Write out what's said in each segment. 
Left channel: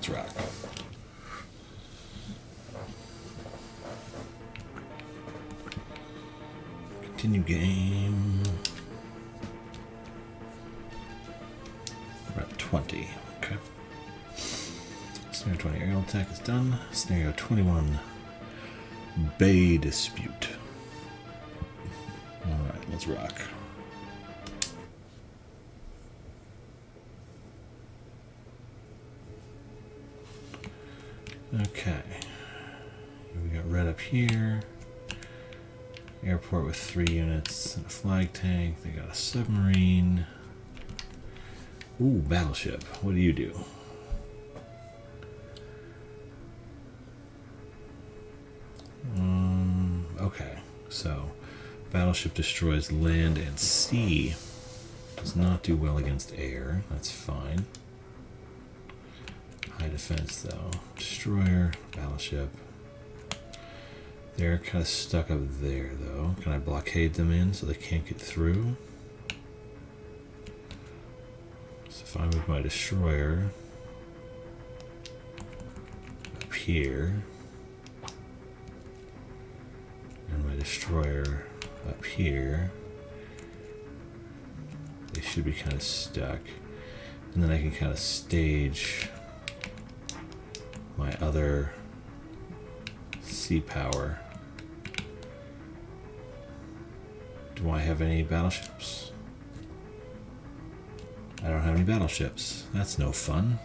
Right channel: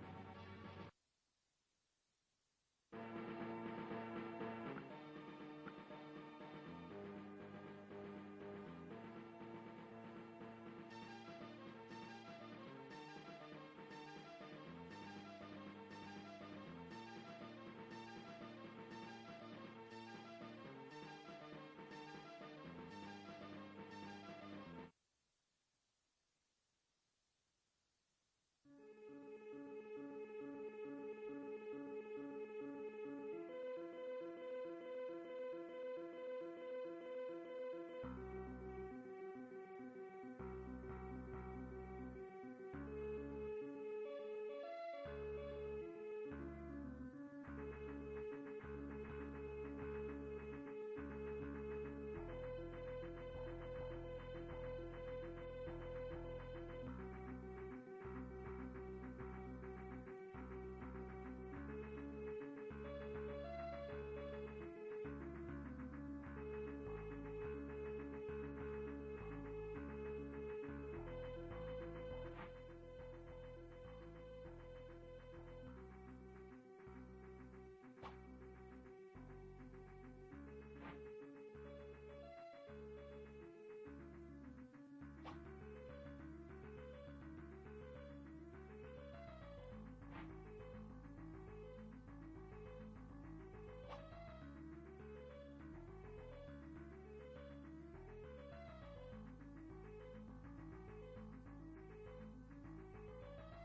let's rock. Continue game. We're at 20. Okay. Scenario 20 aerial attack is done. Scenario 21 Bay Dispute. Alright, let's rock. Okay. We got red up here. Airport with 3 units and a flag tank. They got a submarine. Ooh, battleship. What do you do? Okay, so battleship destroys land and sea. Does not do well against air. That's fine. High defense though. Destroyer, battleship. They're kind of stuck up there though. Can I blockade them in so they can't get through? So if I move my destroyer up here, and my destroyer up here, they should be kind of stuck. And then I can kind of stage my other sea power. Do I have any battleships? I don't have any battleships. That's no fun.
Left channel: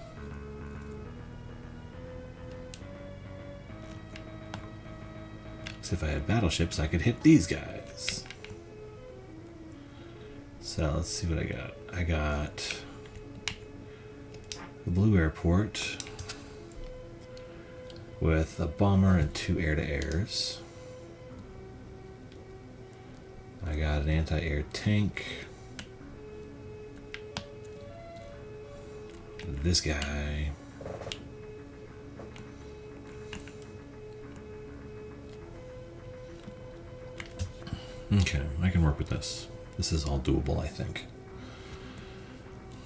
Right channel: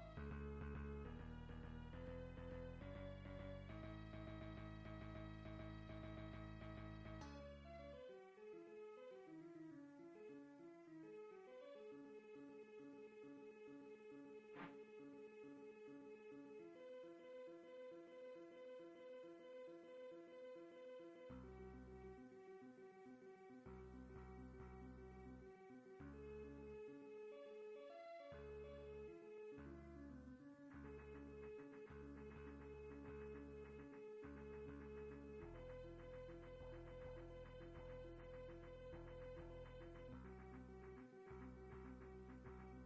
So if I had battleships, I could hit these guys. So let's see what I got. I got the blue airport with a bomber and 2 air-to-airs. I got an anti-air tank. This guy. Okay, I can work with this. This is all doable, I think.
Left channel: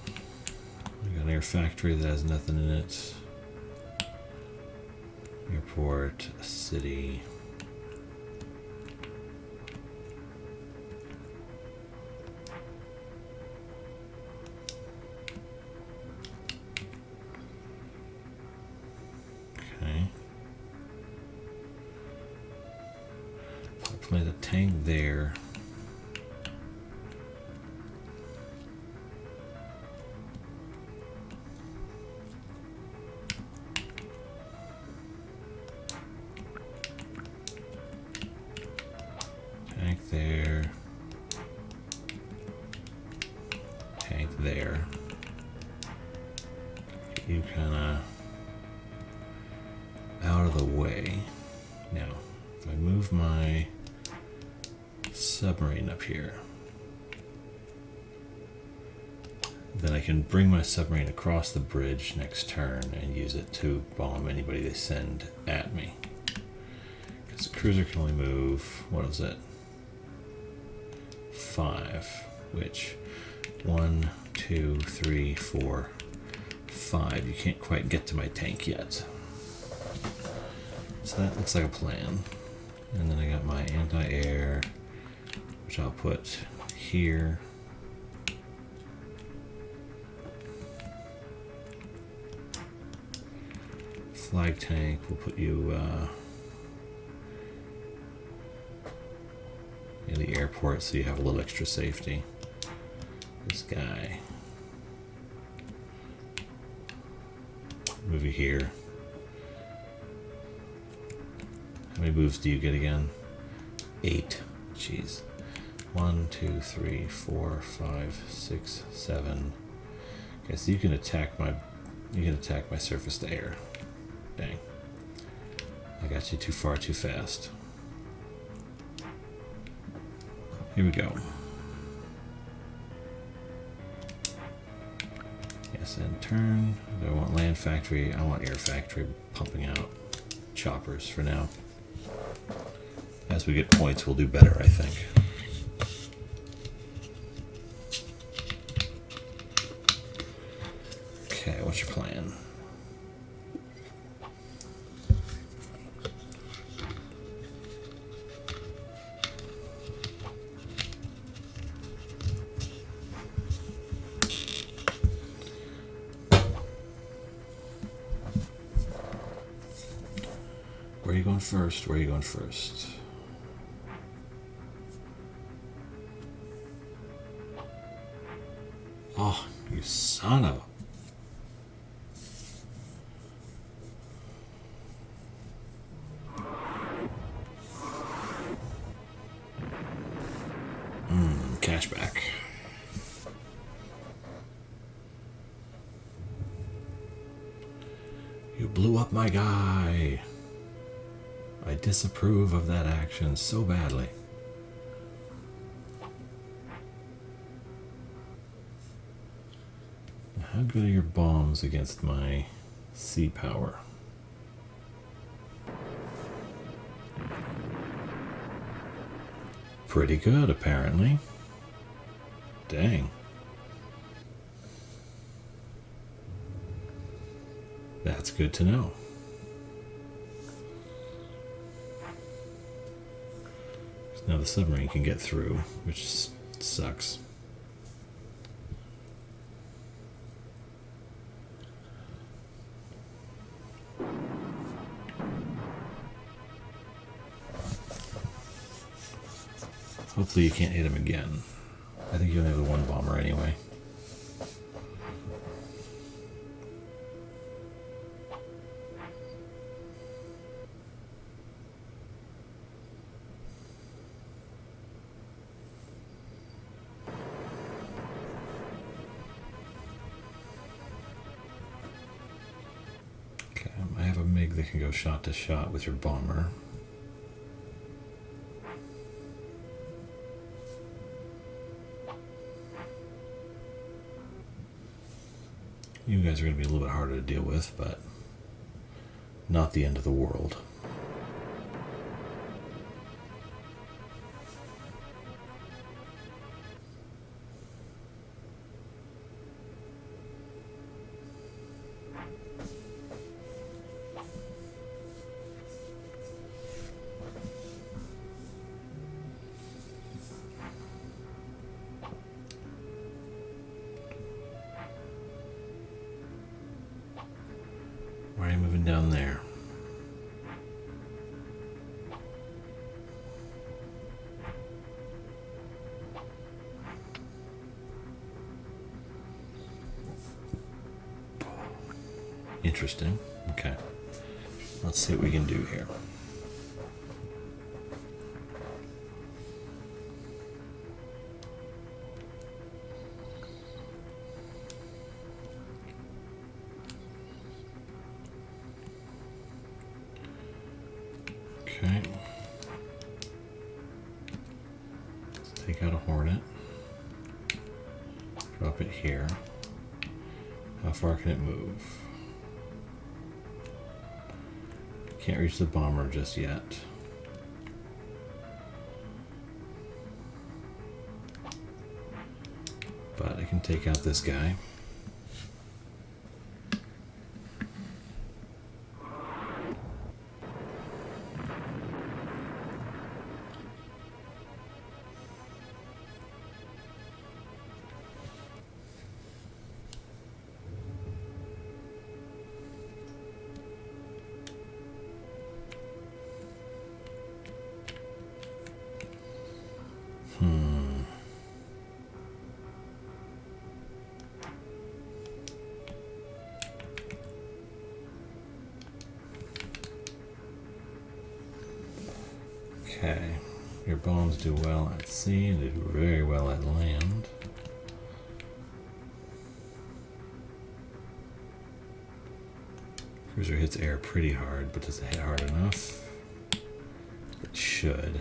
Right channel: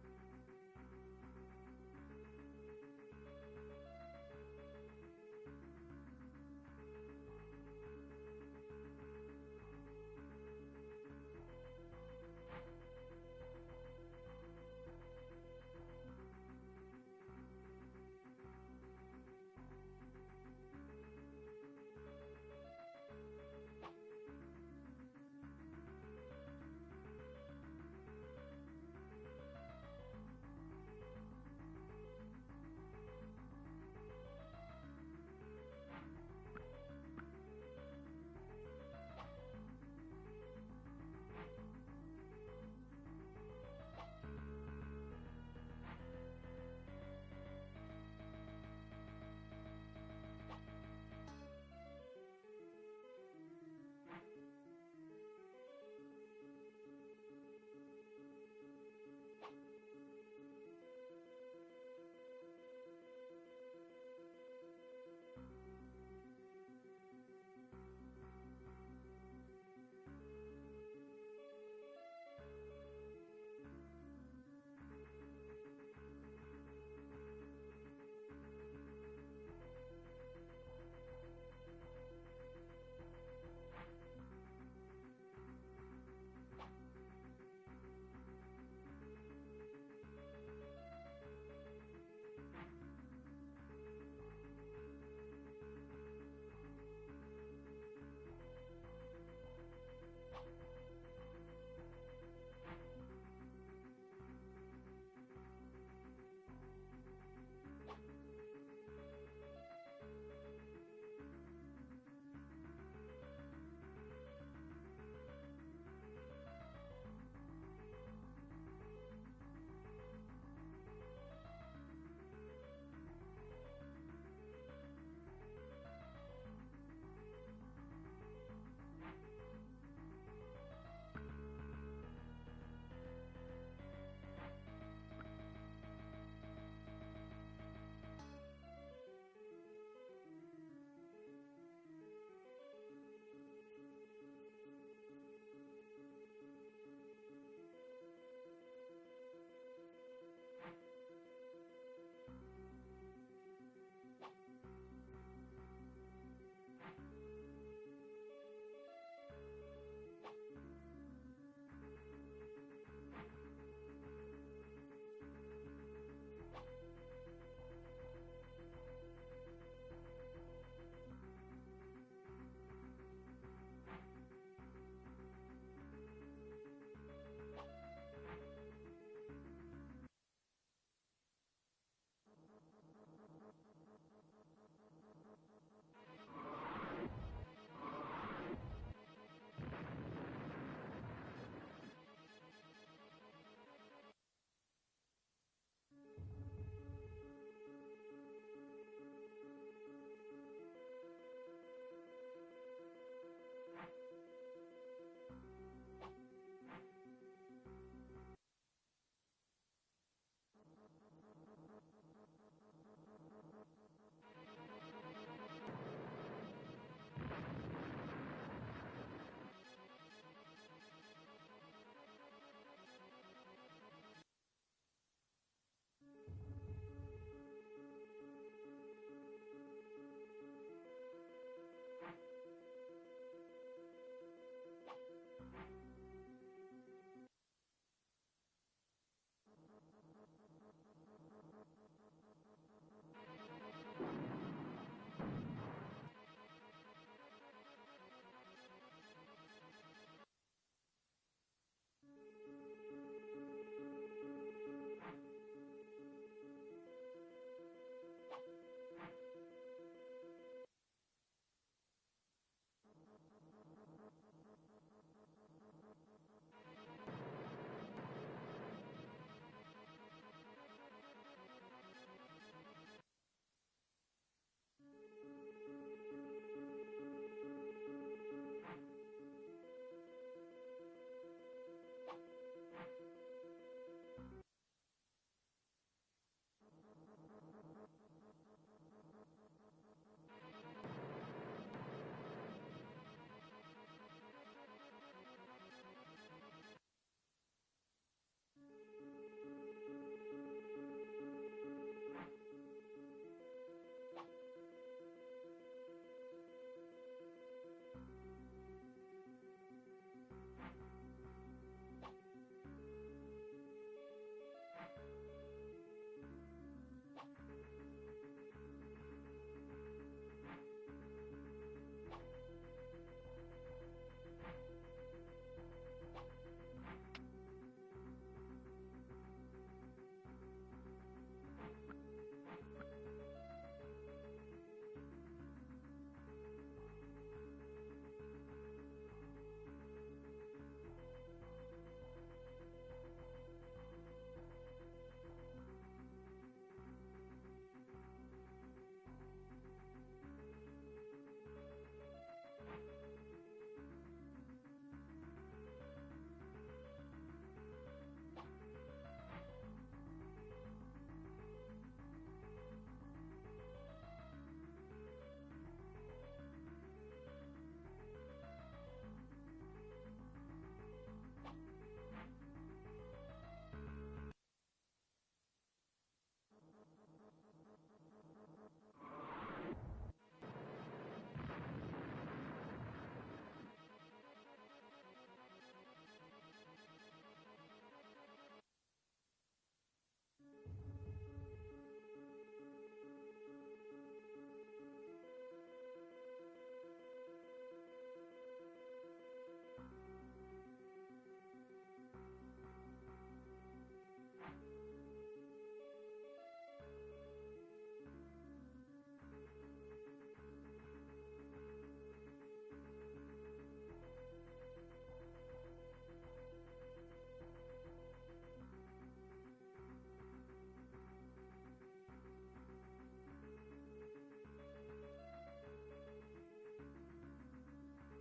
I got an air factory that has nothing in it. Airport, a city. Okay. I'll plant a tank there. There. You kind of out of the way. Now, if I move my submarine up here, then I can bring my submarine across the bridge next turn and use it to bomb anybody they send at me. Because the cruiser can only move, what is it? 5, which 1, 2, 3, 4, 5. You can't quite get to my tank yet. So that looks like a plan. And then I got my anti-air, which I'll put here. Flag tank, we'll put you in the airport so you have a little extra safety. This guy. Move you here. How many moves do you get again? 8. Jeez. 1, 2, 3, 4, 5, 6, 7. Okay, so you can attack my surface to air. Dang. I got you too far too fast. Here we go. Yes, and turn. I don't want land factory. I want air factory pumping out choppers for now. As we get points, we'll do better, I think. Okay, what's your plan? Where are you going first? Where are you going first? Oh, you son of a... Cashback. You blew up my guy. I disapprove of that action so badly. How good are your bombs against my sea power? Pretty good, apparently. Dang. That's good to know. Now the submarine can get through, which sucks. Hopefully you can't hit him again. I think you only have the one bomber anyway. Okay, I have a MiG that can go shot to shot with your bomber. You guys are going to be a little bit harder to deal with, but not the end of the world. Why are you moving down there? Interesting. Okay. Let's see what we can do here. Okay. Let's take out a Hornet. Drop it here. How far can it move? Can't reach the bomber just yet. But I can take out this guy. Okay, your bombs do well at sea and they do very well at land. Cruiser hits air pretty hard, but does it hit hard enough? It should.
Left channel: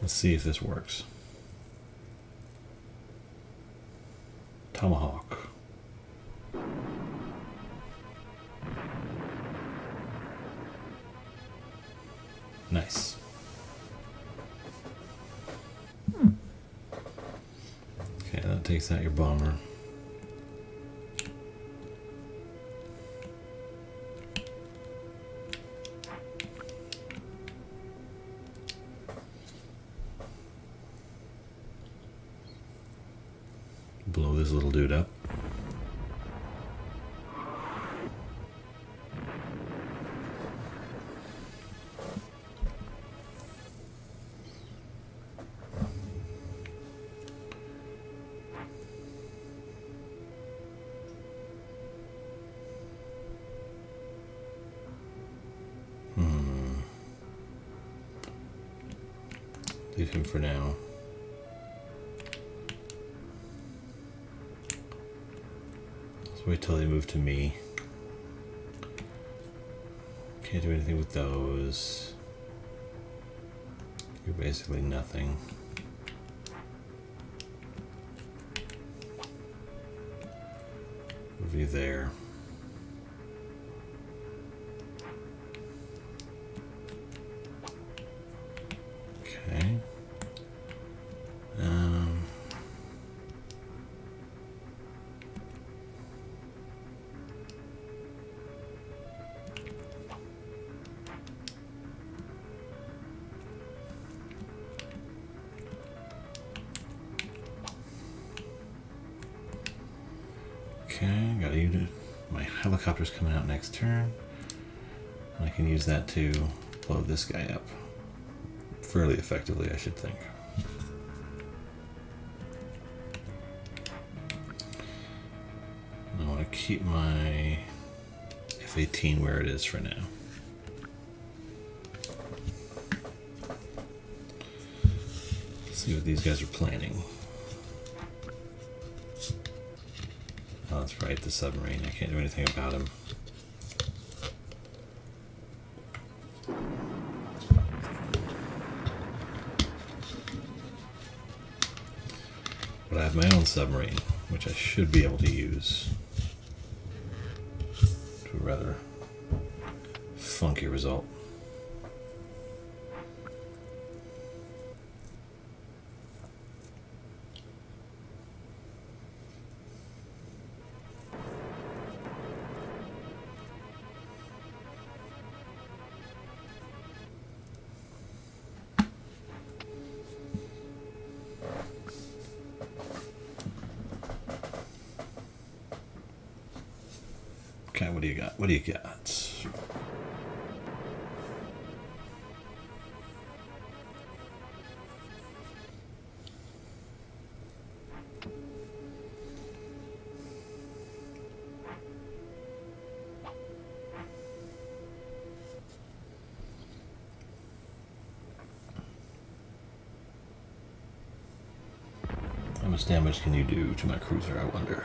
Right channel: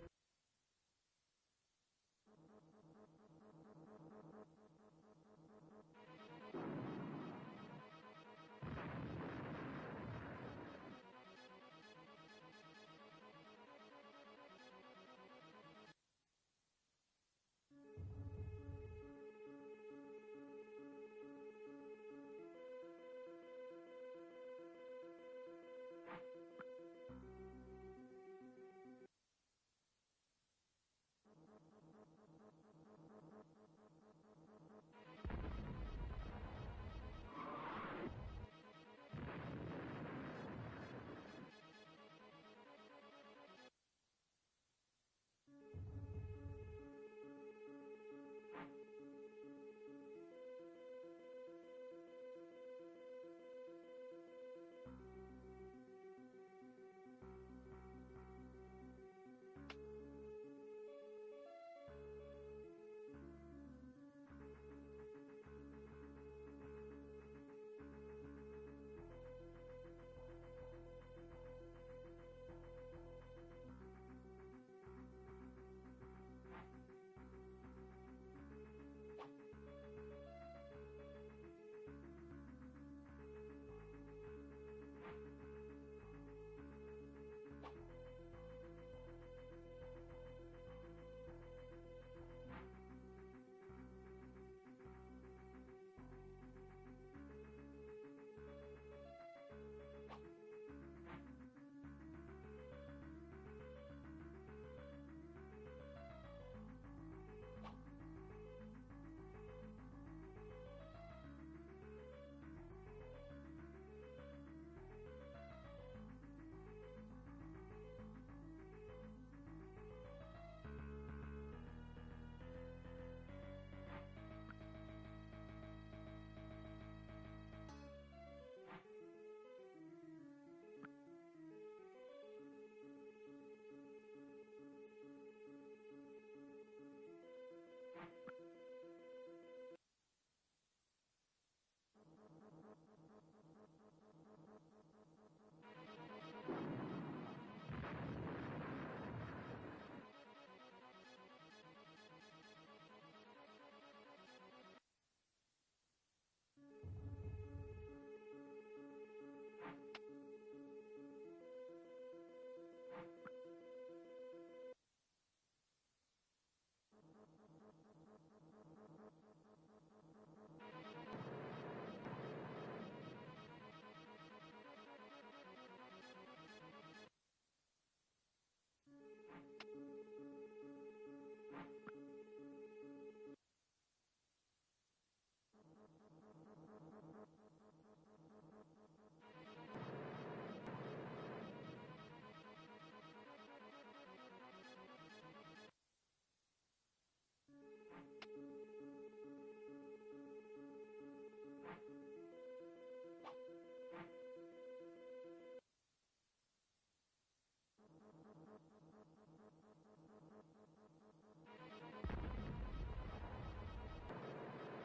Let's see if this works. Tomahawk. Nice. Okay, that takes out your bomber. blow this little dude up. Leave him for now. Let's wait till they move to me. Can't do anything with those. You're basically nothing. Move you there. Okay. Okay, got a unit. My helicopter's coming out next turn. I can use that to blow this guy up fairly effectively, I should think. I want to keep my F-18 where it is for now. Let's see what these guys are planning. Oh, that's right, the submarine. I can't do anything about him. But I have my own submarine, which I should be able to use to a rather funky result. Okay, what do you got? What do you got? How much damage can you do to my cruiser, I wonder?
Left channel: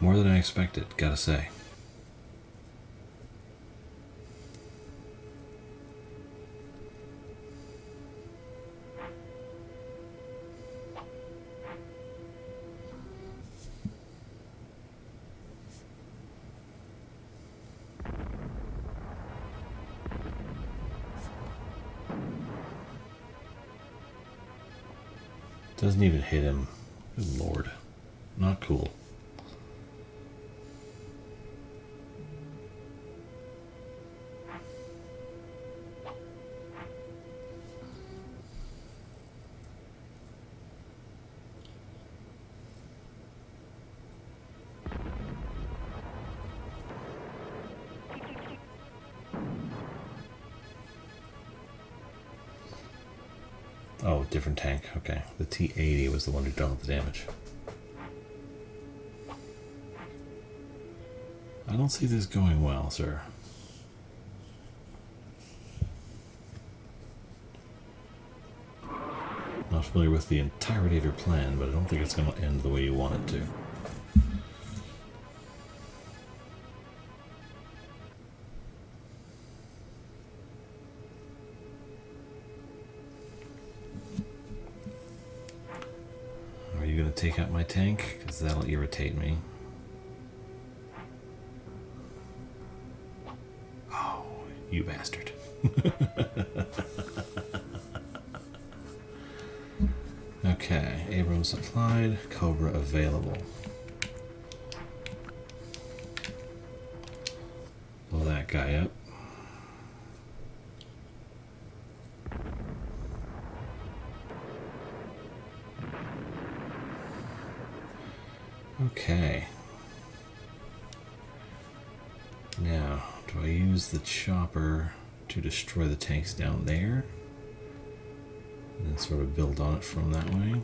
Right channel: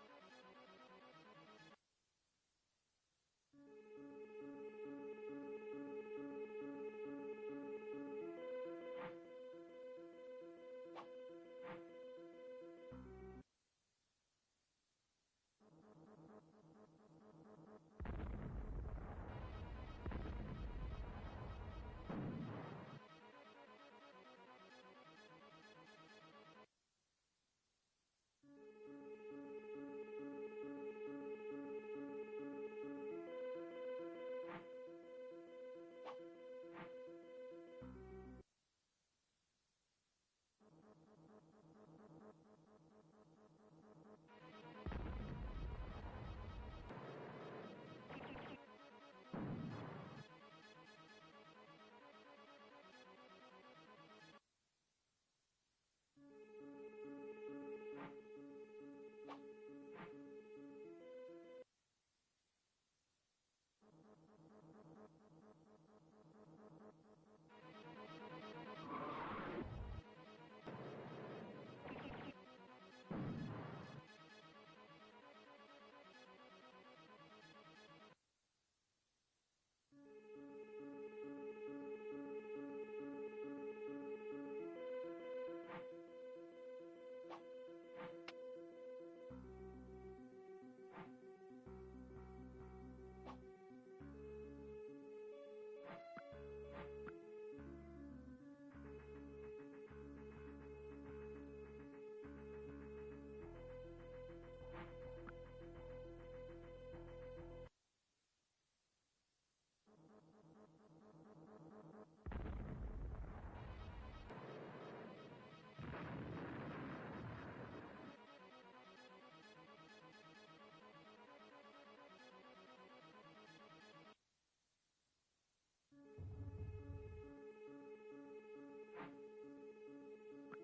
More than I expected, gotta say. Doesn't even hit him. Good lord. Not cool. Oh, different tank. Okay. The T-80 was the one who done all the damage. I don't see this going well, sir. Not familiar with the entirety of your plan, but I don't think it's going to end the way you want it to. Take out my tank, because that'll irritate me. Oh, you bastard. Okay, Abrams supplied, Cobra available. Blow that guy up. Okay. Now, do I use the chopper to destroy the tanks down there? And then sort of build on it from that way?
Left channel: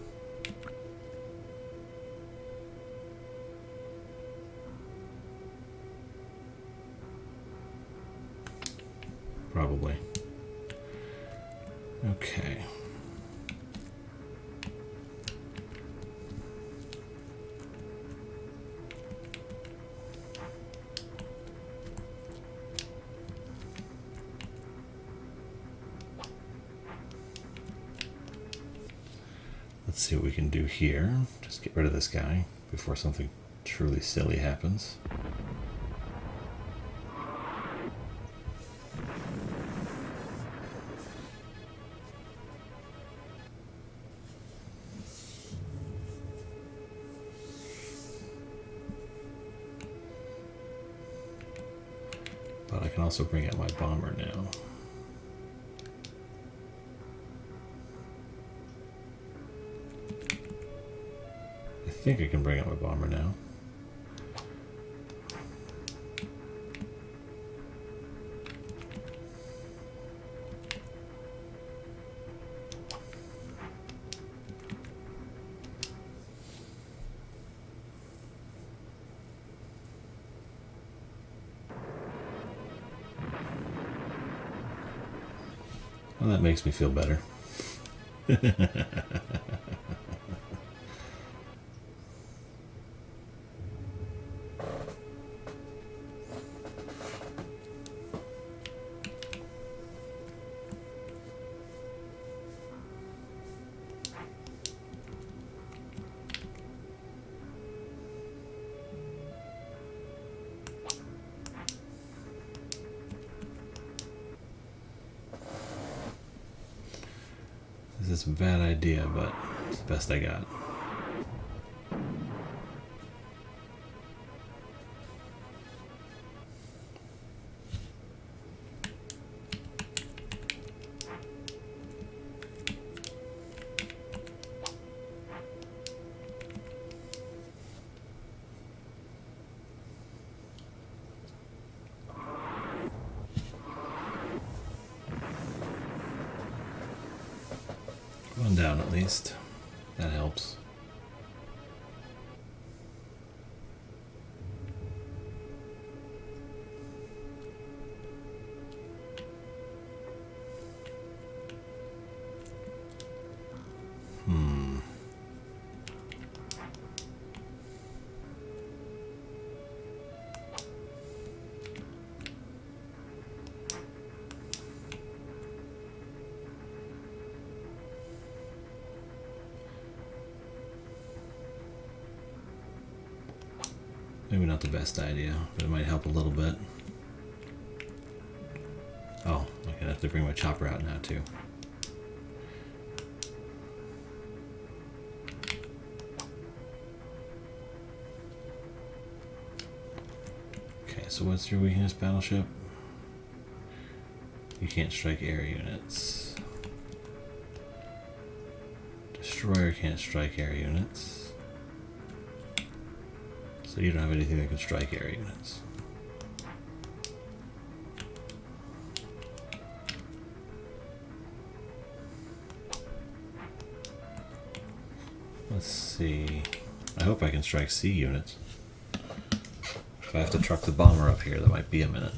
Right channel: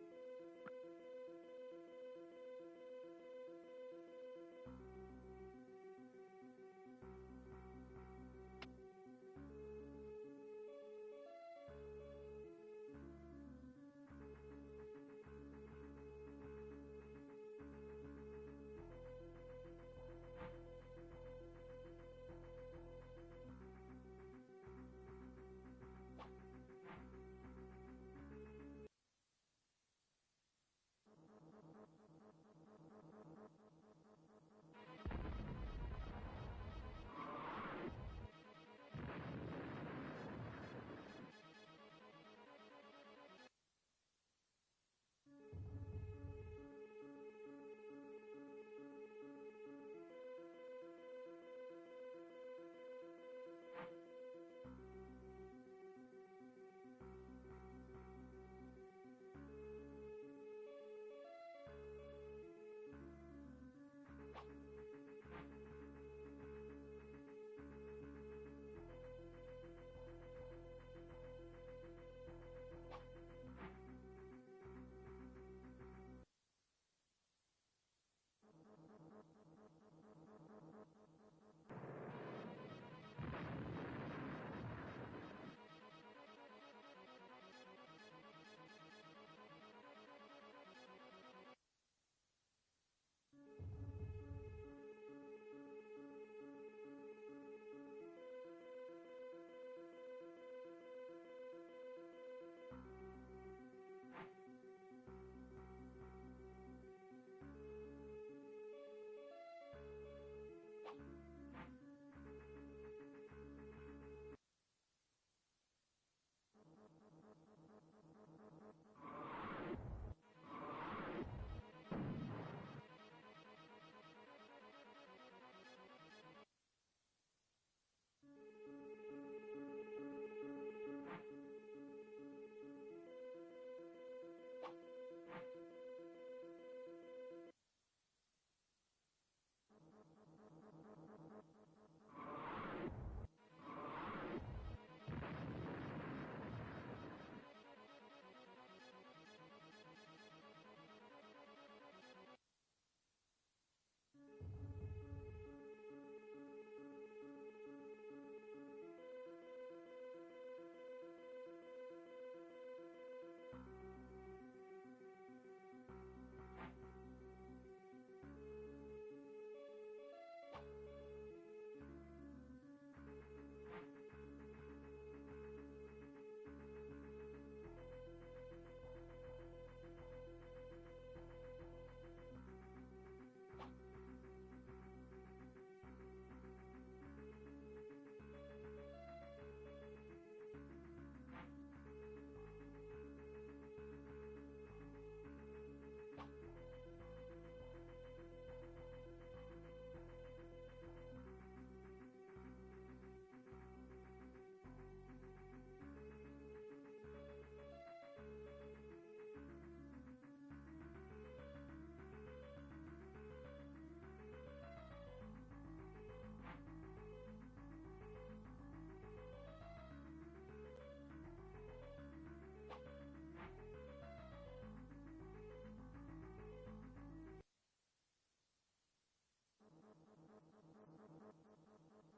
Probably. Okay. Let's see what we can do here. Just get rid of this guy before something truly silly happens. But I can also bring out my bomber now. I think I can bring out my bomber now. Well, that makes me feel better. This is a bad idea, but it's the best I got. One down at least. That helps. Maybe not the best idea, but it might help a little bit. Oh, I'm gonna have to bring my chopper out now too. Okay, so what's your weakness, battleship? You can't strike air units. Destroyer can't strike air units. So you don't have anything that can strike air units. Let's see. I hope I can strike sea units. If I have to truck the bomber up here, that might be a minute.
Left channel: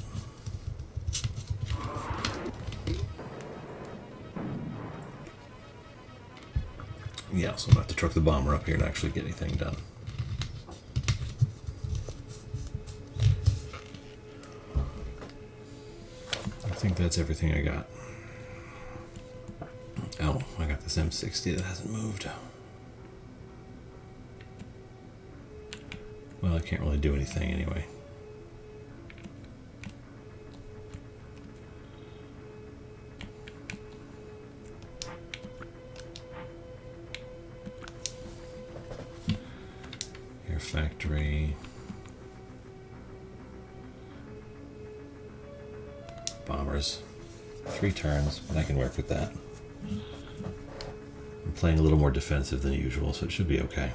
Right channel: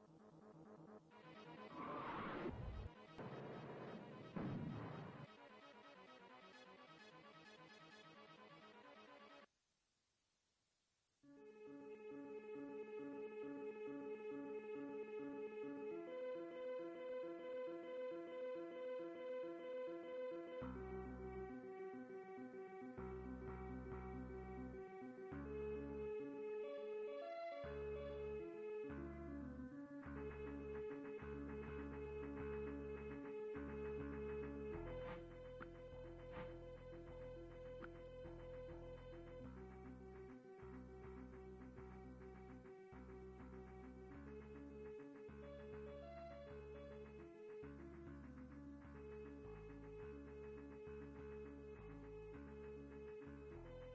Yeah, so I'm going to have to truck the bomber up here to actually get anything done. I think that's everything I got. Oh, I got this M60 that hasn't moved. Well, I can't really do anything anyway. Air factory. Bombers. 3 turns, but I can work with that. I'm playing a little more defensive than usual, so it should be okay.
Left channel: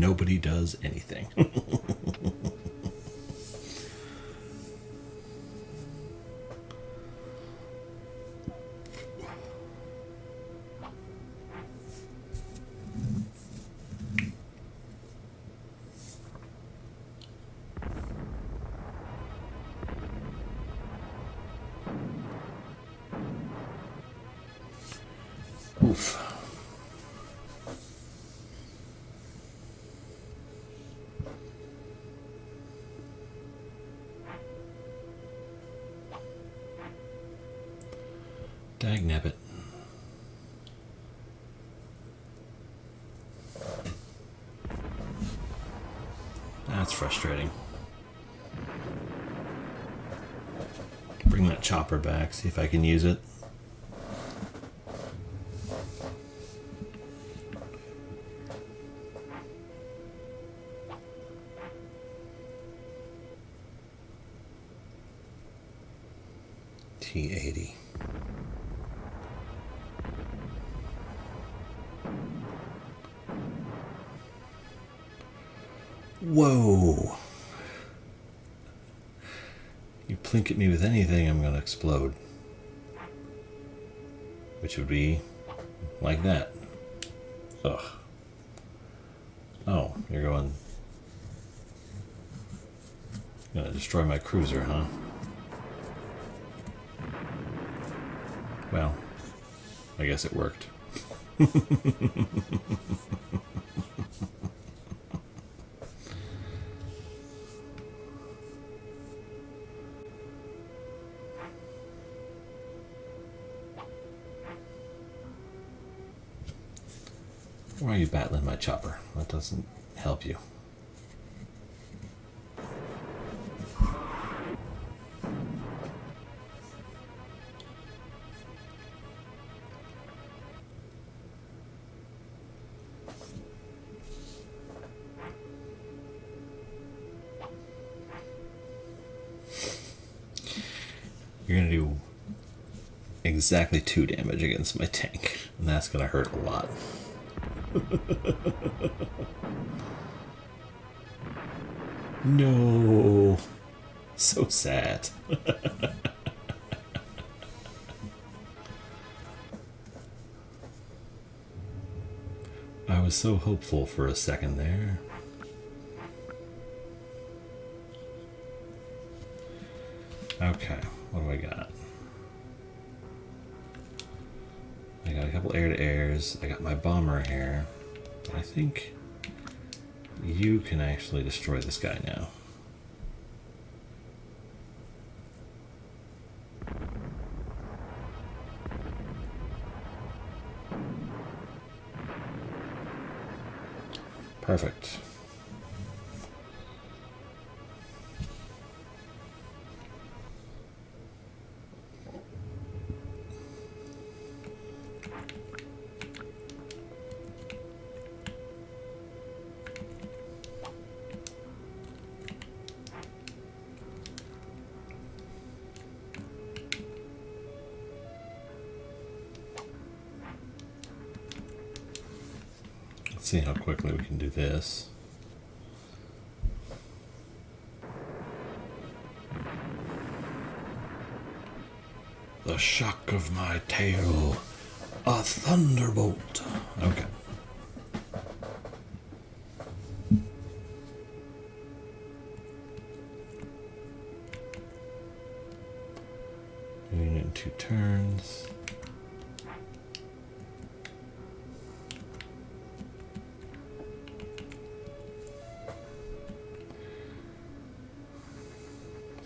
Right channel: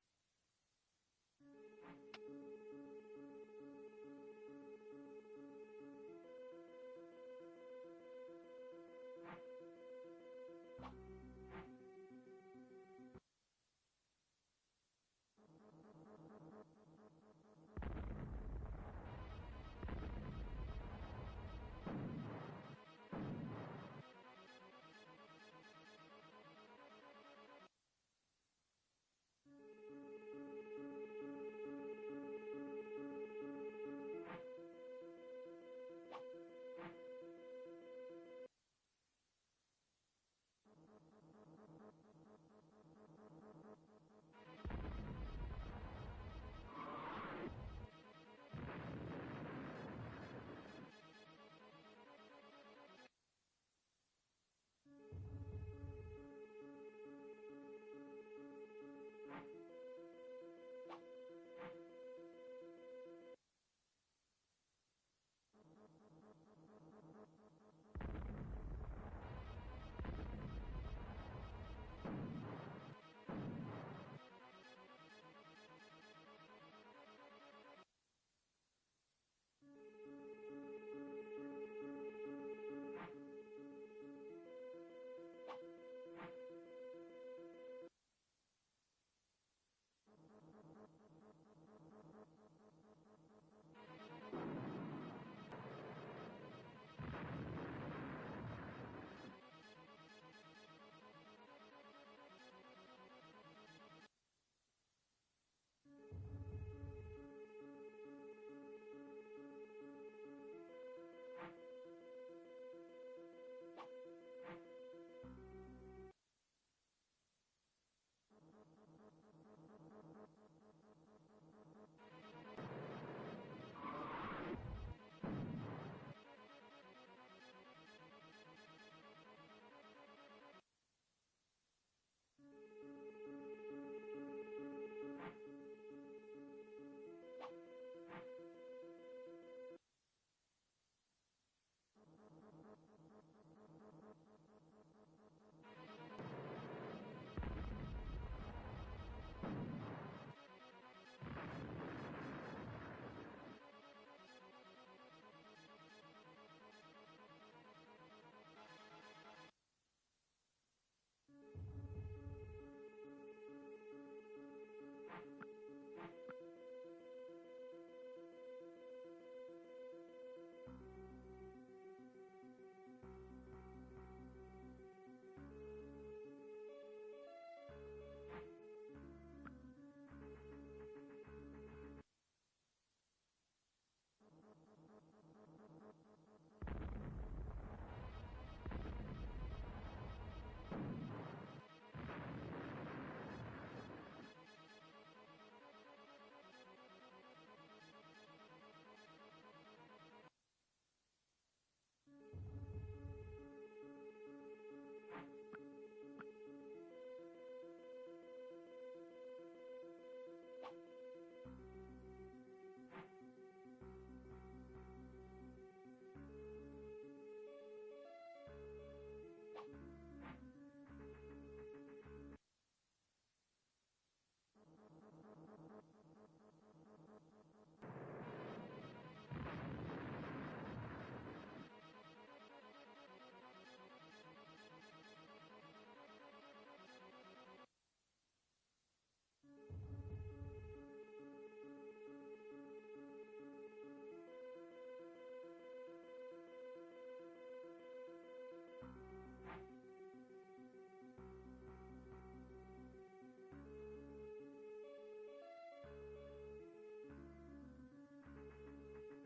nobody does anything. Oof. Dagnabbit. That's frustrating. Bring that chopper back, see if I can use it. T80. Whoa! You plink at me with anything, I'm gonna explode. Which would be like that. Ugh. Oh, you're going... Gonna destroy my cruiser, huh? Well, I guess it worked. Why are you battling my chopper? That doesn't help you. You're going to do exactly 2 damage against my tank, and that's going to hurt a lot. No. So sad. I was so hopeful for a second there. Okay, what do I got? I got a couple air-to-airs. I got my bomber here. I think you can actually destroy this guy now. Perfect. See how quickly we can do this. The shock of my tail, a thunderbolt. Okay. Doing it in 2 turns.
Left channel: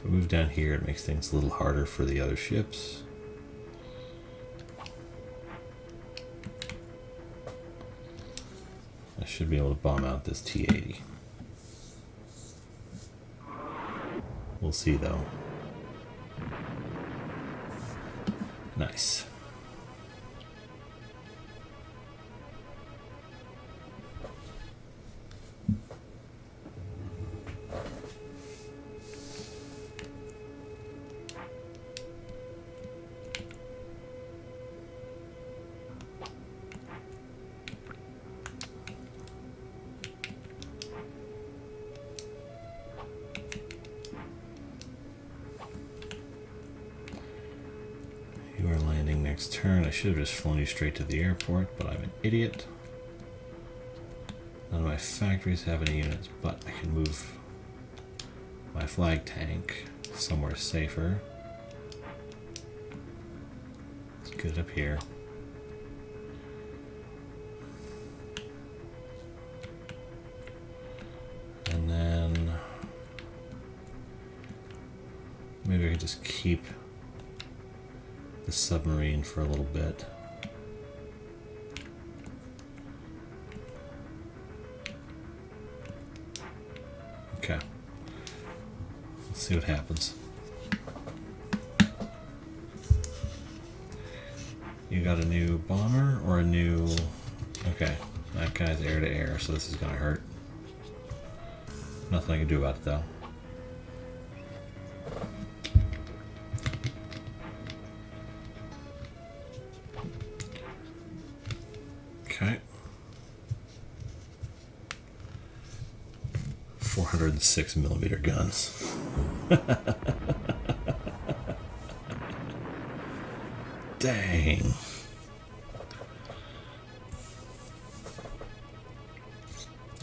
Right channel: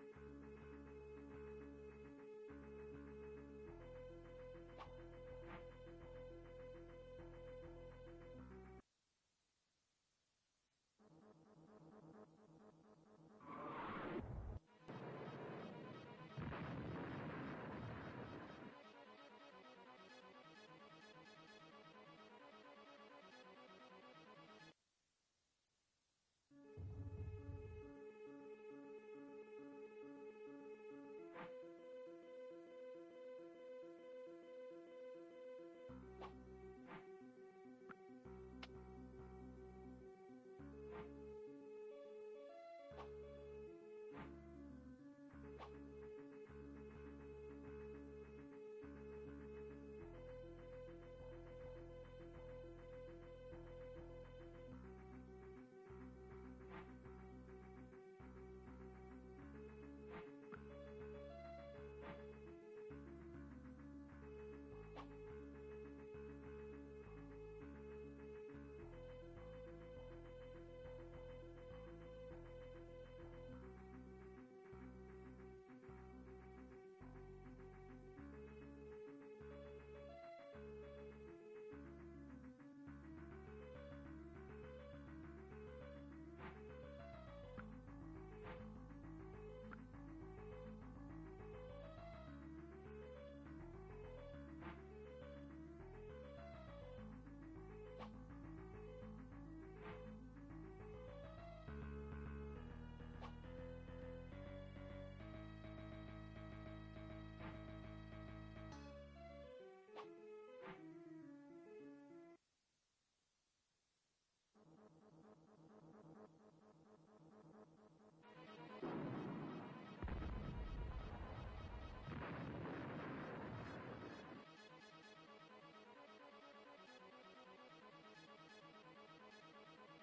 Move down here, it makes things a little harder for the other ships. I should be able to bomb out this T-80. We'll see though. Nice. next turn. I should have just flown you straight to the airport, but I'm an idiot. None of my factories have any units, but I can move my flag tank somewhere safer. Let's get it up here. And then maybe I can just keep the submarine for a little bit. Okay. Let's see what happens. You got a new bomber or a new... Okay, that guy's air to air, so this is gonna hurt. Nothing I can do about it though. Okay. 406mm guns. Dang.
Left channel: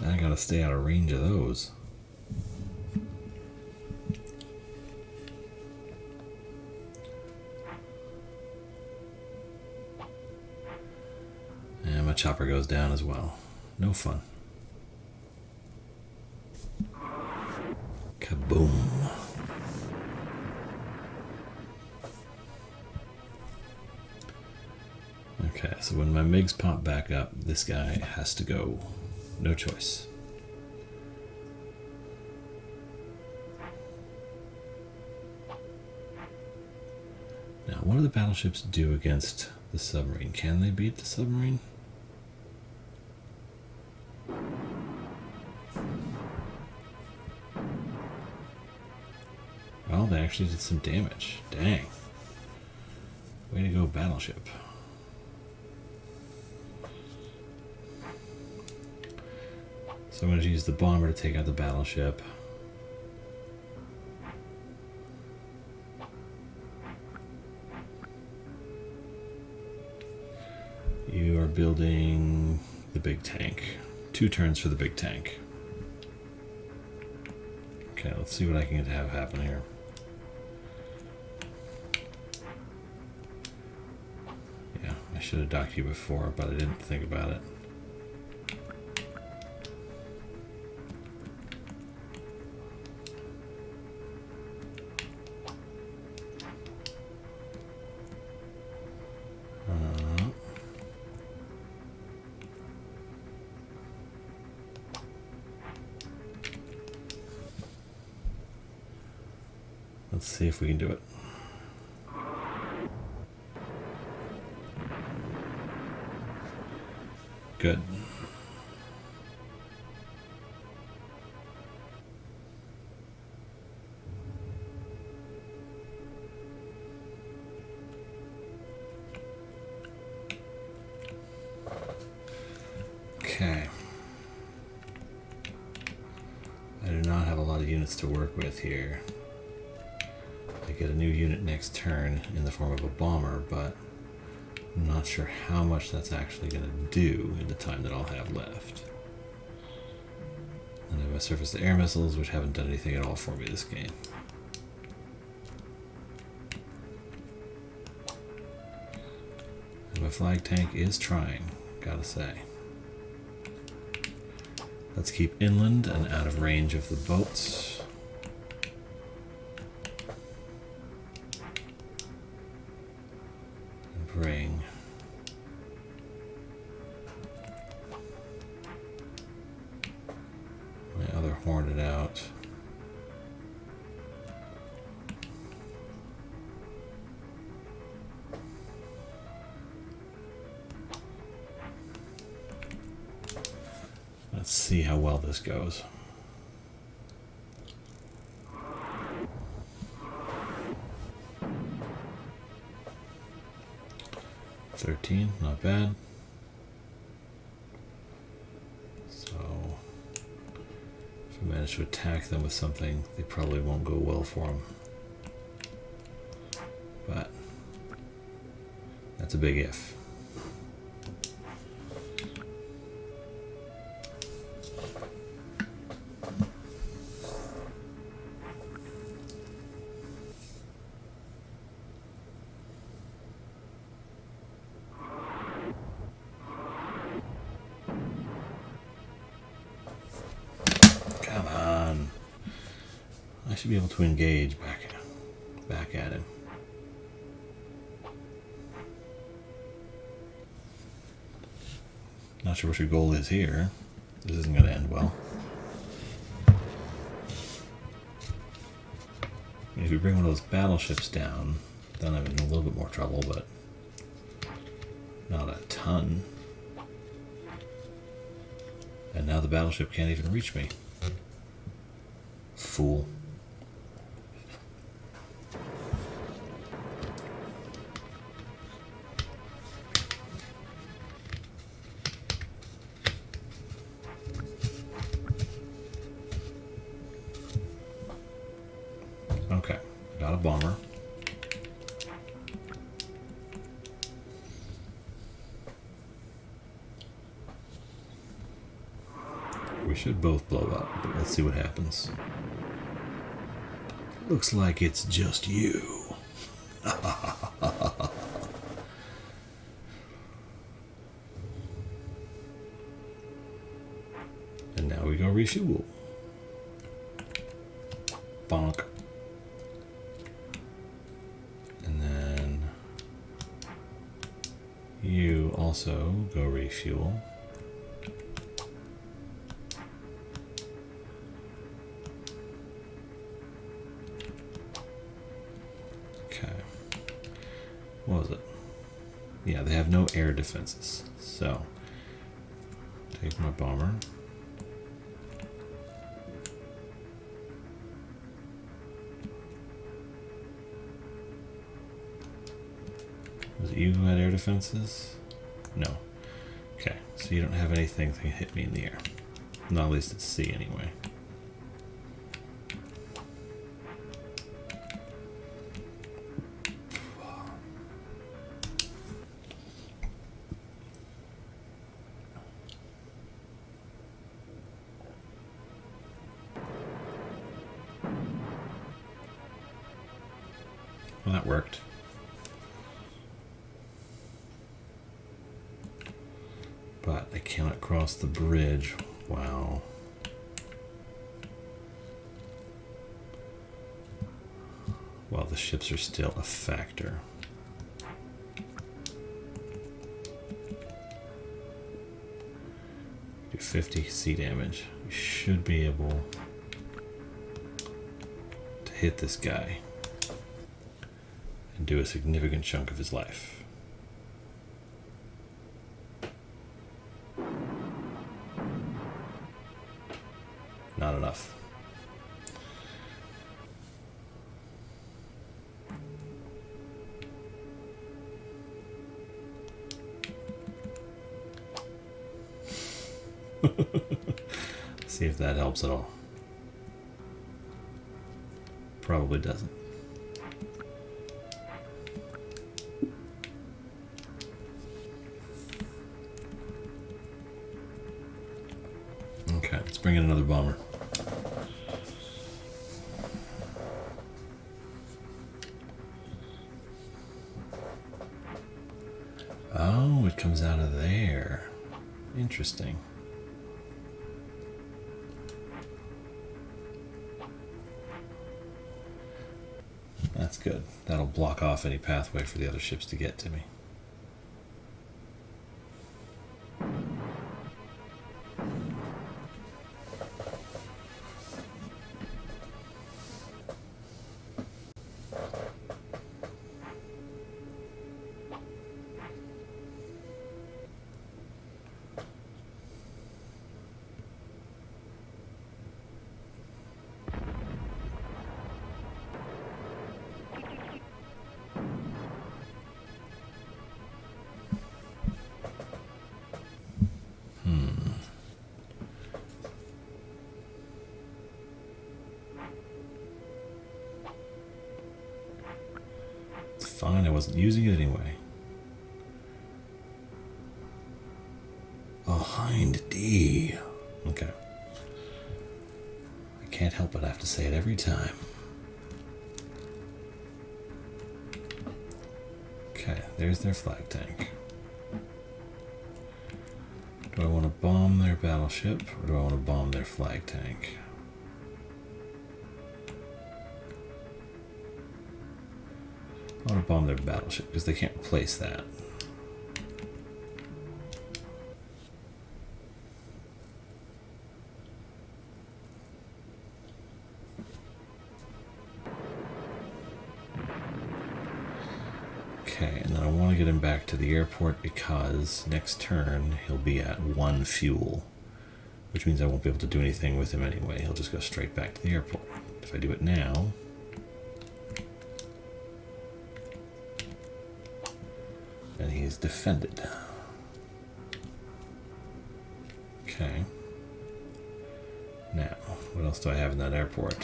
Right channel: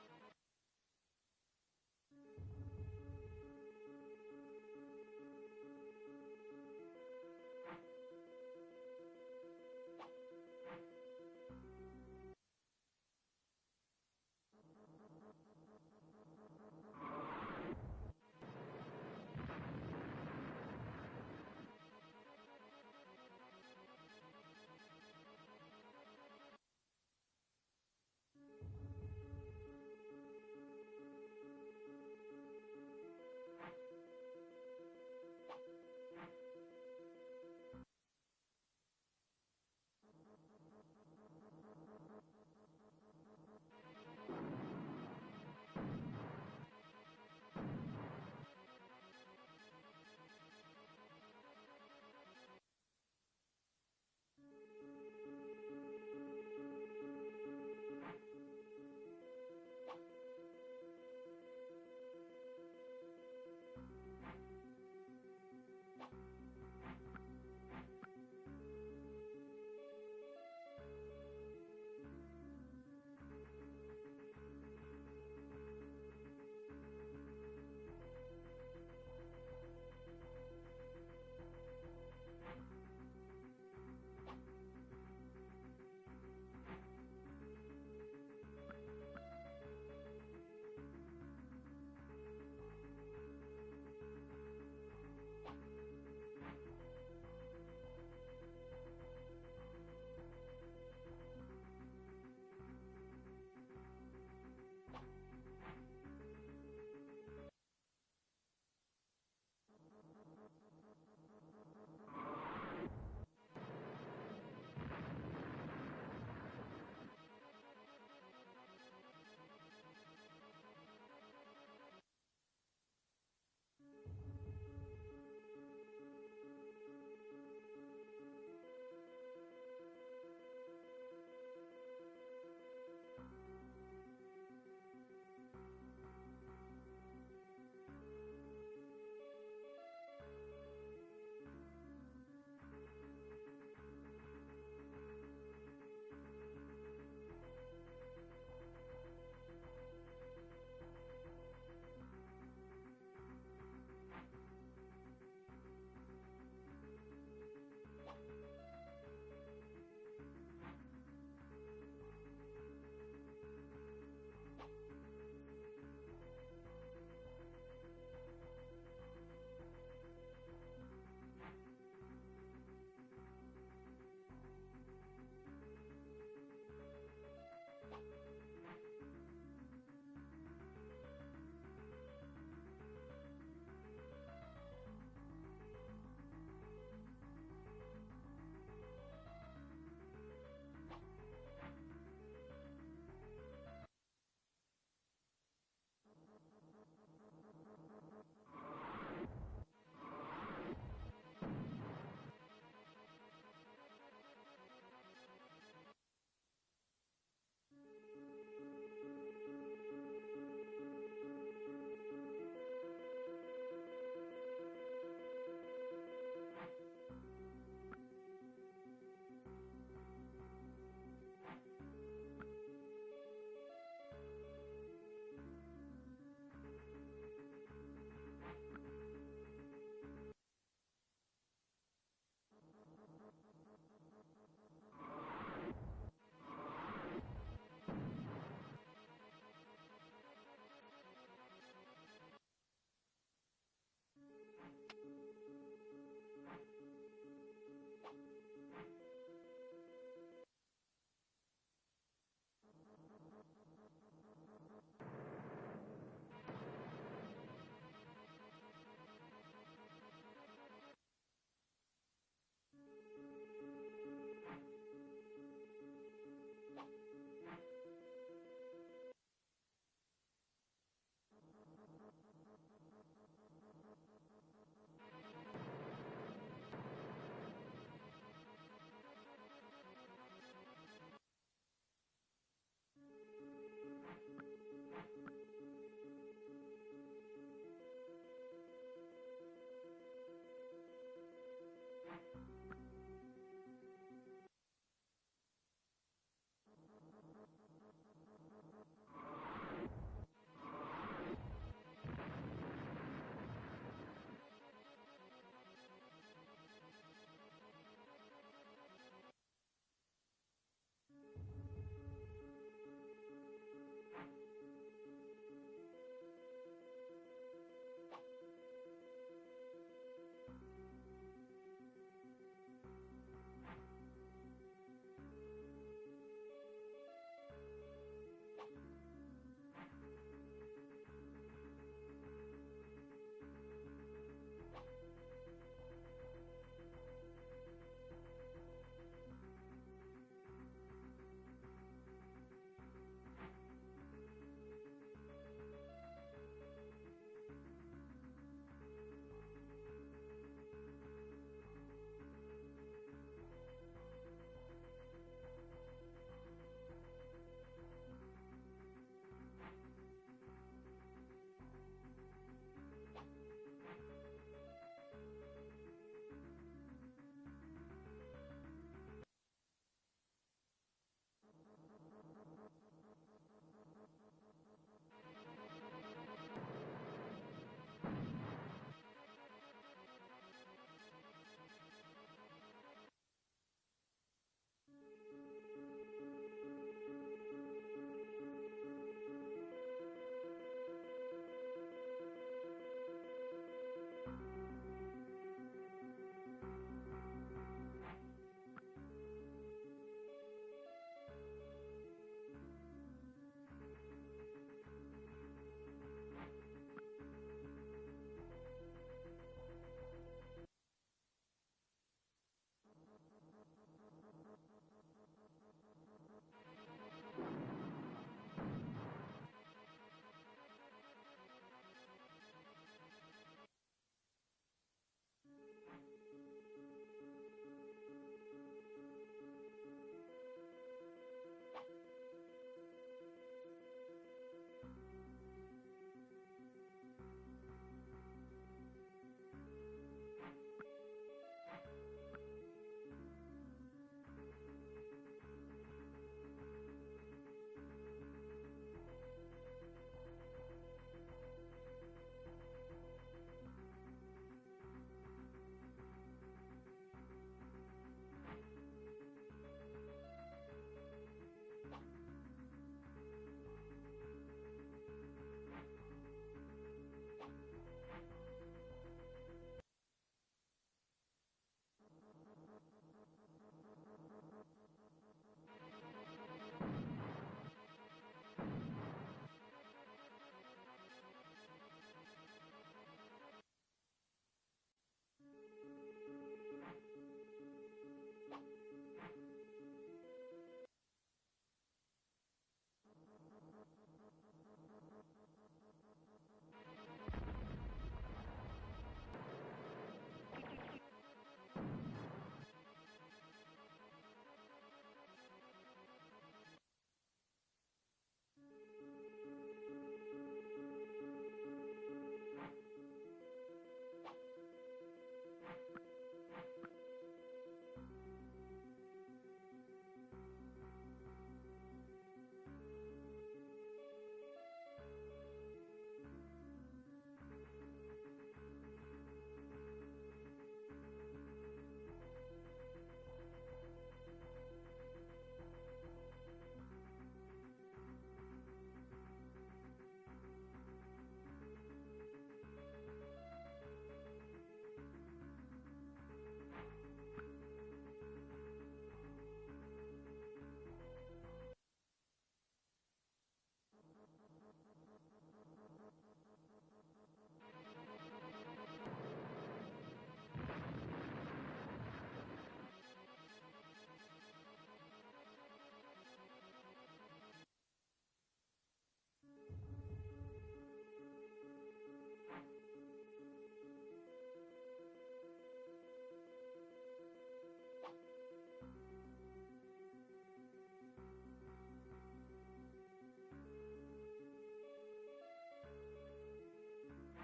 I gotta stay out of range of those. And my chopper goes down as well. No fun. Kaboom. Okay, so when my MiGs pop back up, this guy has to go. No choice. Now, what do the battleships do against the submarine? Can they beat the submarine? Well, they actually did some damage. Dang. Way to go, battleship. So I'm going to use the bomber to take out the battleship. You are building the big tank. 2 turns for the big tank. Okay, let's see what I can get to have happen here. Yeah, I should have docked you before, but I didn't think about it. Let's see if we can do it. Good. Okay. I do not have a lot of units to work with here. I get a new unit next turn in the form of a bomber, but I'm not sure how much that's actually going to do in the time that I'll have left. And I have my surface-to-air missiles, which haven't done anything at all for me this game. And my flag tank is trying, gotta say. Let's keep inland and out of range of the boats. Bring my other Hornet out. Let's see how well this goes. Not bad. So if I manage to attack them with something, they probably won't go well for them. But That's a big if. Come on. I should be able to engage back at him. Not sure what your goal is here. This isn't going to end well. If we bring one of those battleships down, then I'm in a little bit more trouble, but not a ton. And now the battleship can't even reach me. Fool. Okay, got a bomber. We should both blow up, but let's see what happens. Looks like it's just you. And now we go refuel. Bonk. And then you also go refuel. What was it? Yeah, they have no air defenses. So, take my bomber. Was it you who had air defenses? No. Okay, so you don't have anything that can hit me in the air. Not at least at sea, anyway. Well, that worked. But I cannot cross the bridge. Wow. Well, the ships are still a factor. Do 50 sea damage. We should be able to hit this guy and do a significant chunk of his life. Not enough. See if that helps at all. Probably doesn't. Okay, let's bring in another bomber. Oh, it comes out of there. Interesting. That's good. That'll block off any pathway for the other ships to get to me. Fine, I wasn't using it anyway. behind D. Okay. I can't help but have to say it every time. Okay, there's their flag tank. Do I want to bomb their battleship, or do I want to bomb their flag tank? I want to bomb their battleship, because they can't replace that. Okay, and then I want to get him back to the airport because next turn he'll be at 1 fuel, which means I won't be able to do anything with him anyway. He'll just go straight back to the airport. If I do it now, and he's defended. Okay. Now, what else do I have in that airport?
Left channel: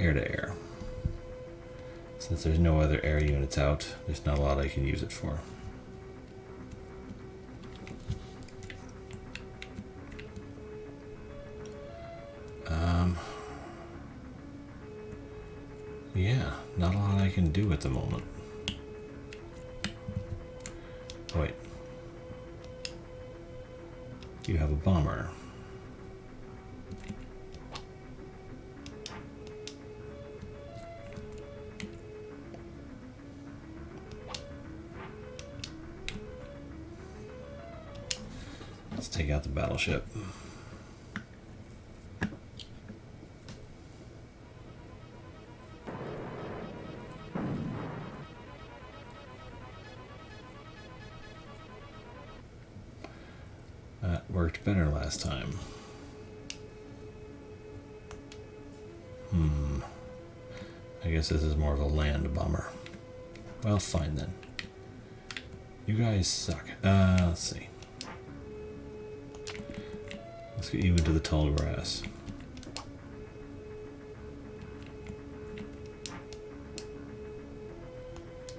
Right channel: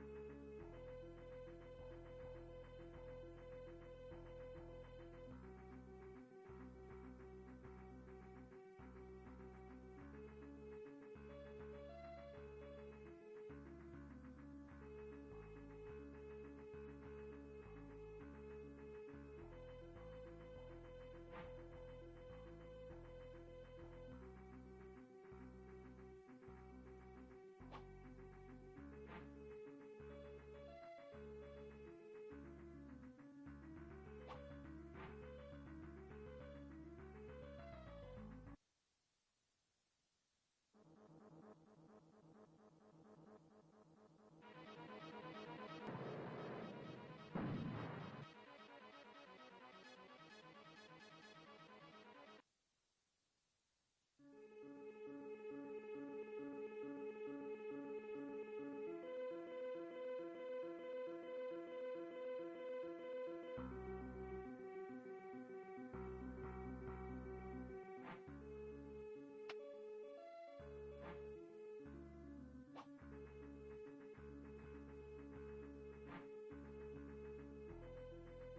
Air to air. Since there's no other air units out, there's not a lot I can use it for. Yeah, not a lot I can do at the moment. Oh, wait. You have a bomber. Let's take out the battleship. That worked better last time. I guess this is more of a land bomber. Well, fine then. You guys suck. Let's see. Let's get you into the tall grass.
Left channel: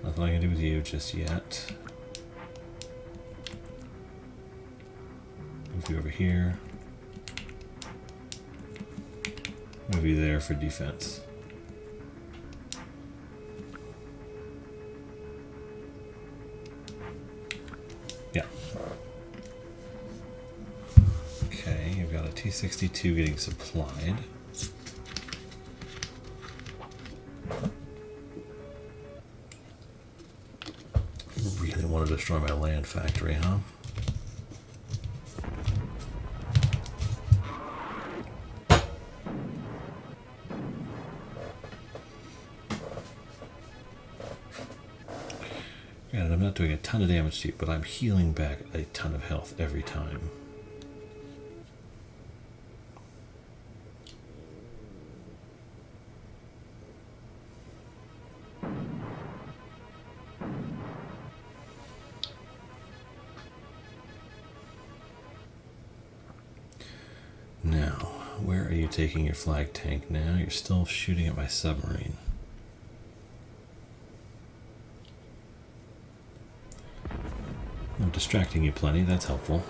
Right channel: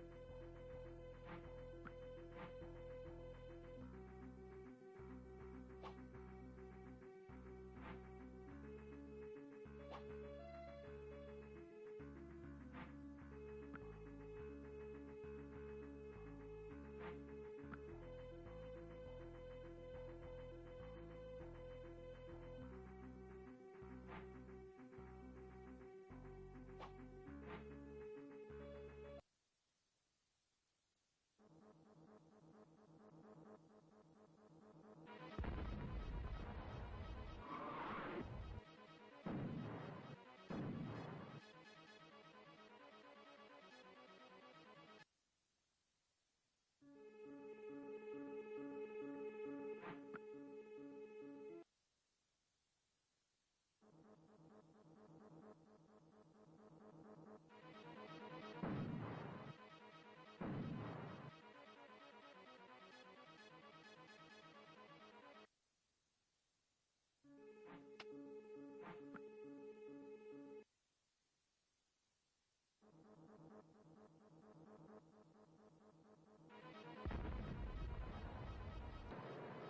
Nothing I can do with you just yet. Move you over here. Move you there for defense. Yeah. Okay, you've got a T-62 getting supplied. Really want to destroy my land factory, huh? Granted, I'm not doing a ton of damage to you, but I'm healing back a ton of health every time. Now, where are you taking your flag tank now? You're still shooting at my submarine. I'm distracting you plenty, that's helpful.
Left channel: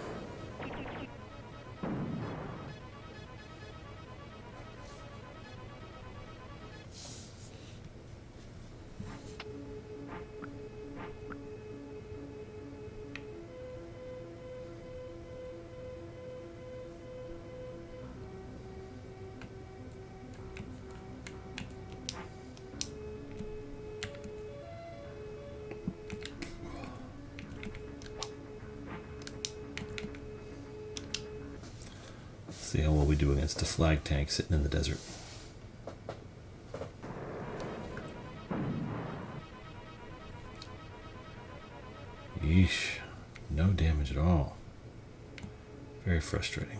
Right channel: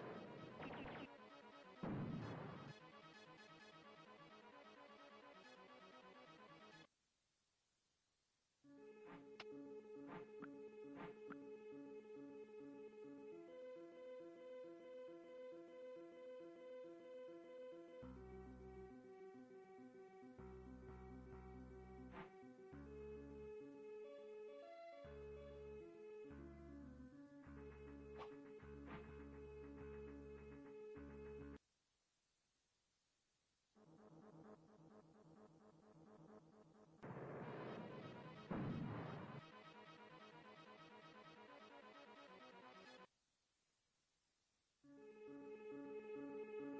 See how well we do against a flag tank sitting in the desert. Yeesh, no damage at all. Very frustrating.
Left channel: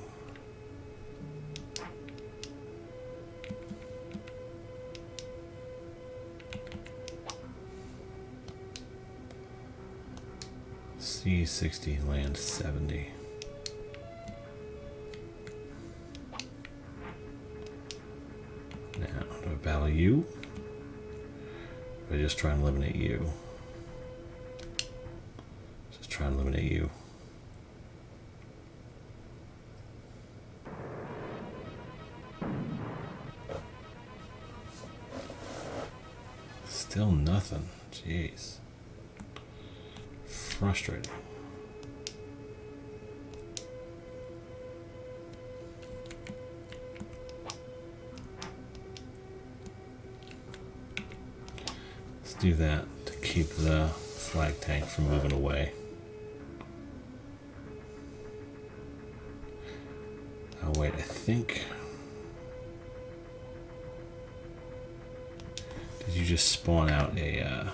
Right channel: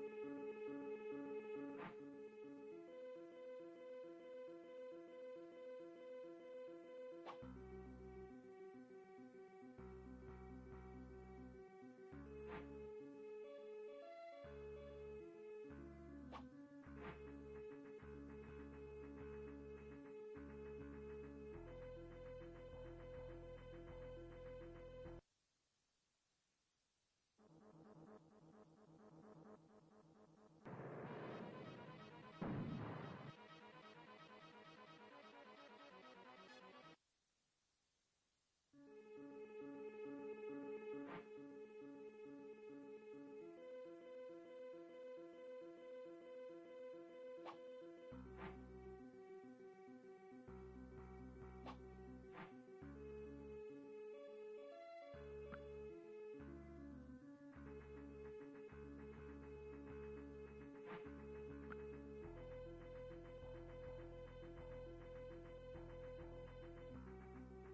C-60, land 70. Battle you? Or just try and eliminate you? Still nothing. Jeez. Frustrating. Let's do that to keep the flag tank from moving away. Oh wait, I think... Did you just spawn out a...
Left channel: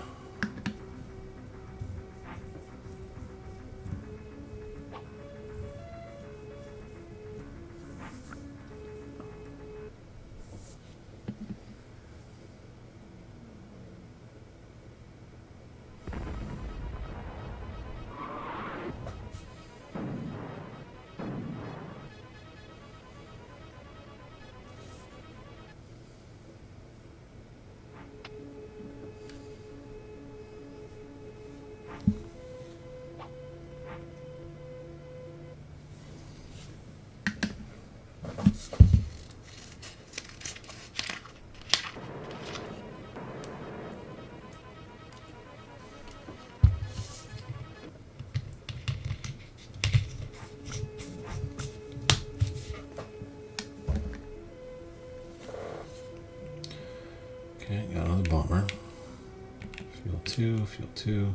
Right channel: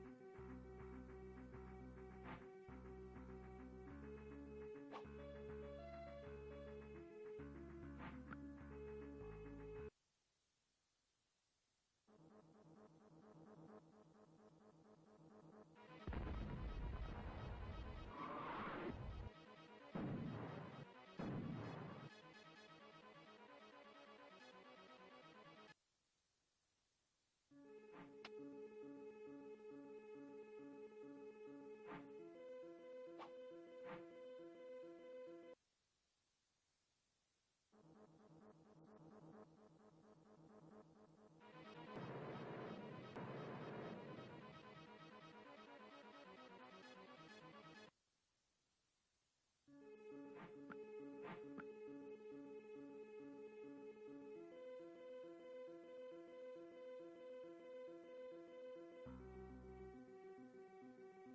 Okay, got another bomber. Fuel 2,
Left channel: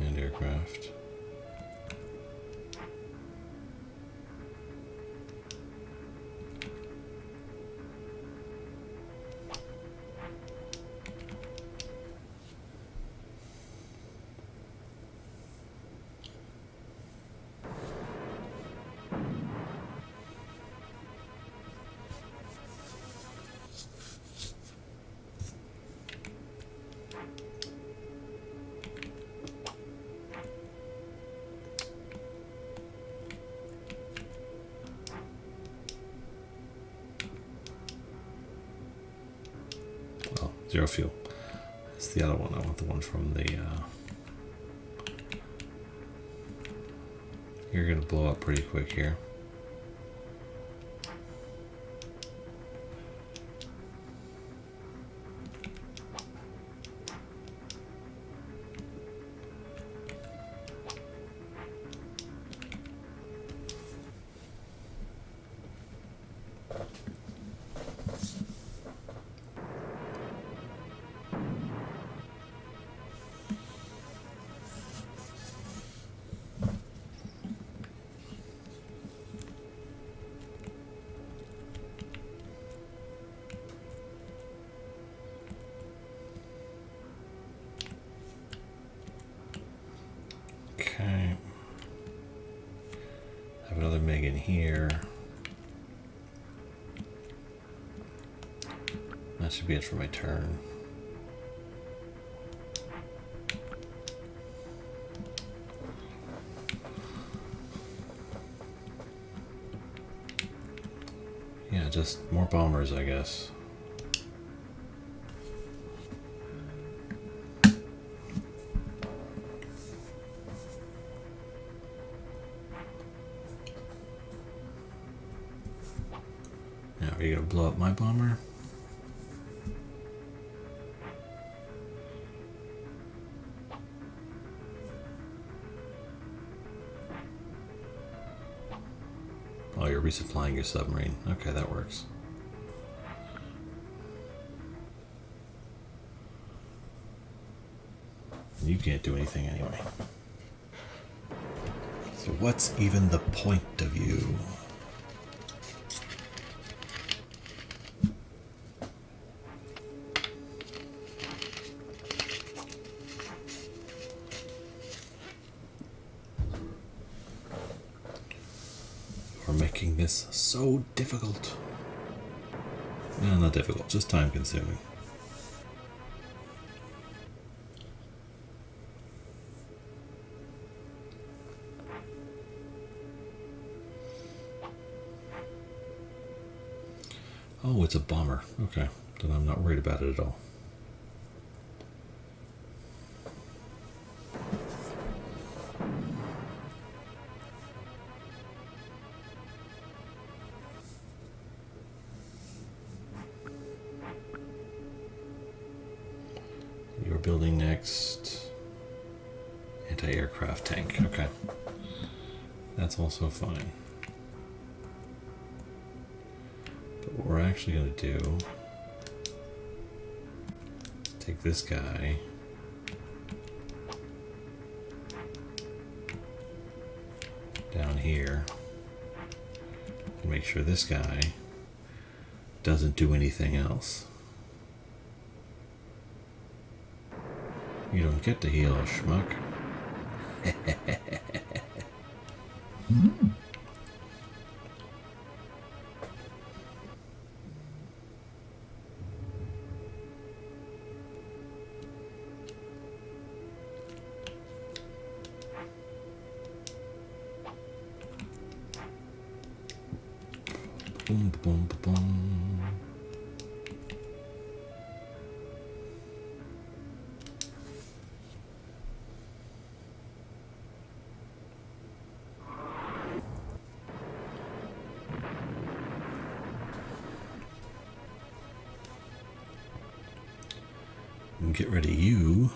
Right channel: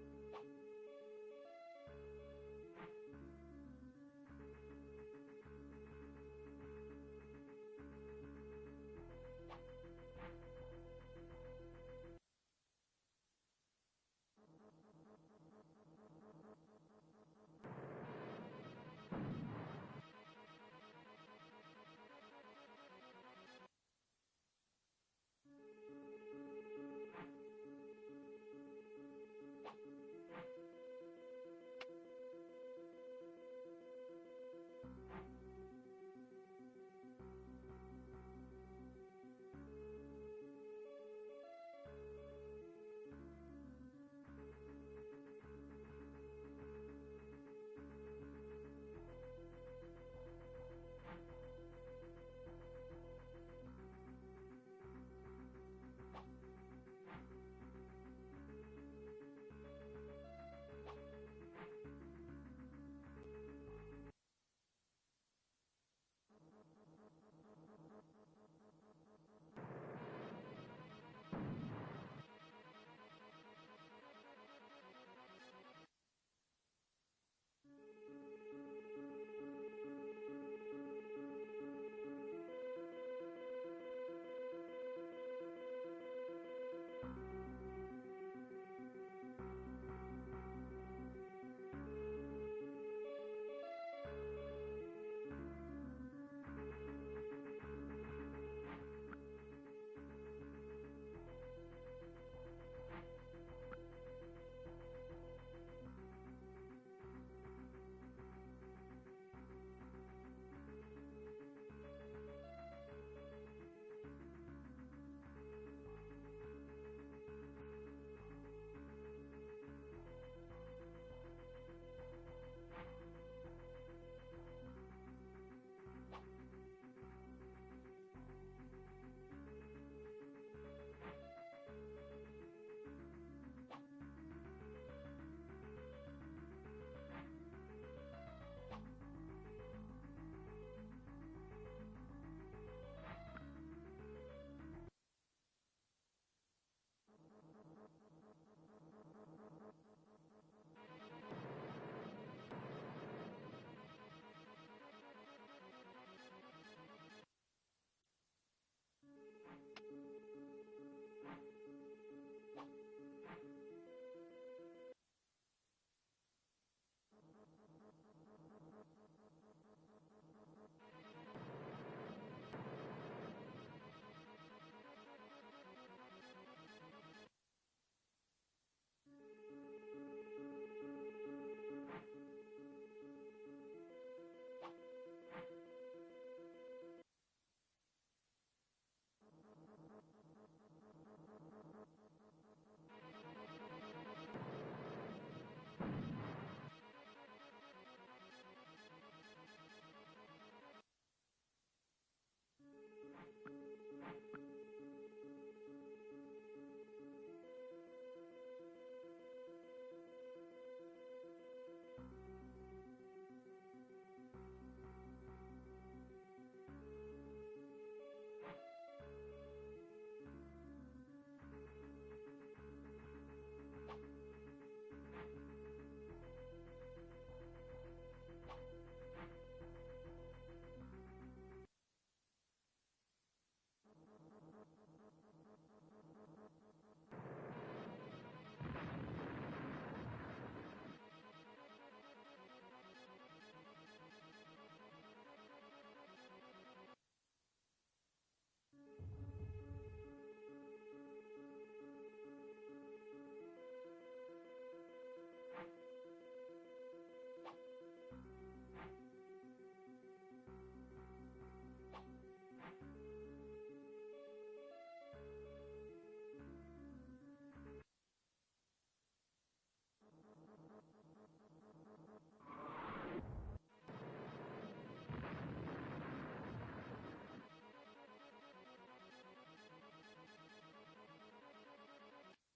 and aircraft. Zero fuel. That's the other one. I want the one from the... You're going to blow up pretty quick here. Okay. Have another Meg in here. That should be it for my turn. Yeah, just more bombers, I guess. Now, are you gonna blow up my bomber? Oh, you're resupplying your submarine. Okay, that works. You can't do anything anyway. So what's even the point of you? We're making this so difficult. No, not difficult, just time consuming. Oh, it's a bomber. Okay, then I'm not worried about it at all. building next? Anti-aircraft tank. Okay. That's also fine. But what we're actually going to do, take this guy, down here, and make sure this guy doesn't do anything else. You don't get to heal a schmuck. Boom, boom, boom. And get rid of you.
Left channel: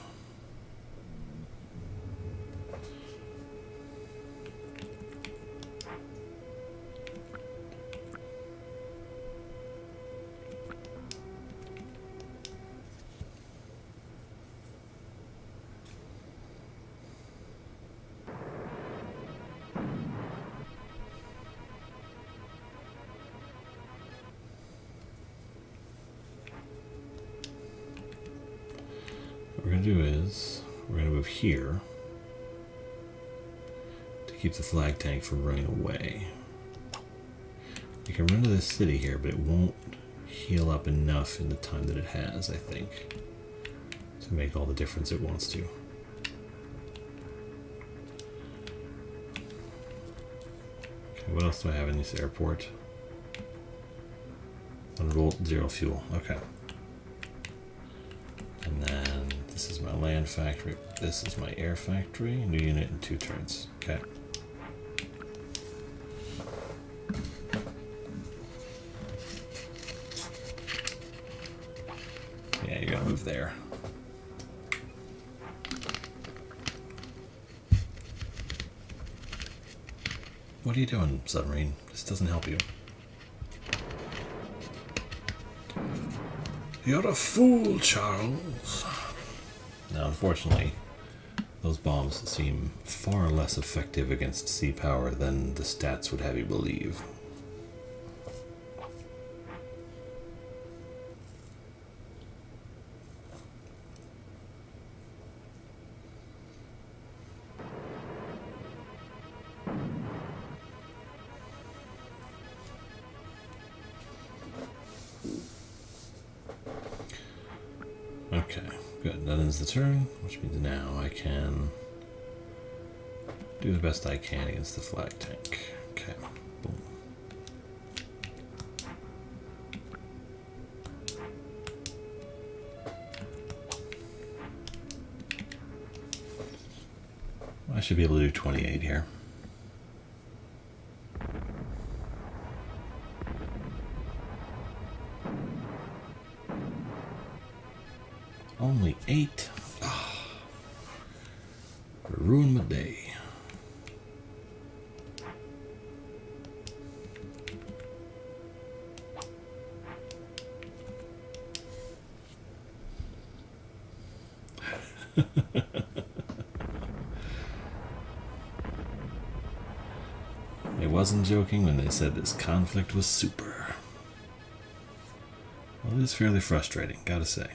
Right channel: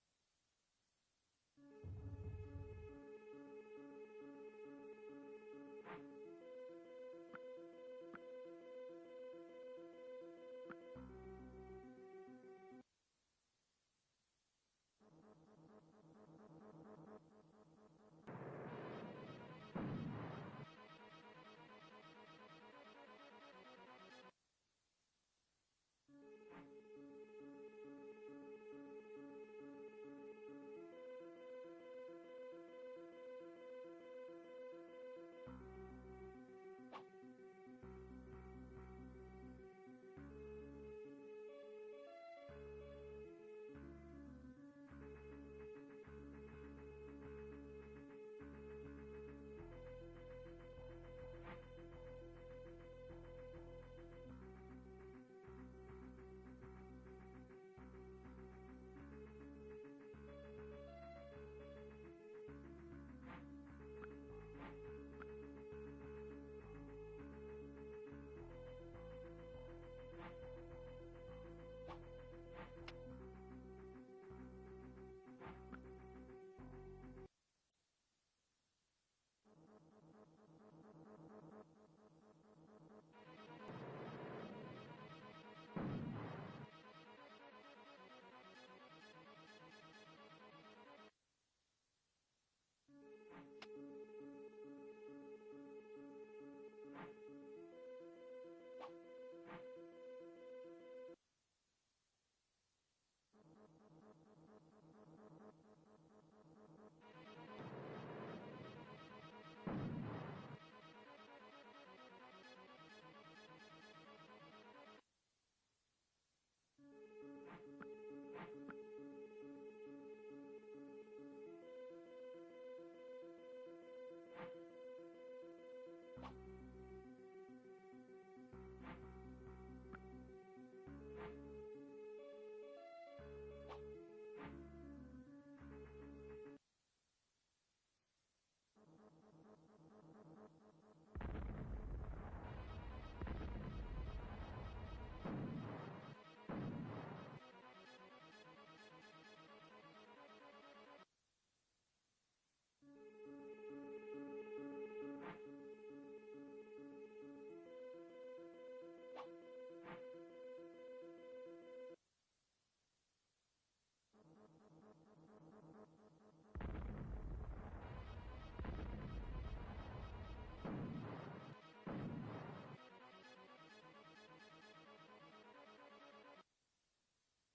What we're going to do is, we're going to move here to keep the flag tank from running away. You can run to this city here, but it won't heal up enough in the time that it has, I think, to make all the difference it wants to. Okay, what else do I have in this airport? 1 volt, 0 fuel. Okay. And then this is my land factory. This is my air factory. New unit in 2 turns. Okay. Yeah, you gotta move there. What are you doing, submarine? This doesn't help you. You're a fool, Charles. Now, unfortunately, those bombs seem far less effective against sea power than the stats would have you believe. Okay, good. That ends the turn, which means now I can do the best I can against the flag tank. Okay, boom. I should be able to do 28 here. Only 8. Oh, ruined my day. I wasn't joking when they said this conflict was super. Well, it is fairly frustrating, gotta say.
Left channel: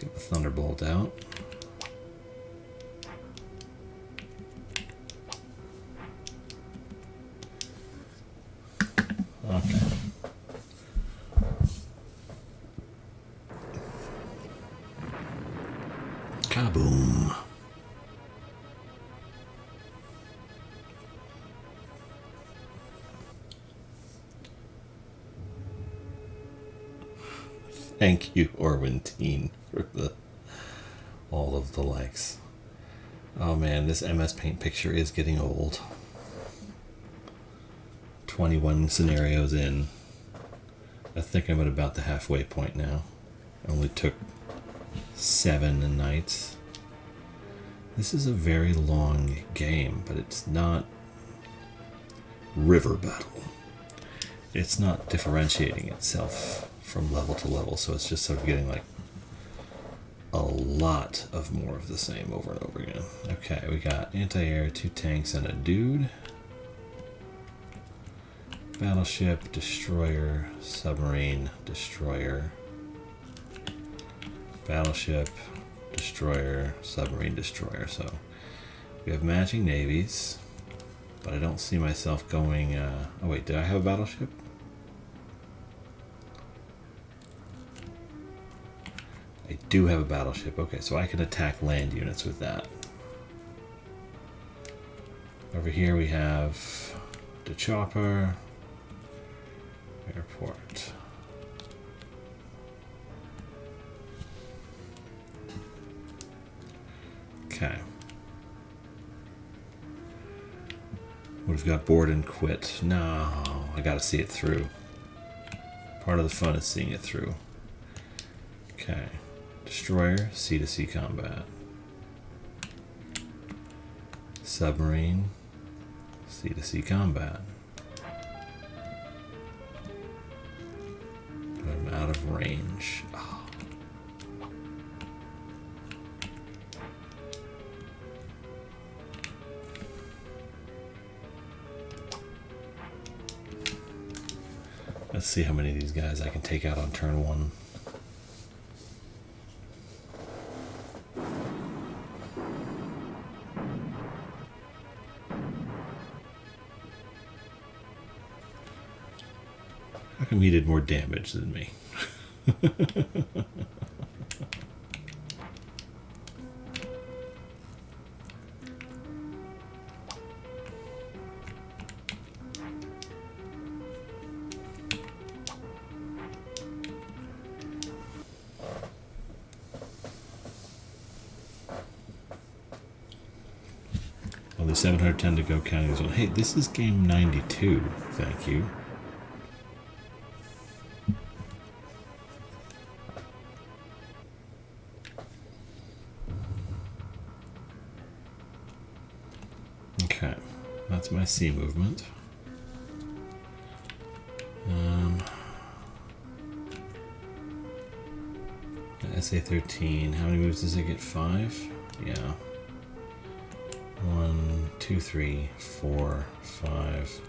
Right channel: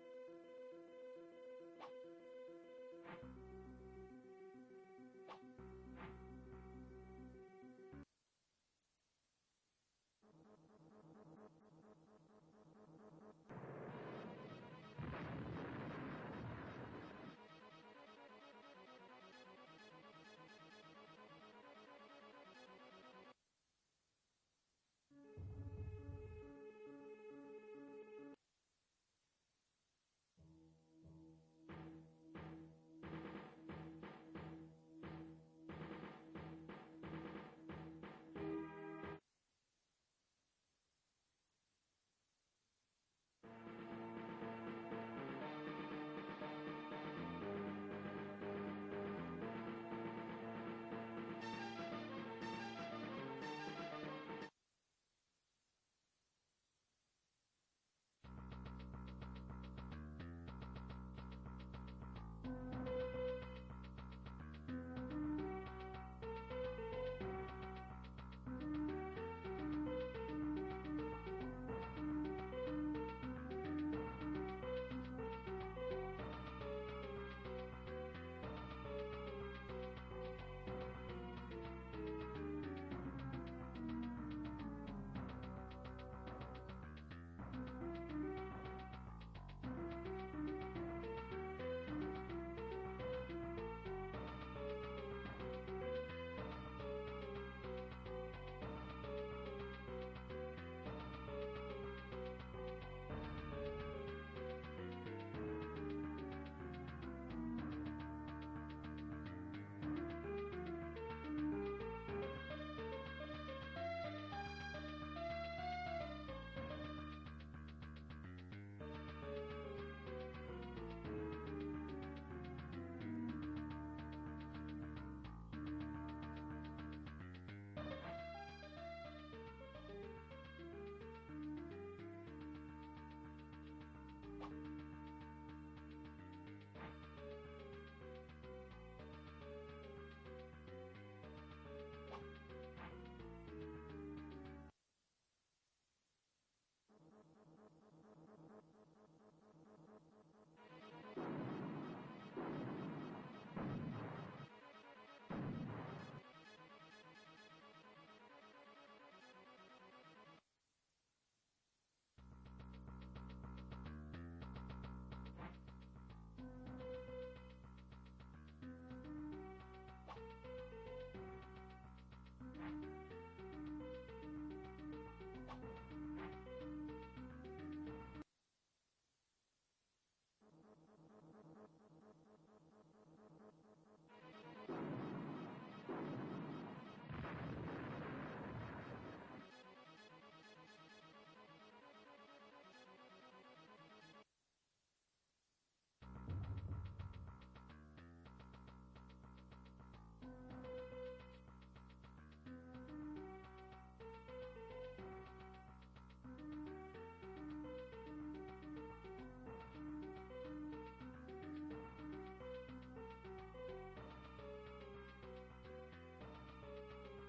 Get the Thunderbolt out. Okay. Kaboom. Thank you, Orwinteen, for all of the likes. Oh man, this MS Paint picture is getting old. 21 scenarios in, I think I'm at about the halfway point now. I only took 7 nights. This is a very long game, but it's not river battle. It's not differentiating itself from level to level, so it's just sort of getting like a lot of more of the same over and over again. Okay, we got anti-air, 2 tanks, and a dude. Battleship, destroyer, submarine, destroyer. Battleship, destroyer, submarine, destroyer. So we have matching navies, but I don't see myself going... oh wait, did I have a battleship? I do have a battleship. Okay, so I can attack land units with that. Over here we have the chopper, airport. Okay. We've got board and quit. No, I gotta see it through. Part of the fun is seeing it through. Okay. Destroyer, sea-to-sea combat. Submarine, sea-to-sea combat. But I'm out of range. Oh. Let's see how many of these guys I can take out on turn 1. How come he did more damage than me? Only 710 to go, counting this one. Hey, this is game 92. Thank you. Okay, that's my sea movement. The SA-13, how many moves does it get? 5? Yeah. 1, 2, 3, 4, 5.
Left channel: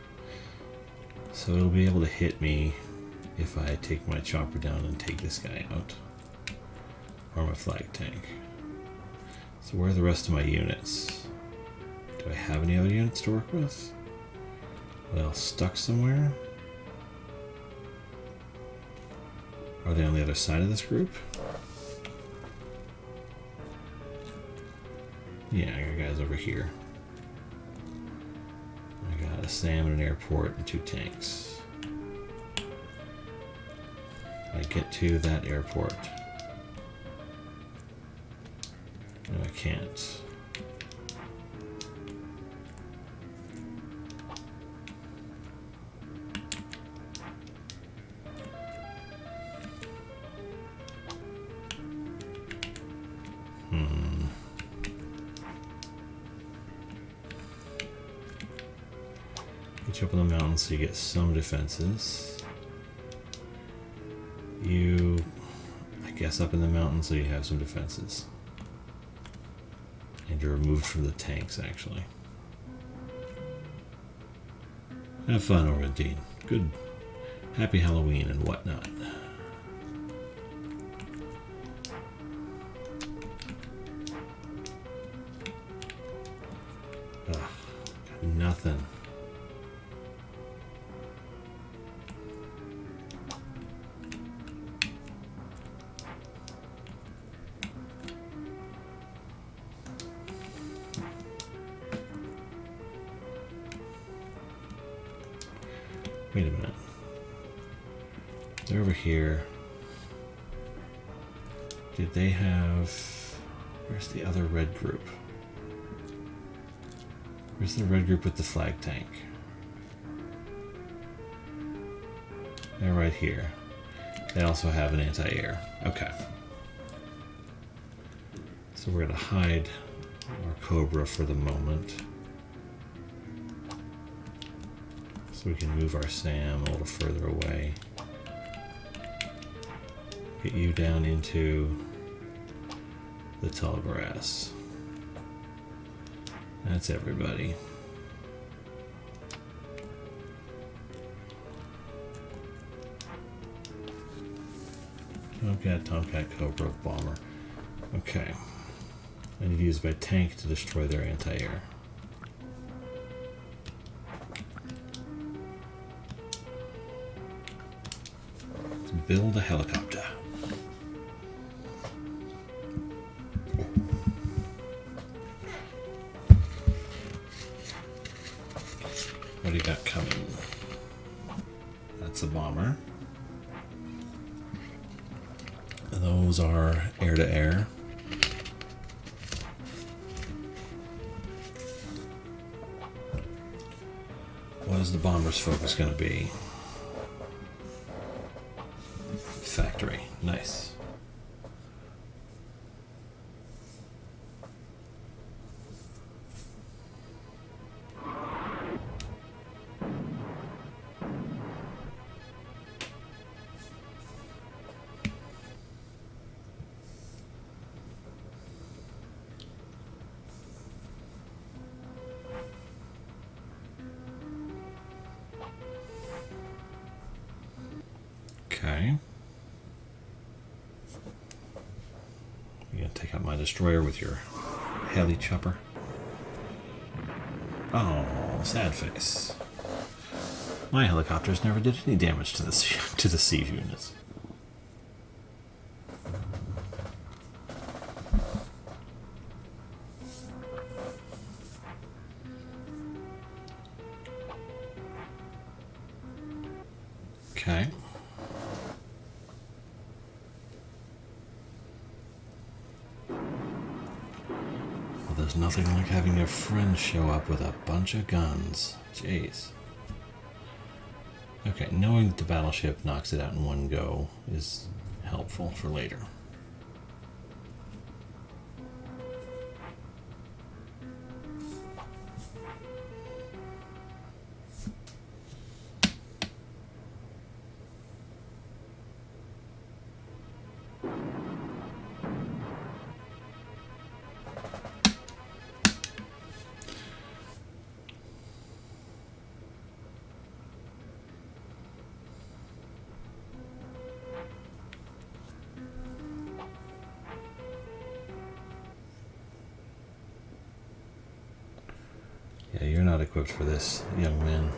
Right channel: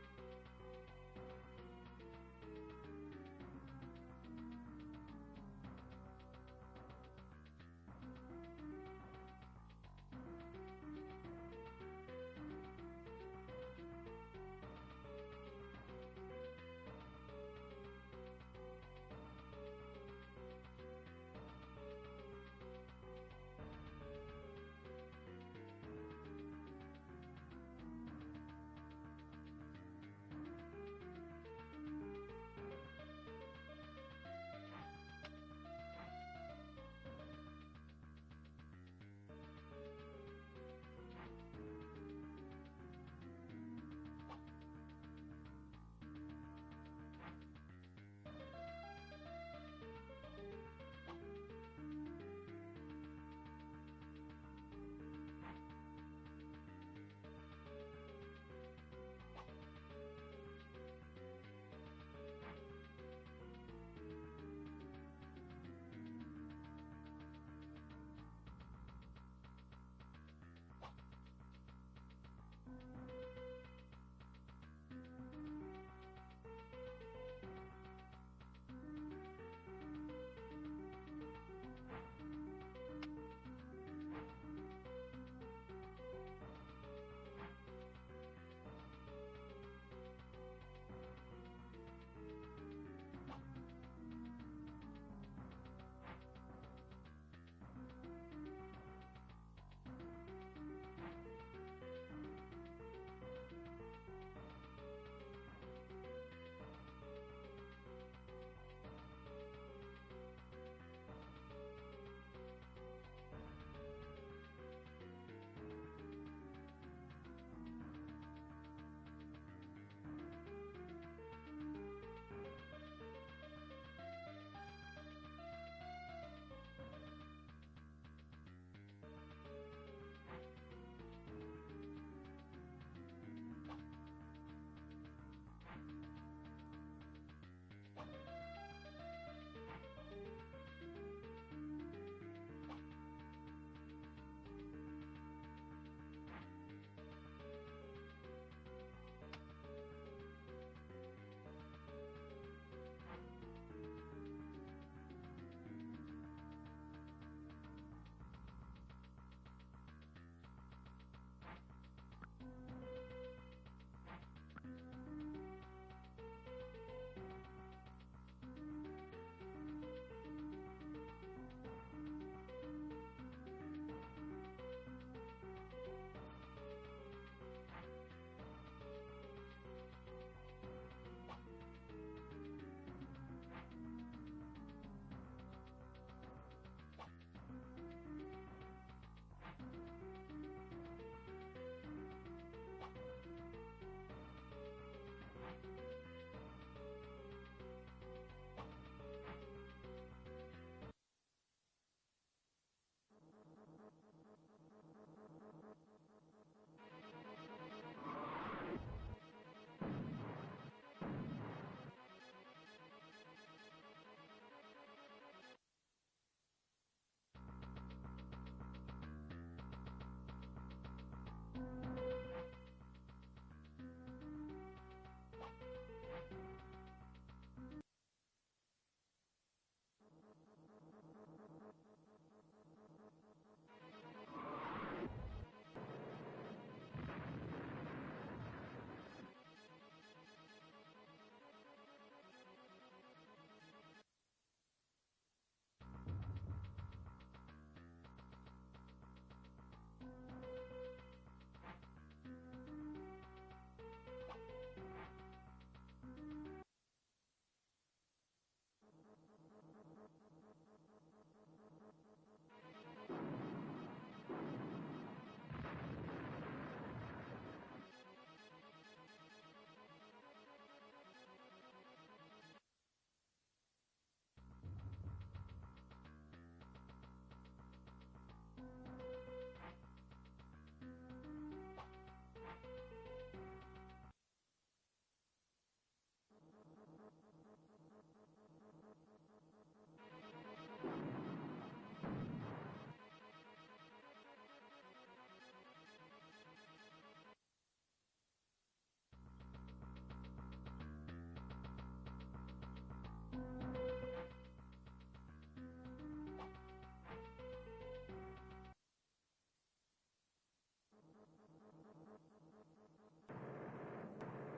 So it'll be able to hit me if I take my chopper down and take this guy out. Or my flag tank. So where are the rest of my units? Do I have any other units to work with? Are they all stuck somewhere? Are they on the other side of this group? Yeah, I got guys over here. I got a SAM and an airport and 2 tanks. I get to that airport. No, I can't. Get you up in the mountains so you get some defenses. You, I guess, up in the mountains so you have some defenses. And you're removed from the tanks, actually. Have fun over at Dean. Good. Happy Halloween and whatnot. Ugh, got nothing. Wait a minute. They're over here. Did they have... Where's the other red group? Where's the red group with the flag tank? They're right here. They also have an anti-air. Okay. So we're going to hide our Cobra for the moment. So we can move our Sam a little further away. Get you down into the tall grass. That's everybody. Tomcat, Cobra, Bomber. Okay. I need to use my tank to destroy their anti-air. Let's build a helicopter. What do you got coming? That's a bomber. Those are air-to-air. What is the bomber's focus going to be? Factory. Nice. Okay. You gonna take out my destroyer with your heli chopper? Oh, sad face. My helicopters never did any damage to the siege units. Okay. There's nothing like having your friends show up with a bunch of guns. Jeez. Okay, knowing that the battleship knocks it out in one go is helpful for later. Yeah, you're not equipped for this, young man.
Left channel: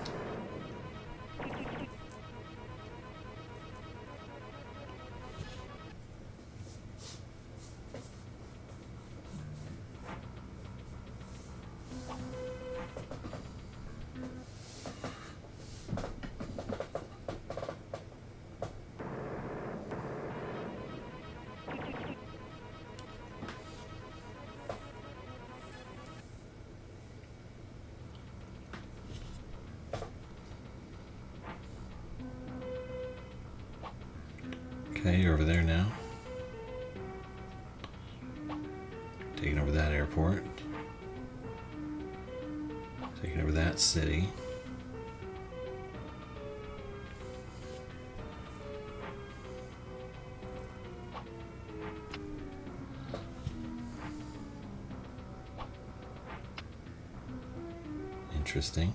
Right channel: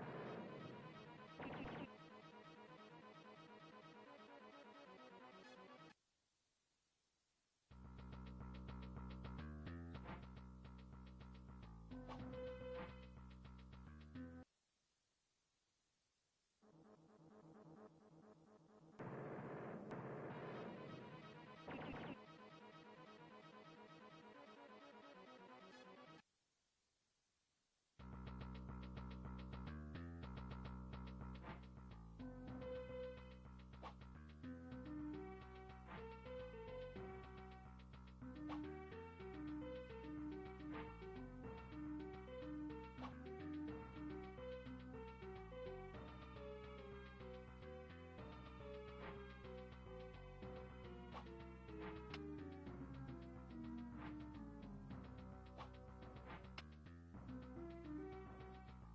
Okay, you're over there now. Taking over that airport. Taking over that city. Interesting.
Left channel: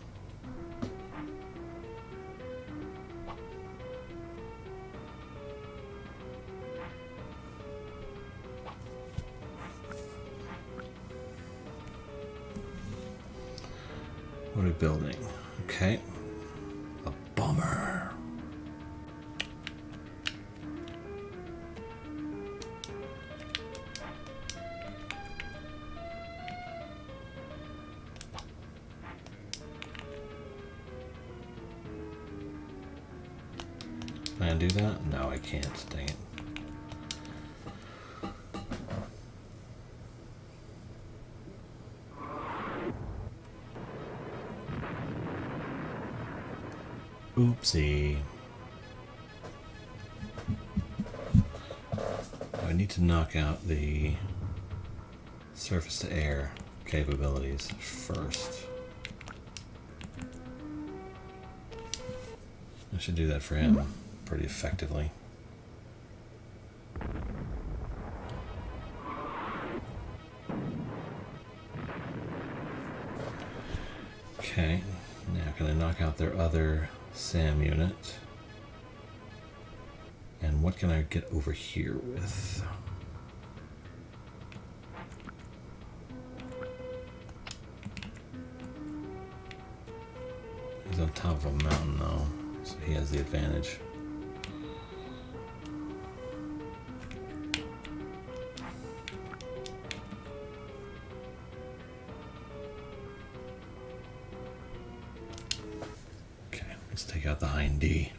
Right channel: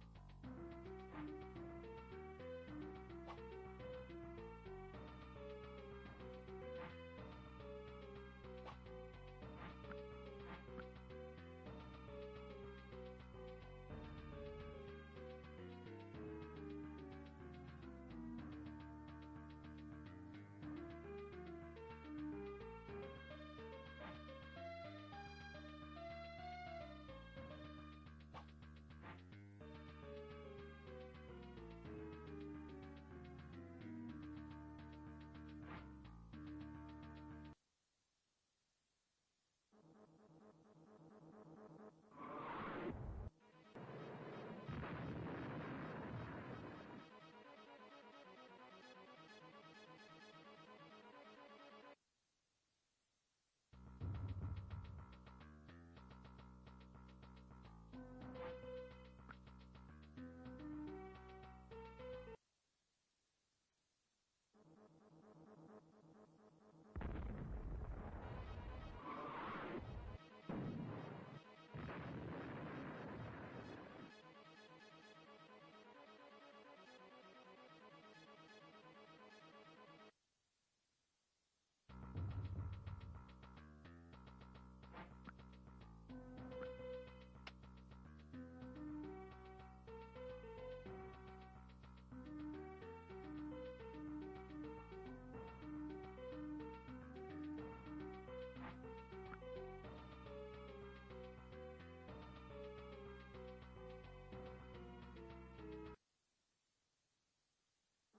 What are we building? Okay. A bomber. Can I do that? No, I can't. Dang it. Oopsie. need to knock out the surface to air capabilities first. I should do that for him pretty effectively. Okay, now can I knock out their other SAM unit? And what can I get over here with? He's on top of a mountain though, so he has the advantage. Okay, let's take out the Hind D.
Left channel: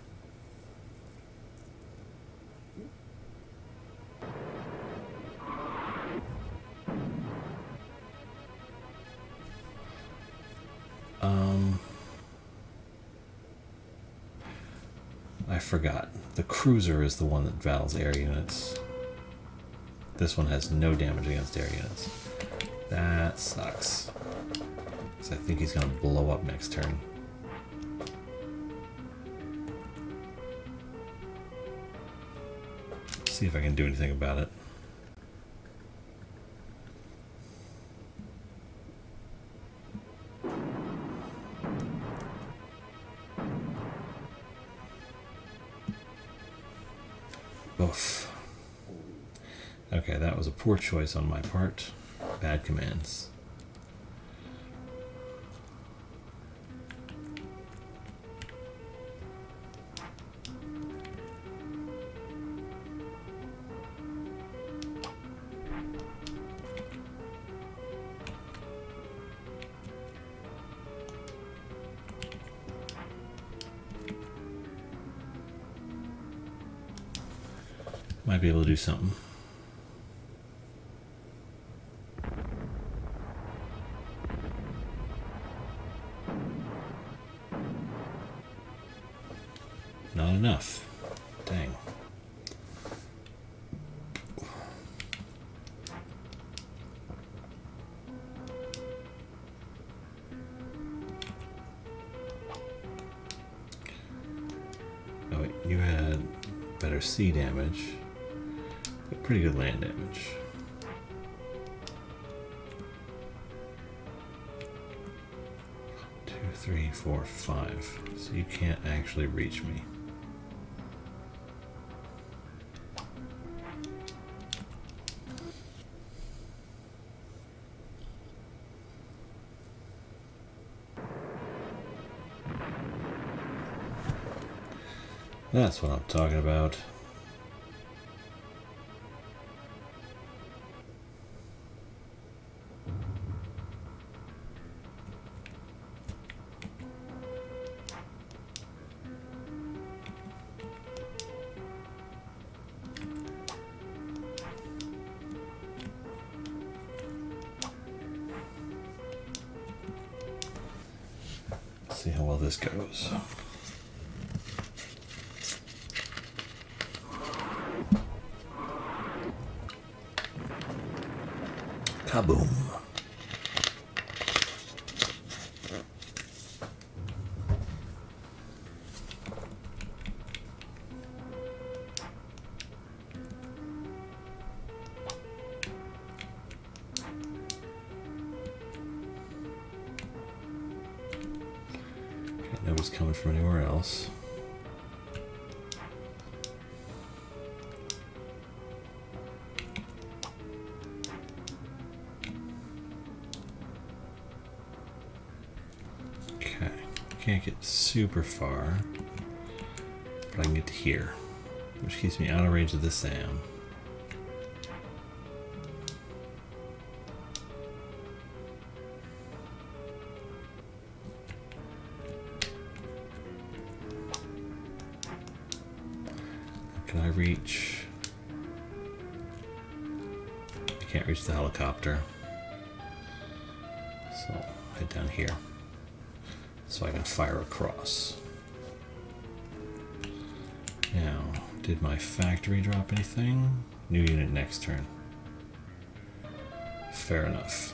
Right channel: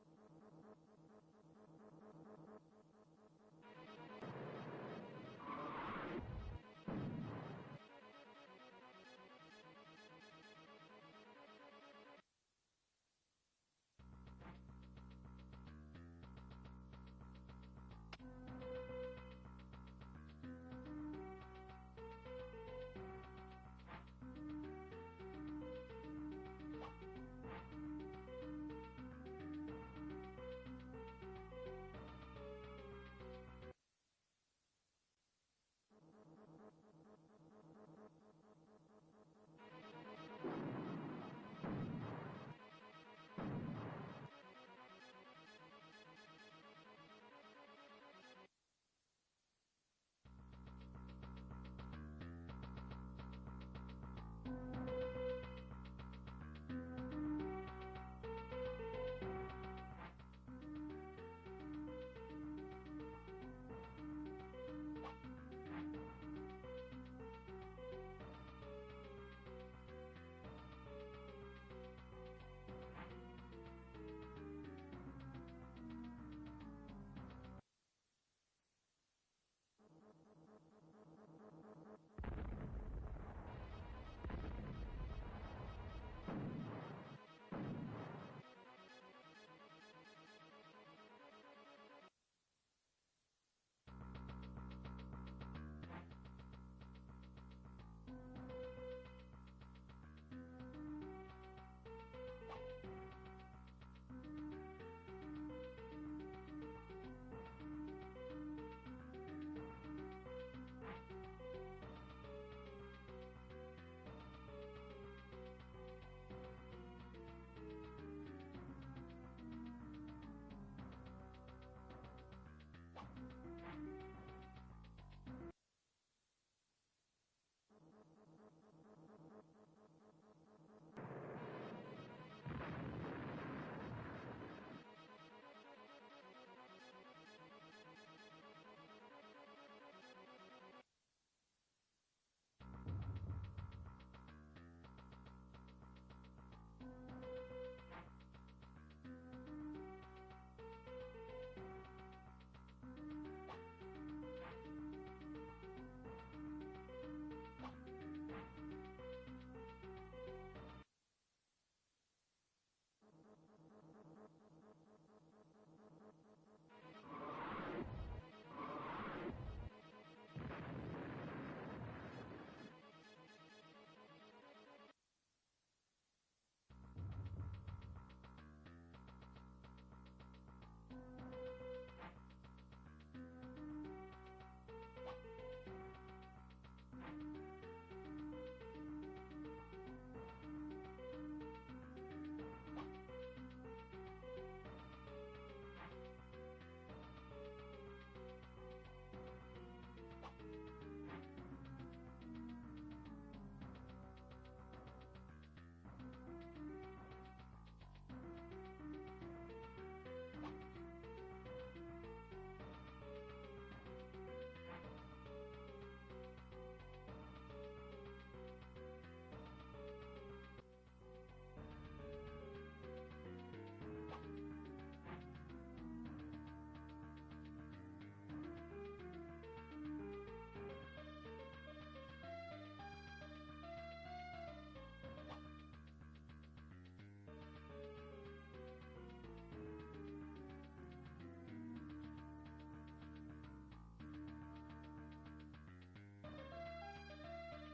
I forgot. The cruiser is the one that battles air units. This one has no damage against air units. That sucks. Because I think he's going to blow up next turn. See if I can do anything about it. Oof. Okay, that was a poor choice on my part. Bad commands. Might be able to do something. Not enough. Dang. Oh wait, you had better sea damage. Pretty good land damage. Two, three, four, five. So you can't actually reach me. That's what I'm talking about. See how well this goes. Kaboom. Nobody's coming from anywhere else. Okay, can't get super far, but I can get to here, which keeps me out of range of the SAM. Can I reach? I can't reach the helicopter. So head down here so I can fire across. Now, did my factory drop anything? New unit next turn. Fair enough.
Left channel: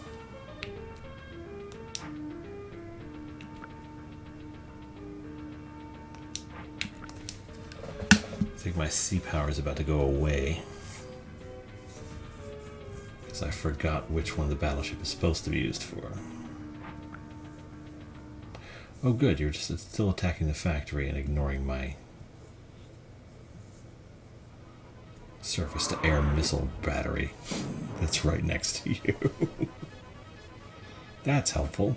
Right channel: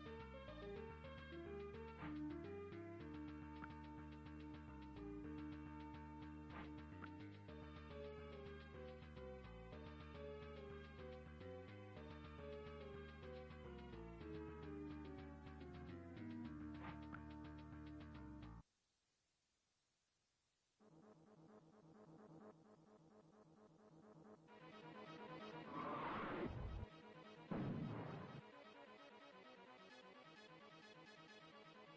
I think my sea power is about to go away. Because I forgot which one the battleship is supposed to be used for. Oh good, you're just still attacking the factory and ignoring my surface-to-air missile battery that's right next to you. That's helpful.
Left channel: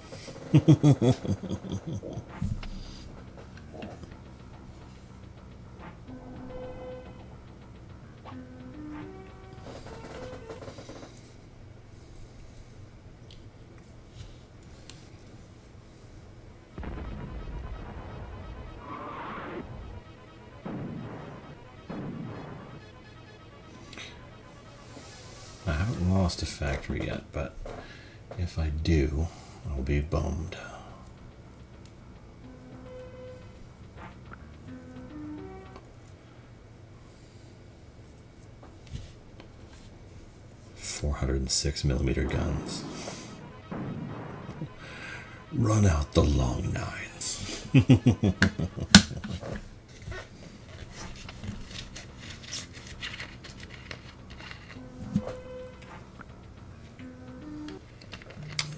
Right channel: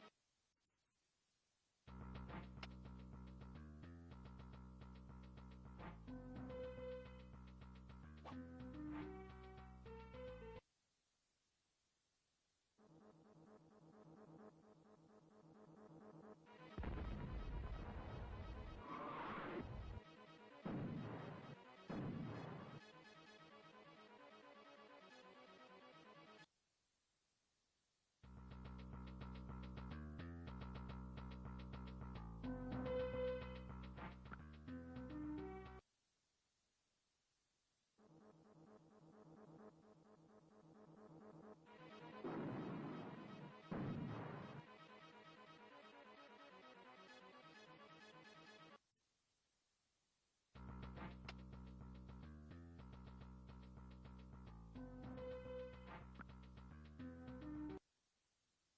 I haven't lost a factory yet, but if I do, I'll be bummed. .406mm guns. Run out the long nines.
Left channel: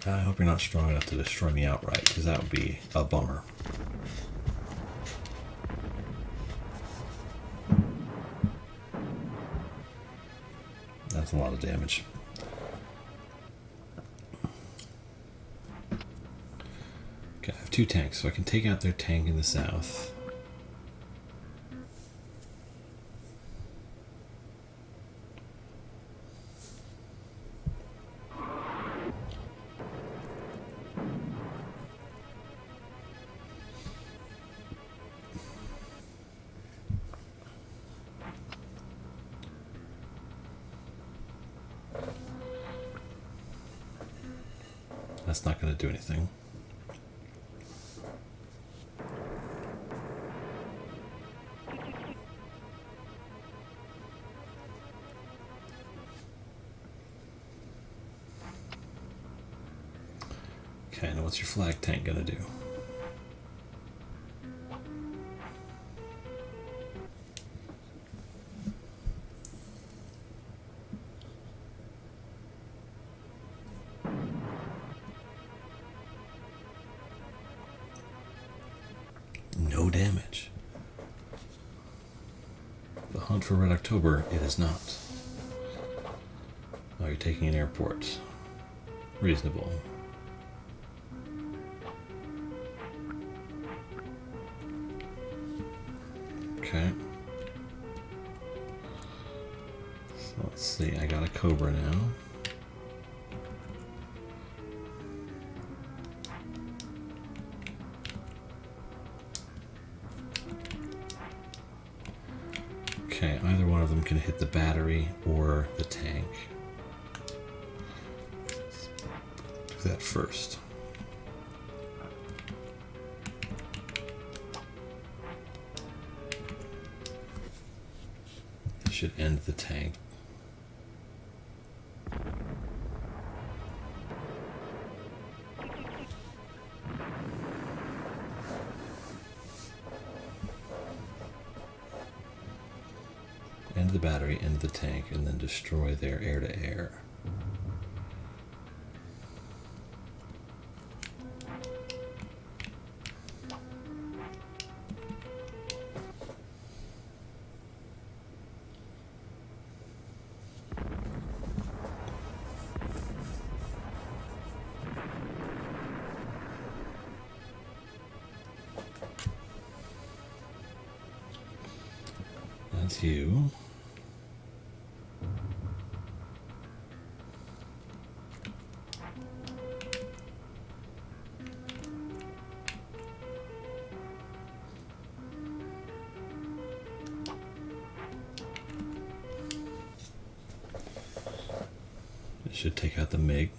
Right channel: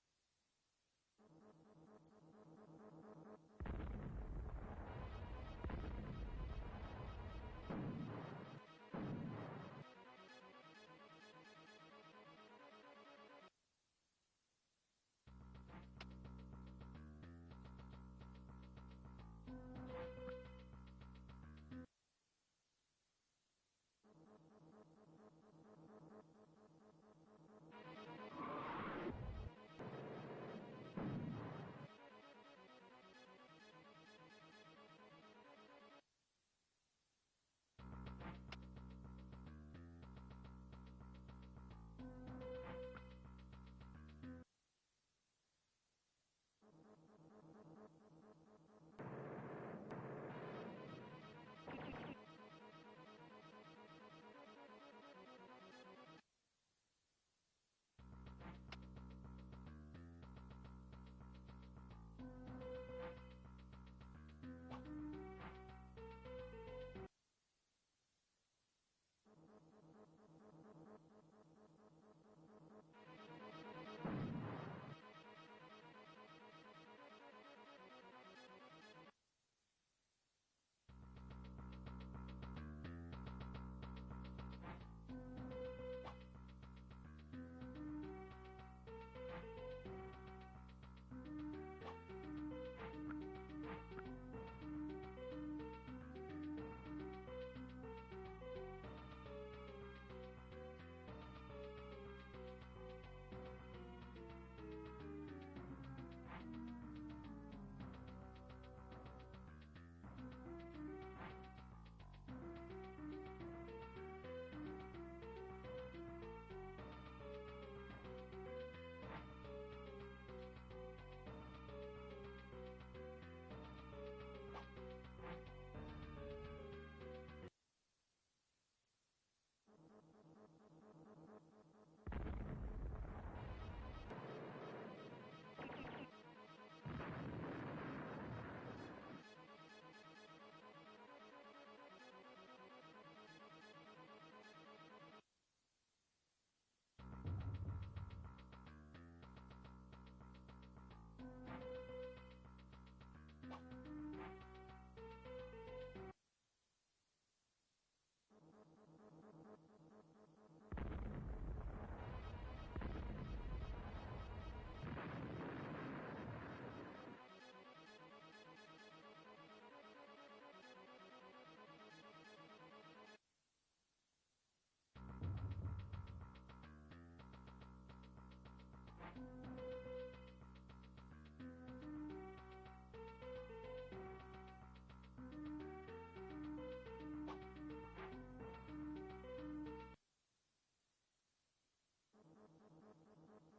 I hope you're not strong enough to destroy me outright, because that would be a bummer. That's a lot of damage. Okay, I have 2 tanks, so I can take out their tank in the south. That's not going to do anything. Okay, now what's your flag tank going to do? No damage. The hunt for Red October, it is not. Oh, you're taking an airport. Reasonable. Okay. So let's see, I got a Cobra now. Okay, either one of them can hit the battery or the tank. Do that first. This should end the tank. End the battery, end the tank, and then destroy their air-to-air. That's you. It should take out the MiG.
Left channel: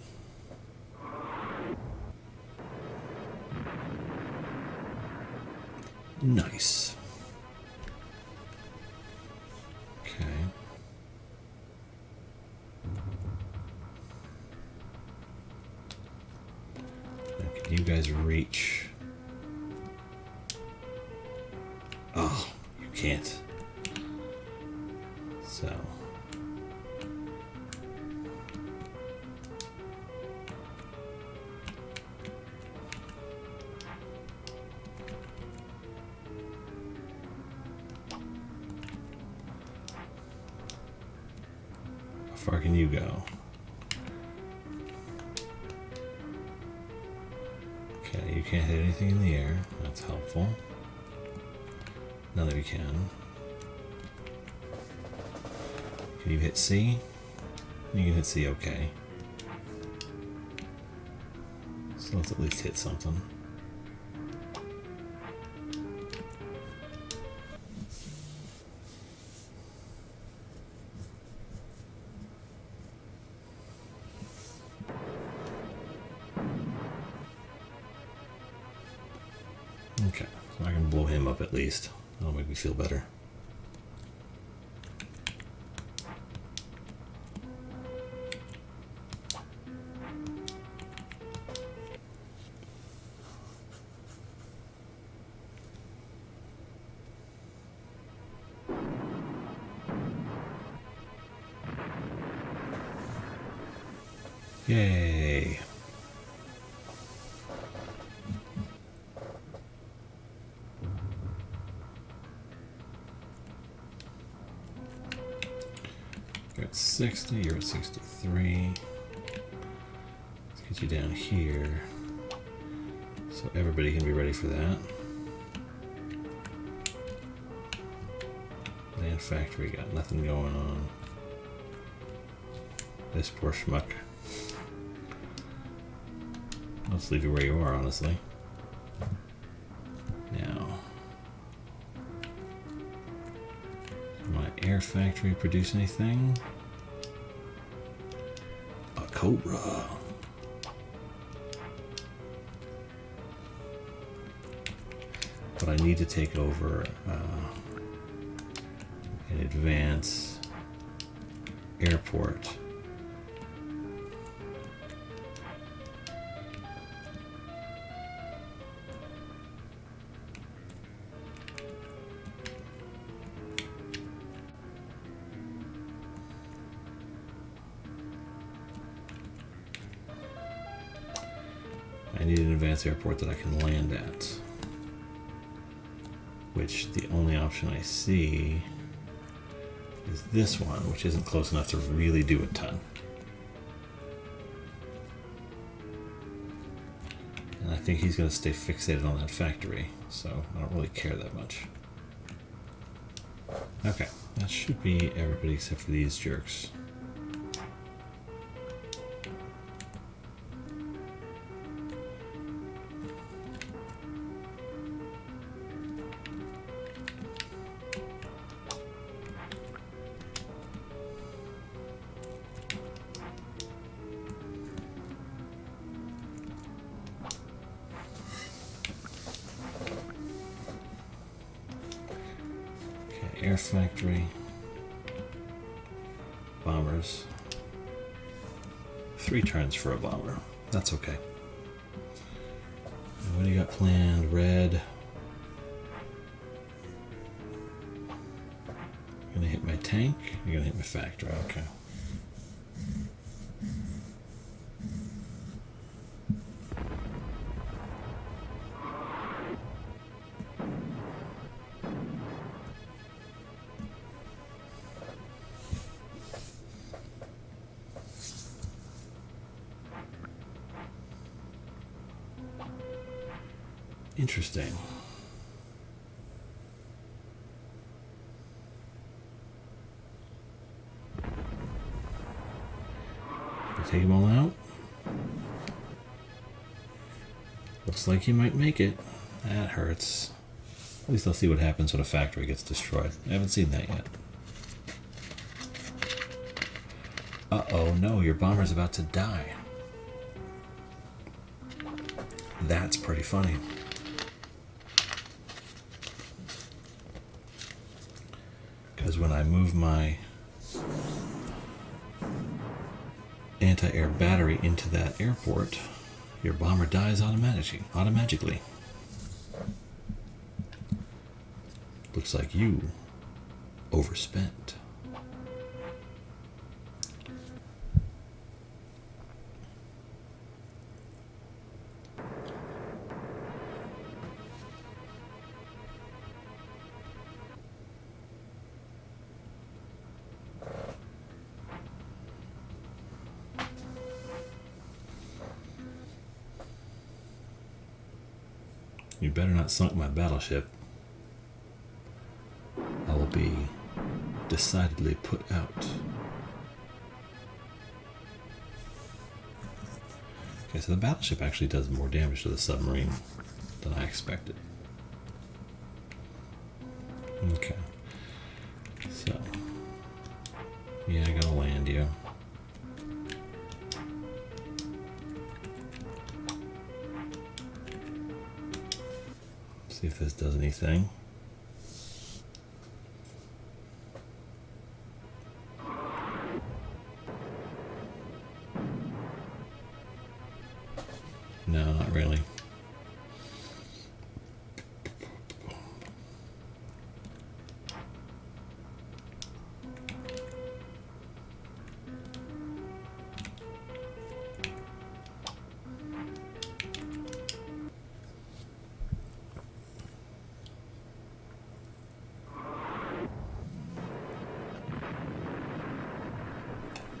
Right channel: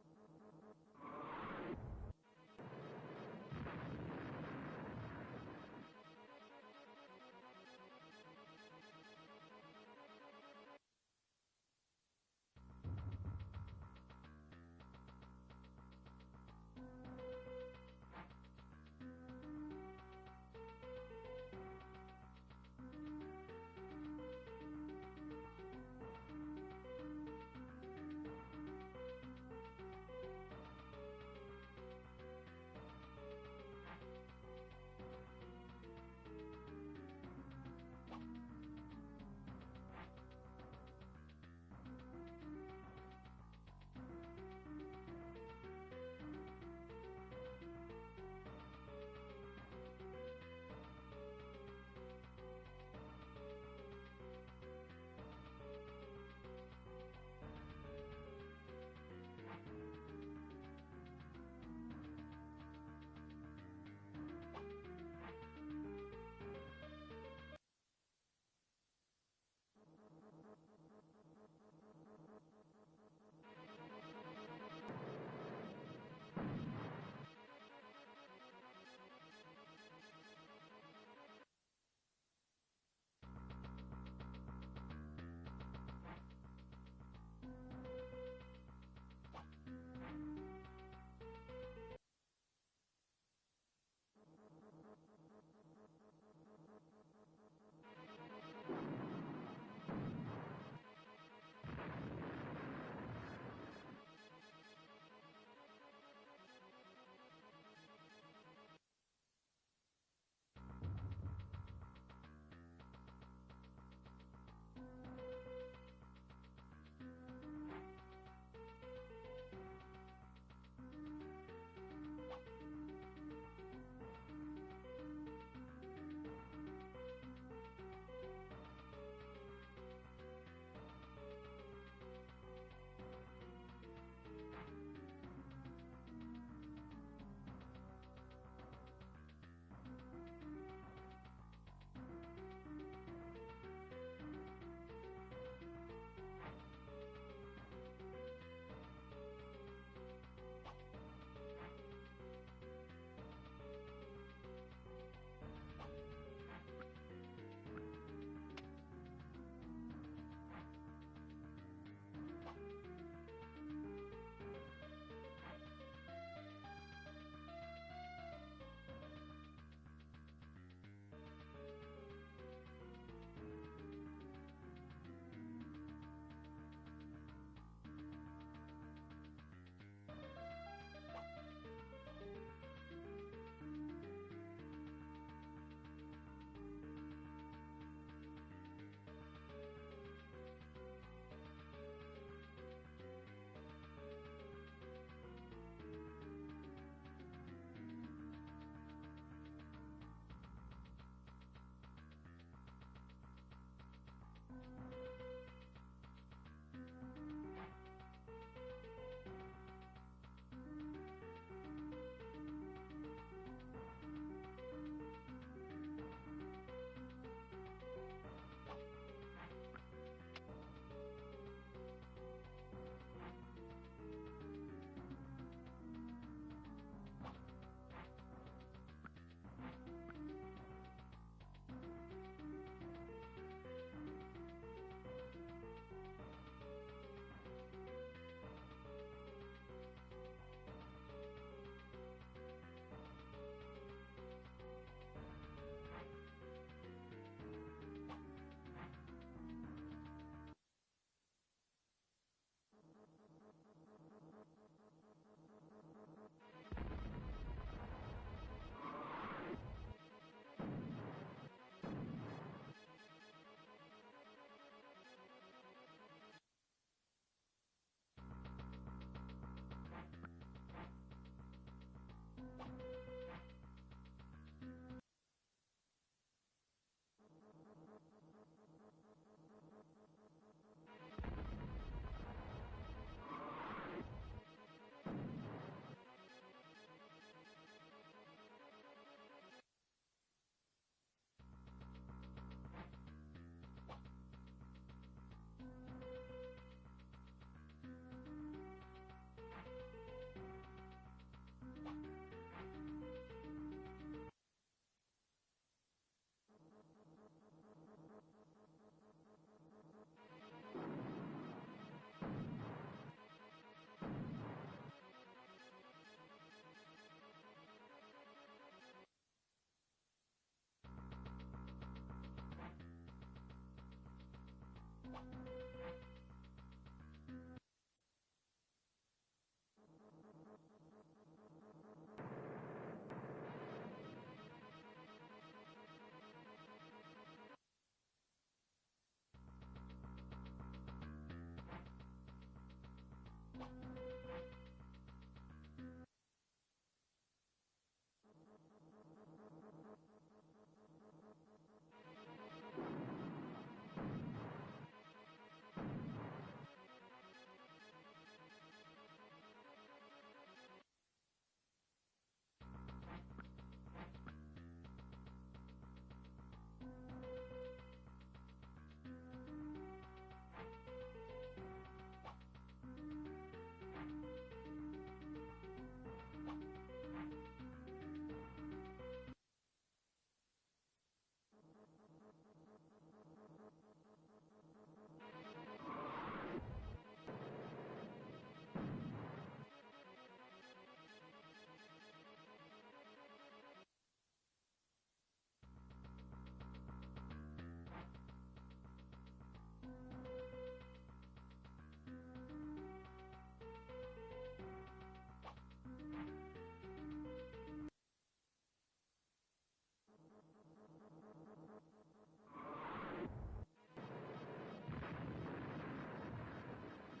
Nice. Okay. you guys reach? Oh, you can't. So. How far can you go? Okay, you can't hit anything in the air. That's helpful. None of you can. Can you hit C? You can hit C, okay. So let's at least hit something. Okay, so I can blow him up at least. That'll make me feel better. Yay! You're at 60, you're at 63. Let's get you down here so everybody can be ready for that. Land factory, got nothing going on. This poor schmuck. Let's leave you where you are, honestly. Now, my air factory produce anything? A cobra. But I need to take over an advance airport. I need an advanced airport that I can land at. Which the only option I see is this one, which isn't close enough to really do a ton. And I think he's going to stay fixated on that factory, so I don't really care that much. Okay, that should be everybody except for these jerks. Air factory, bombers, 3 turns for a bomber, that's okay. And what do you got planned? Red. You're gonna hit my tank, you're gonna hit my factory, okay. Interesting. Take them all out. Looks like you might make it. That hurts. At least I'll see what happens when a factory gets destroyed. I haven't seen that yet. Uh-oh, no, your bomber's about to die. That's pretty funny. Because when I move my anti-air battery into that airport, Your bomber dies automatically. Looks like you overspent. You better not sunk my battleship. I will be decidedly put out. Okay, so the battleship actually does more damage to the submarine than I expected. Okay. So, yeah, I gotta land you. See if this does anything. No, not really.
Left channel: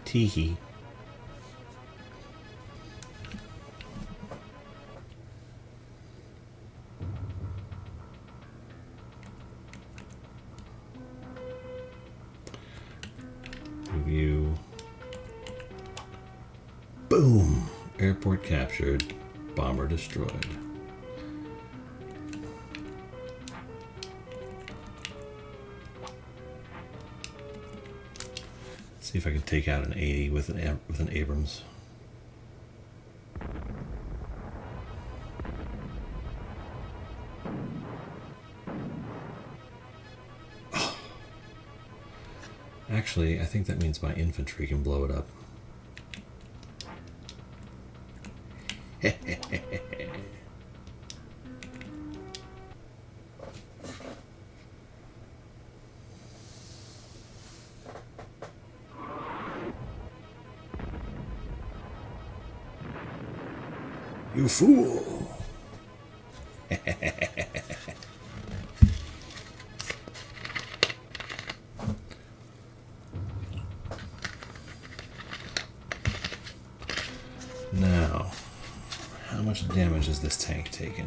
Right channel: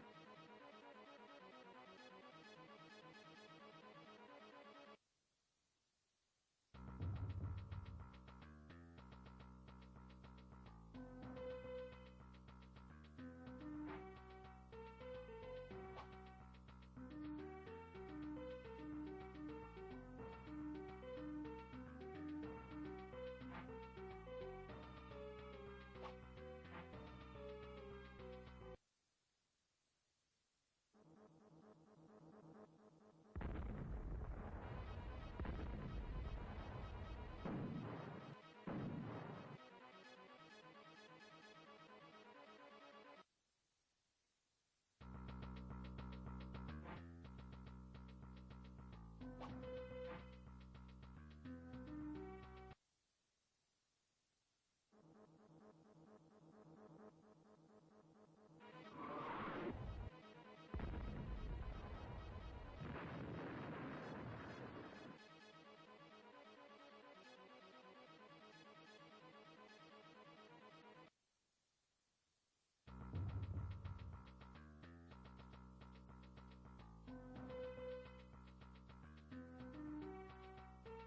Teehee. Review. Boom! Airport captured. Bomber destroyed. See if I can take out an 80 with an Abrams. Oh. Actually, I think that means my infantry can blow it up. You fool! Now, how much damage has this tank taken?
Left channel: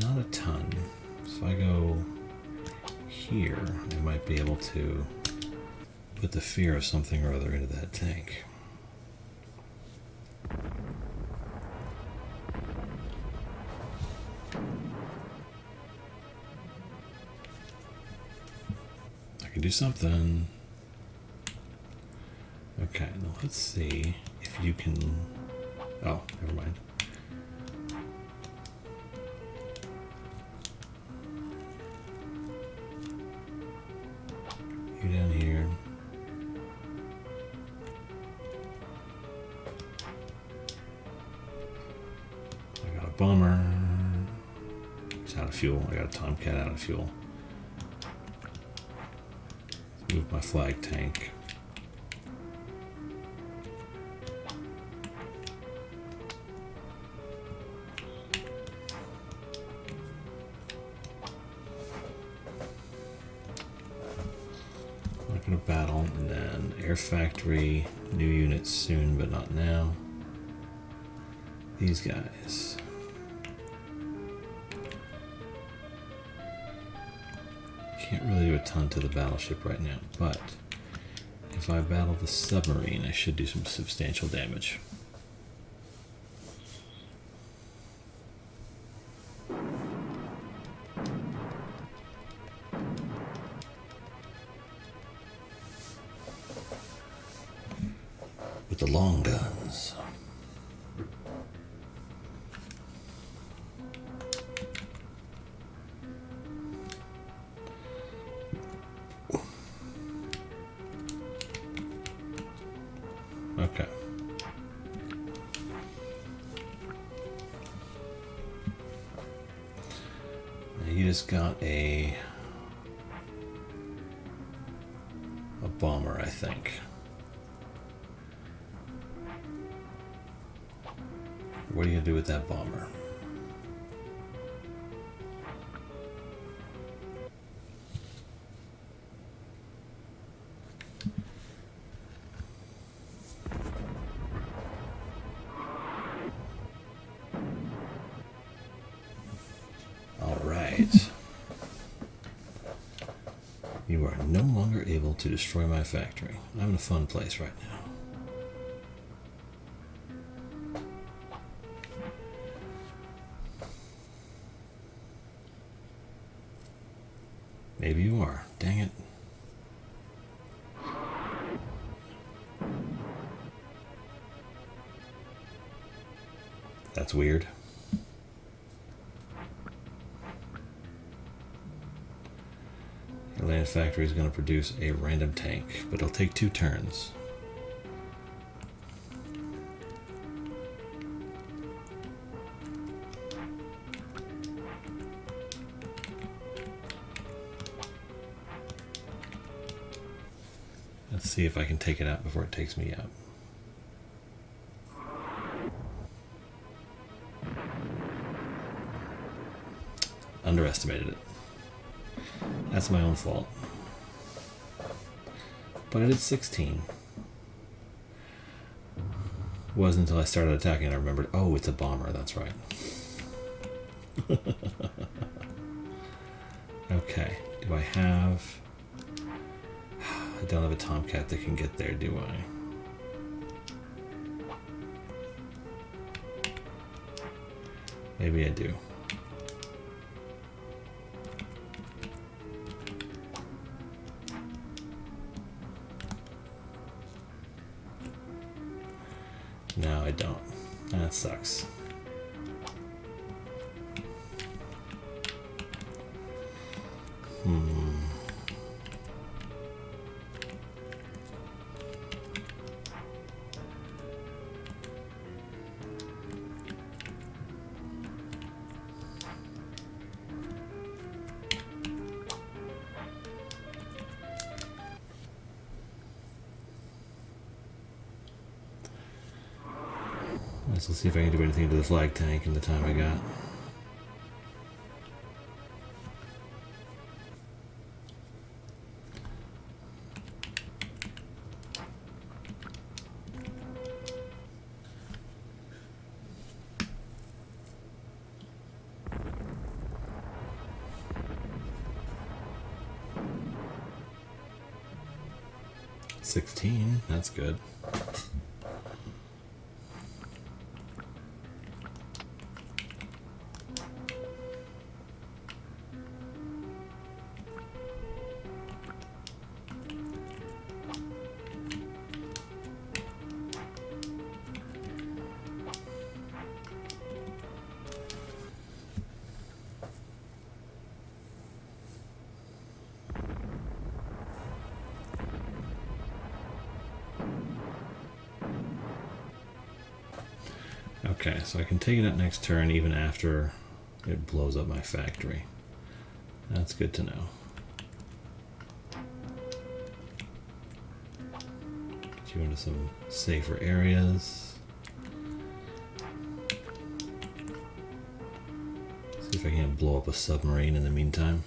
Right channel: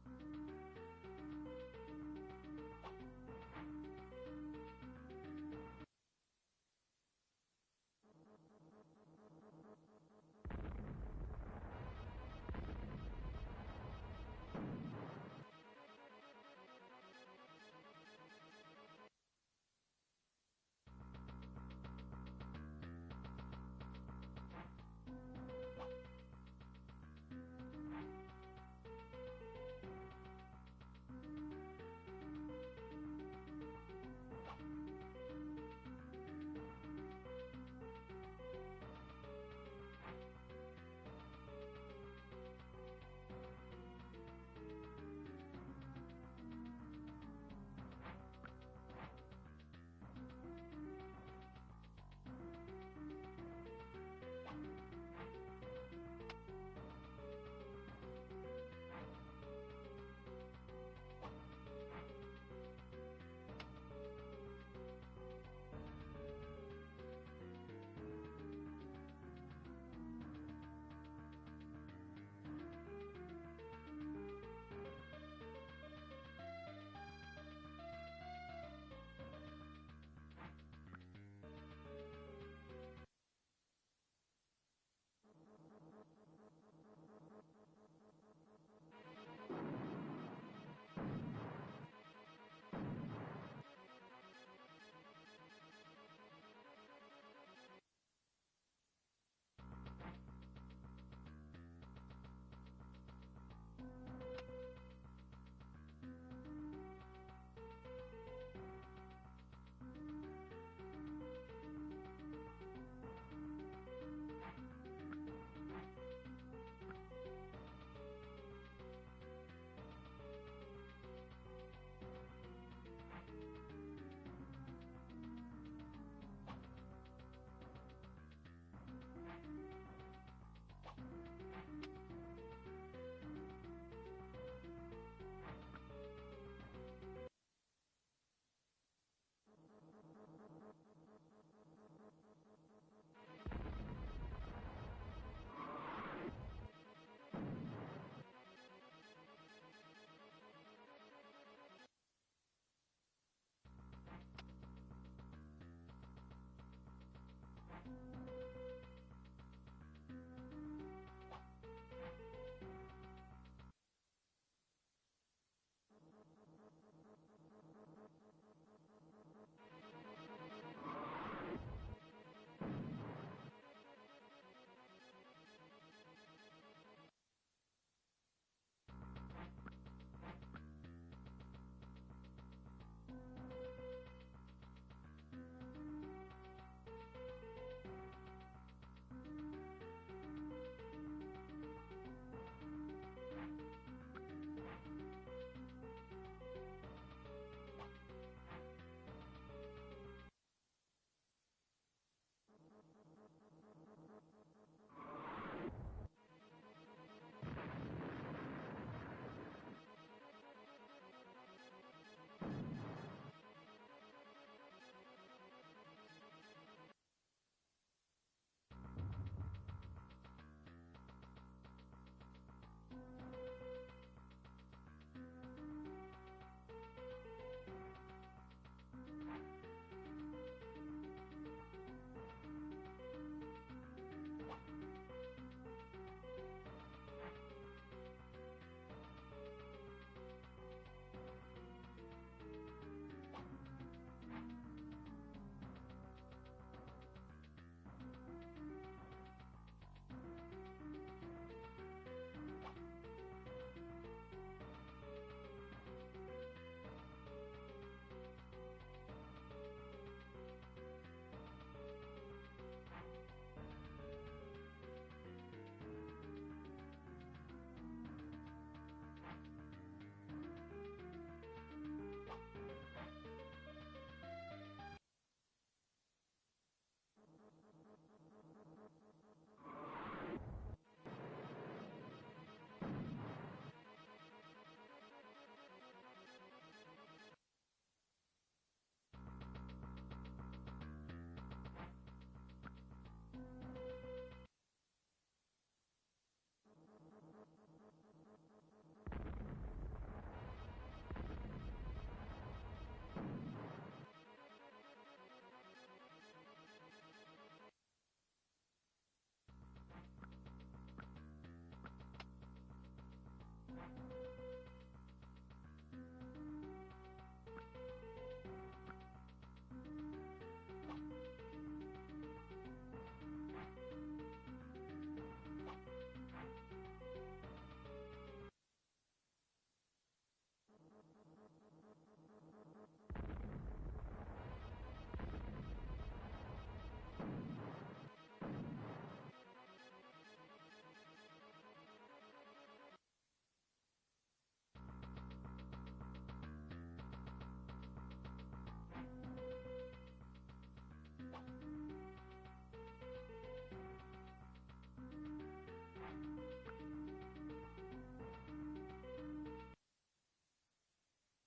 Not a ton. So if I go here, I might be able to put the fear of something or other into that tank. Do something. Okay, now let's see if you can. Oh, never mind. You down here. I got a bomber. He's out of fuel. I got a Tomcat out of fuel. Move my flag tank. Not gonna battle, and then air factory, new units soon, but not now. These guys. Can't really do a ton to the battleship right now, but if I battle the submarine, I should do some substantial damage. With the long guns. Okay. just got a bomber, I think. What are you gonna do with that bomber? All right. You are no longer able to destroy my factory. I'm in a fun place right now. Maybe you are. Dang it. That's weird. Your land factory is going to produce a random tank, but it'll take 2 turns. Let's see if I can take it out before it takes me out. Underestimated it. That's my own fault. But I did 16. It wasn't until I started attacking I remembered, oh, it's a bomber, that's right. Okay, do I have... I don't have a Tomcat that can get there, do I? Maybe I do. No, I don't. That sucks. Let's see if I can do anything to the flag tank in the time I got. $16, that's good. Okay, so I can take it out next turn even after it blows up my factory. That's good to know. Get you into some safer areas. See if I can blow up a submarine in the meantime.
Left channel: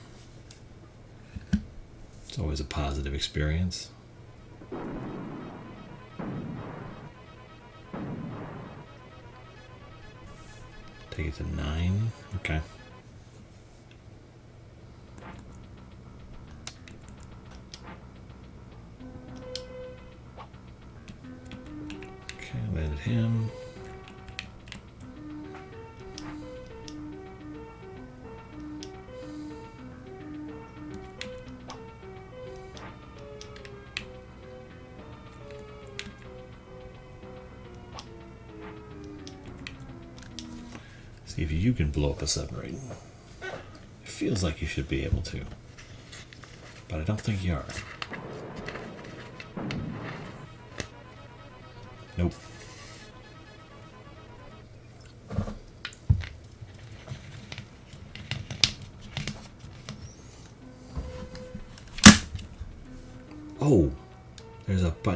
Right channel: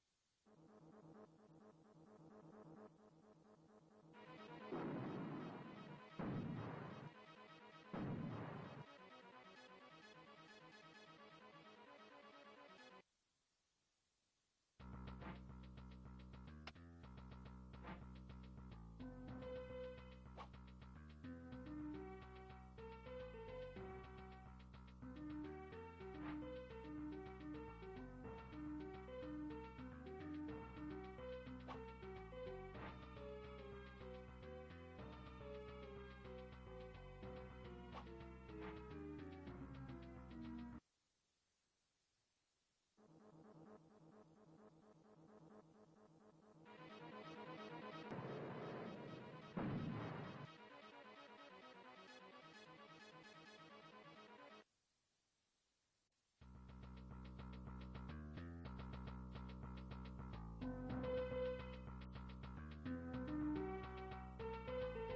It's always a positive experience. Take it to 9. Okay. Okay, landed him. See if you can blow up a submarine. It feels like you should be able to, but I don't think you are. Nope.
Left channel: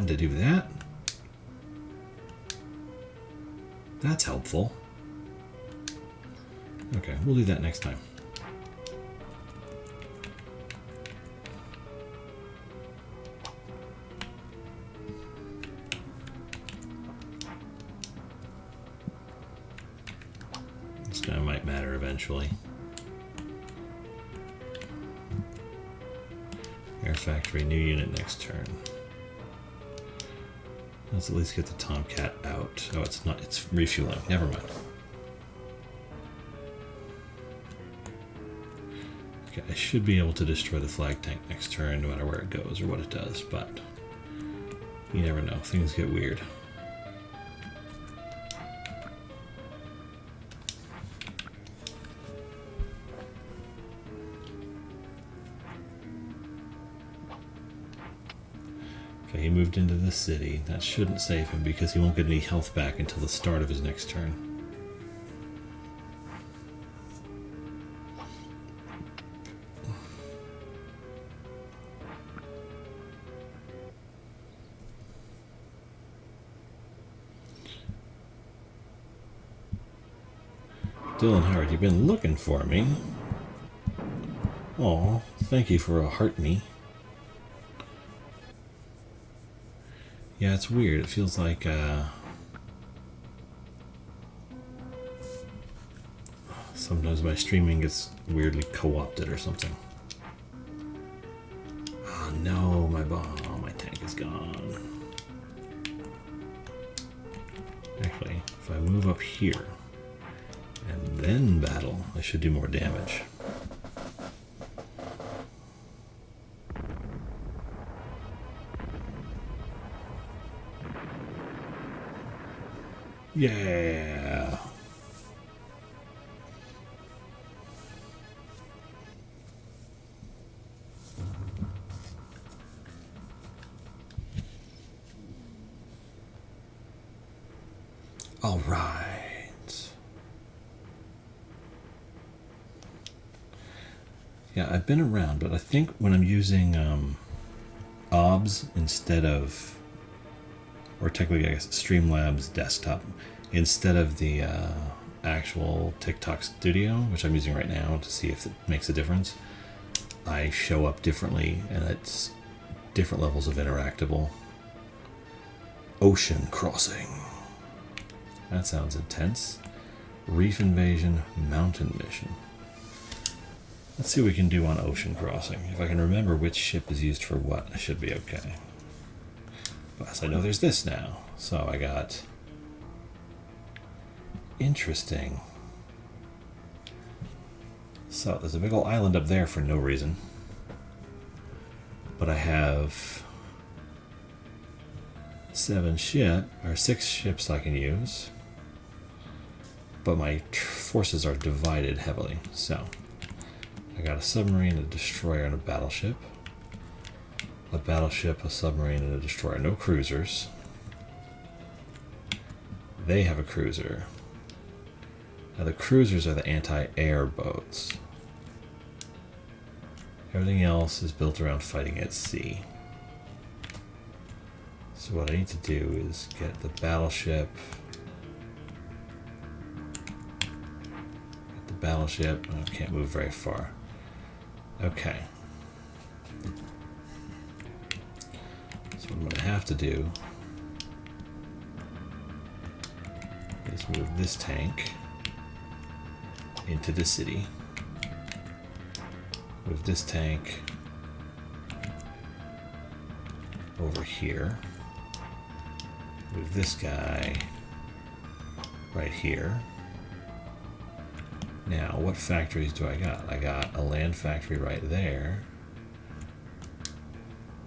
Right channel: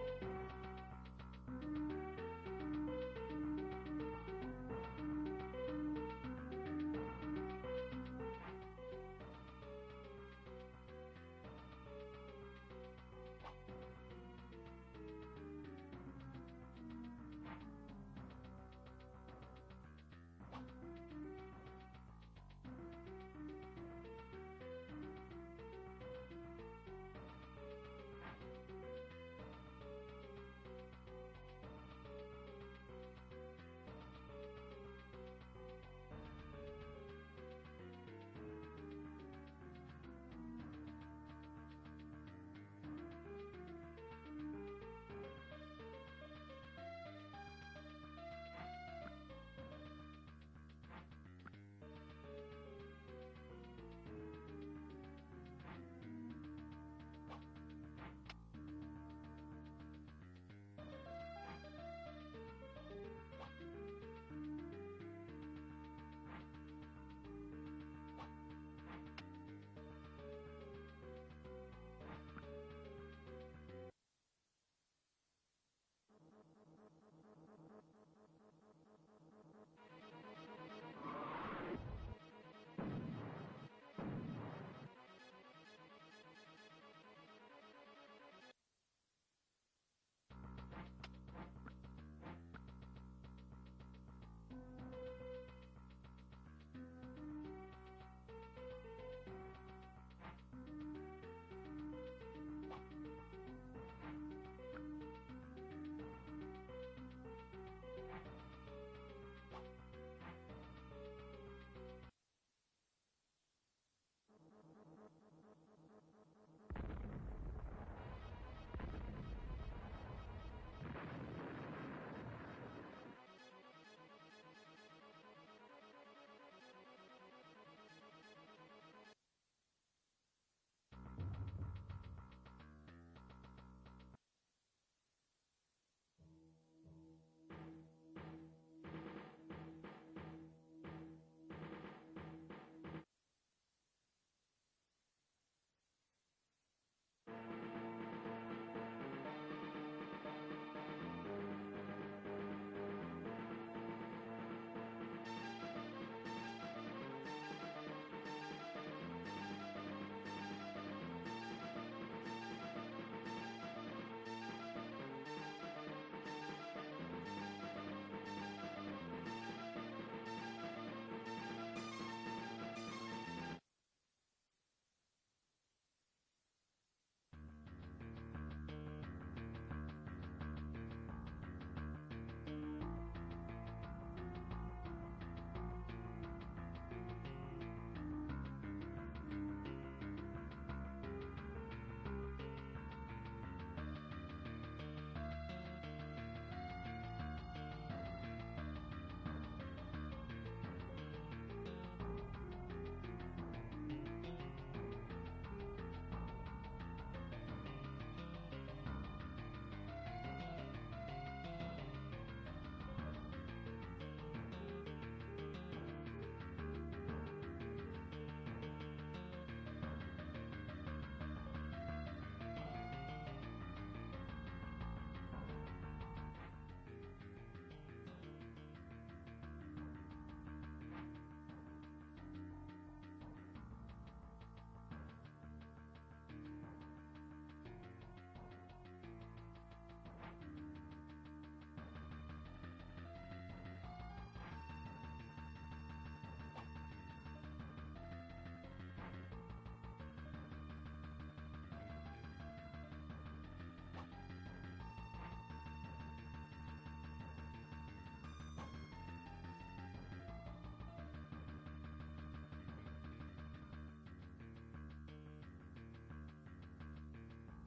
button to do that. That's helpful. Okay, we'll do that next time. This guy might matter eventually. Air factory, new unit next turn. Let's at least get the Tomcat out. Oh, it's not. It's refueling. Never mind. Okay, I should be able to destroy the flag tank next turn, no matter where it goes or what it does, but you never know. Things get weird. Okay, he moved into the city. That shouldn't save him because he won't get any health back until the start of his next turn. Dylan Howard, you've been looking for me. Aw, thank you for a heart me. Yeah, it's weird. It feels like sometimes my streaming gets weirdly co-opted or something. Oh no, my tank is gone. Actually, if I move up here and then battle, I should do more damage. Yeah. All right. Yeah, I've been around, but I think when I'm using OBS instead of, or technically I guess Streamlabs desktop, instead of the actual TikTok studio, which I'm using right now to see if it makes a difference, I show up differently and it's different levels of interactable. Ocean crossing. That sounds intense. Reef invasion, mountain mission. Let's see what we can do on ocean crossing. If I can remember which ship is used for what, I should be okay. Plus, I know there's this now. So I got... Interesting. So there's a big old island up there for no reason. But I have 6 ships I can use. But my forces are divided heavily. So I got a submarine, a destroyer, and a battleship. A battleship, a submarine, and a destroyer. No cruisers. They have a cruiser. Now the cruisers are the anti-air boats. Everything else is built around fighting at sea. So what I need to do is get the battleship. Get the battleship. Oh, I can't move very far. Okay. So what I'm going to have to do is move this tank into the city. Move this tank over here. Move this guy right here. Now, what factories do I got? I got a land factory right there.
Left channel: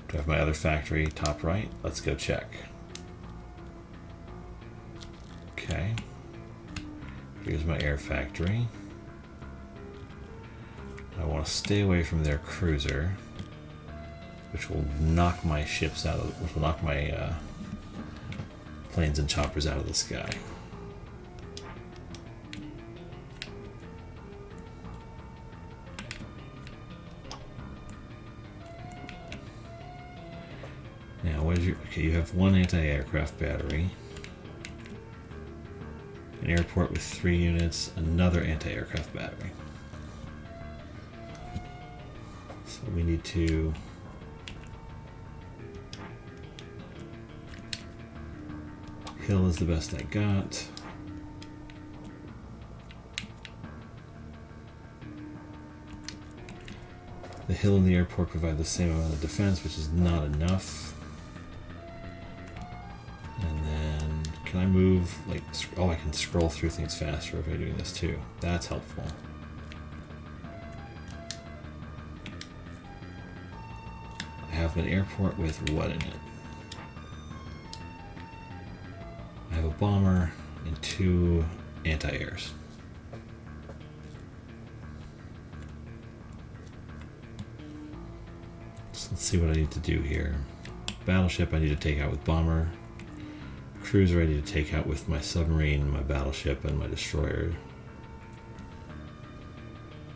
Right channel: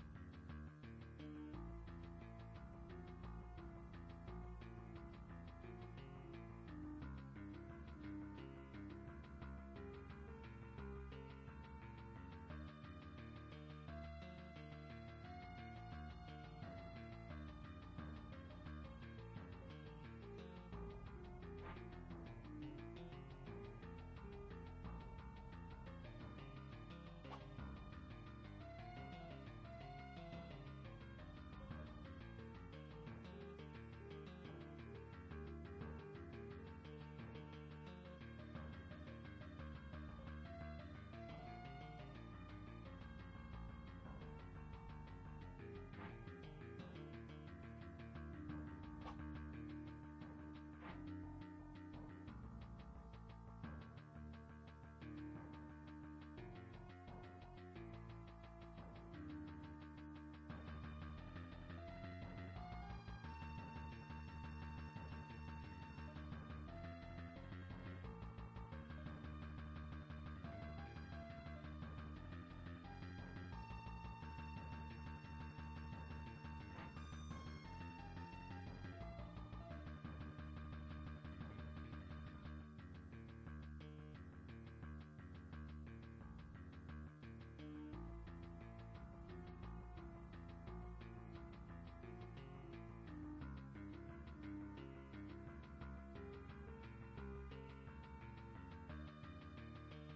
Do I have my other factory top right? Let's go check. Okay. Here's my air factory. I want to stay away from their cruiser, which will knock my ships out of, which will knock my planes and choppers out of the sky. Now, what is your... Okay, you have one anti-aircraft battery. An airport with 3 units, another anti-aircraft battery. So we need to... Hill is the best I got. The hill and the airport provide the same amount of defense, which is not enough. And then, can I move, like, oh, I can scroll through things faster if I'm doing this too. That's helpful. I have an airport with what in it? I have a bomber and 2 anti-airs. Let's see what I need to do here. Battleship I need to take out with bomber. Cruiser I need to take out with my submarine, my battleship, and my destroyer.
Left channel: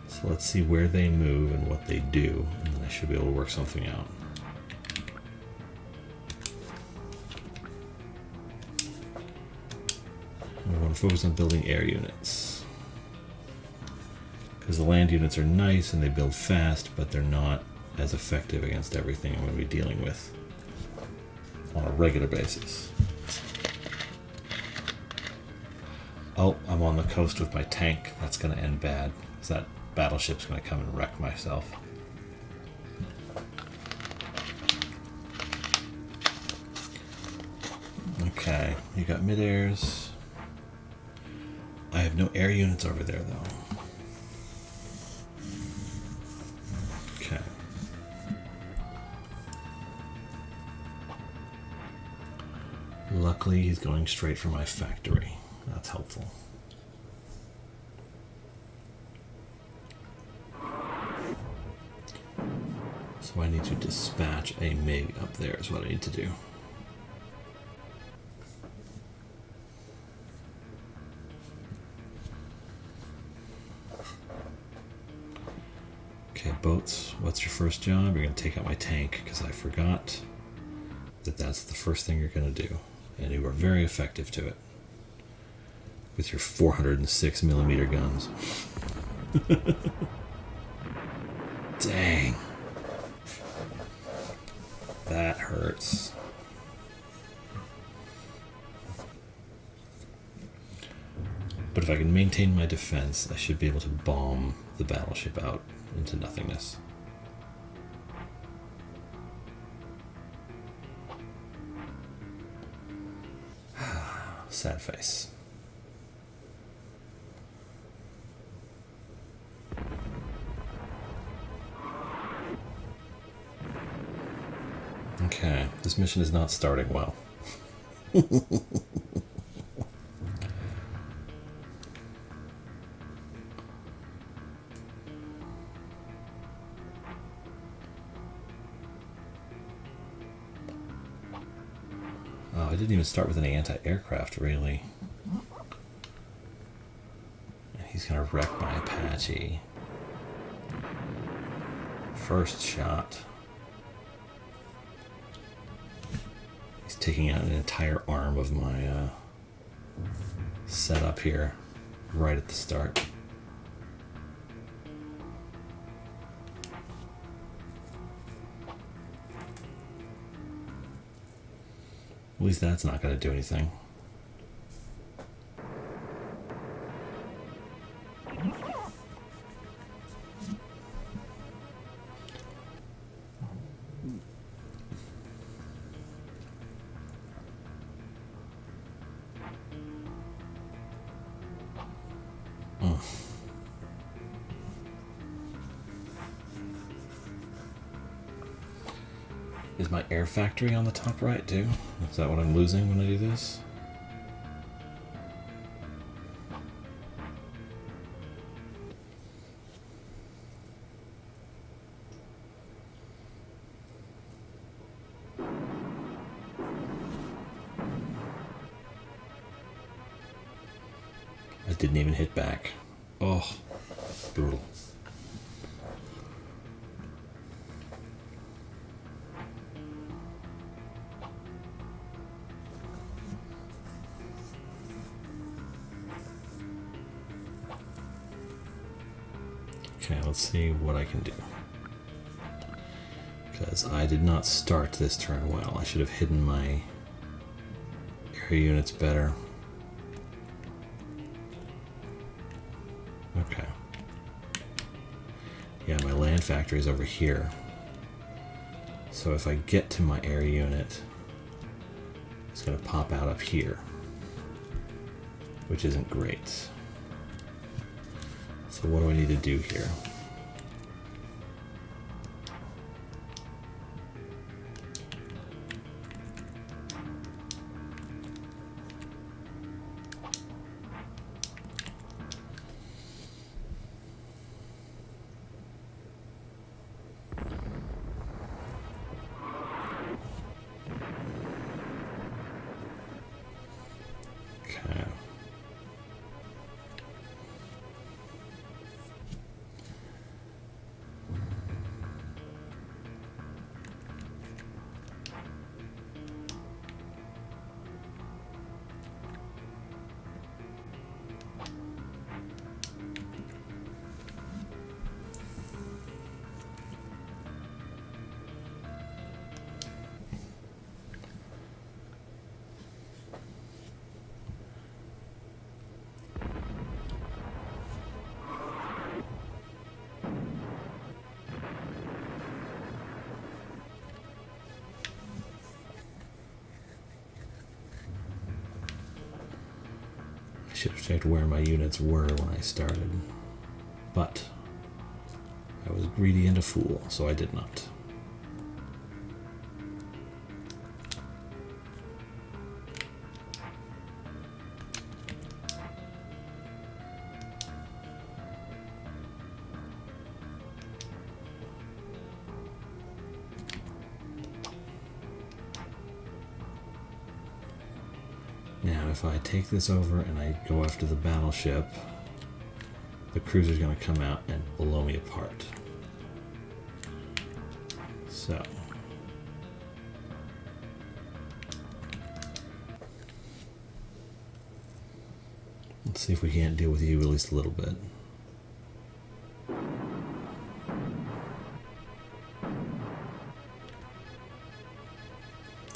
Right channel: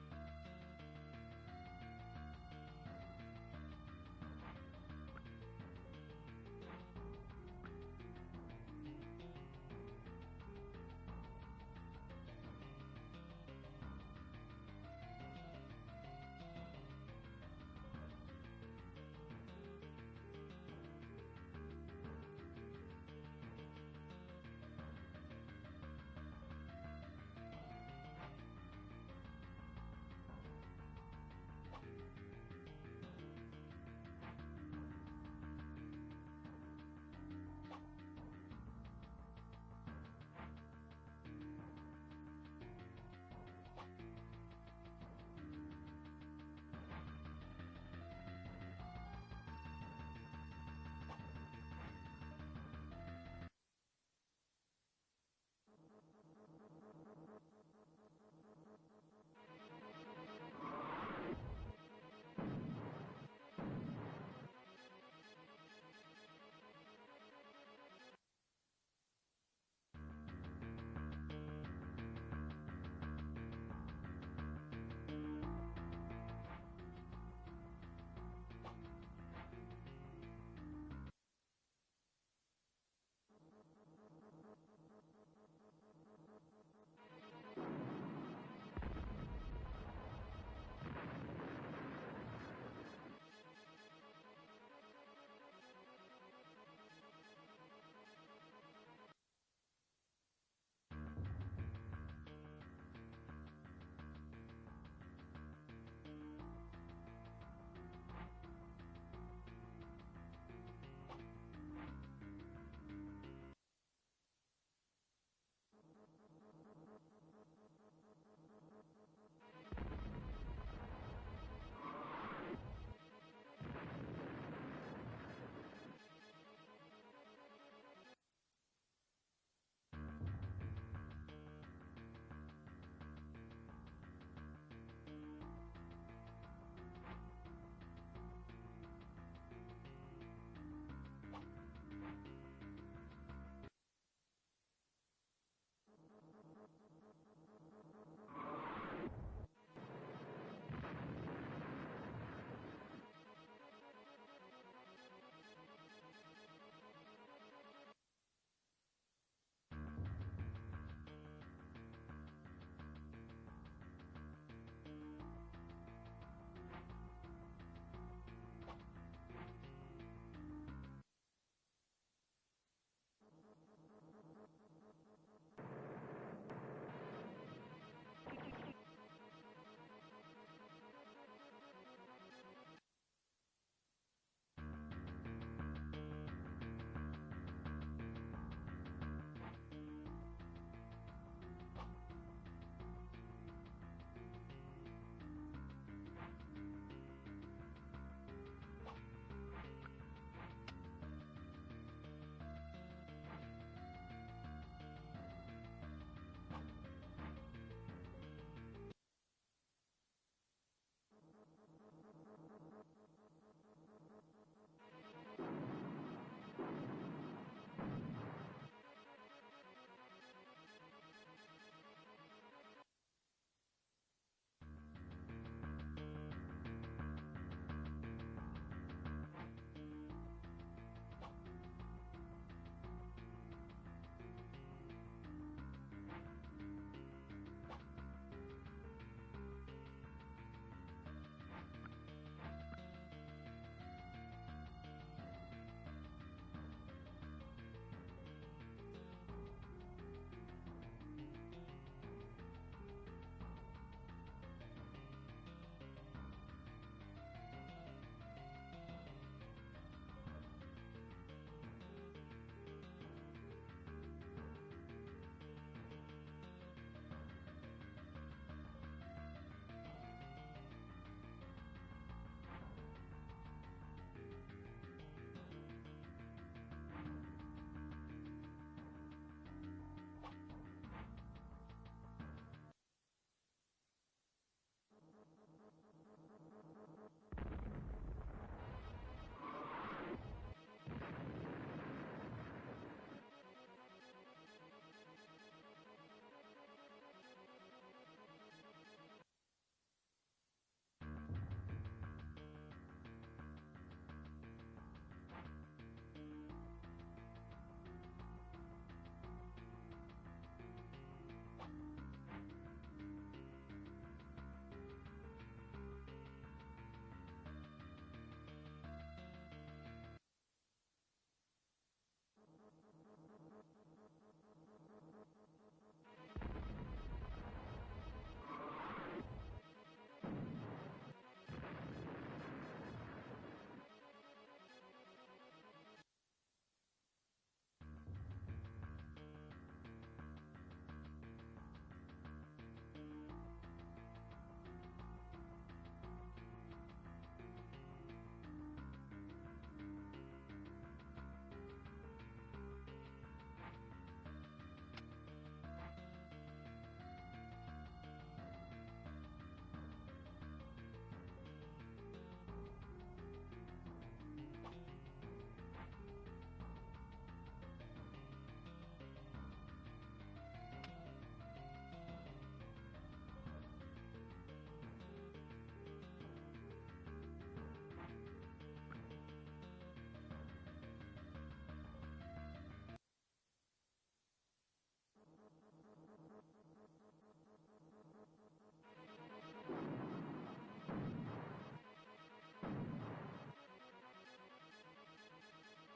So let's see where they move and what they do, and then I should be able to work something out. I want to focus on building air units. Because the land units are nice and they build fast, but they're not as effective against everything I'm going to be dealing with on a regular basis. Oh, I'm on the coast with my tank. That's going to end bad, because that battleship's going to come and wreck myself. Okay, you got mid-airs. I have no air units over there, though. Okay. Luckily, he's going straight for my factory. That's helpful. So I need to dispatch a MiG up there is what I need to do. Okay, boats, what's your first job? You're going to take out my tank, because I forgot that that's the first thing you're going to do. And you are very effective to it. With your 406mm guns. Dang. That hurts. But if I can maintain my defense, I should be able to bomb the battleship out into nothingness. Sad face. Okay, this mission is not starting well. Oh, I didn't even start with any anti-aircraft, really. He's gonna wreck my Apache. First shot. He's taking out an entire arm of my setup here, right at the start. At least that's not going to do anything. Is my air factory on the top right too? Is that what I'm losing when I do this? I didn't even hit back. Oh, brutal. Okay, let's see what I can do. Because I did not start this turn well. I should have hidden my area units better. Okay. Yeah, my land factory is over here. So if I get to my area unit, it's going to pop out up here, which isn't great. So what do I need to do here? I should have checked where my units were when I started, but I was greedy and a fool, so I did not. Now, if I take this over and I go after the battleship, the cruiser's going to come out and blow me apart. So, let's see if we can't deal with you at least a little bit.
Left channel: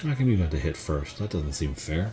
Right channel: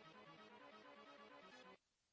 How come you got to hit first? That doesn't seem fair.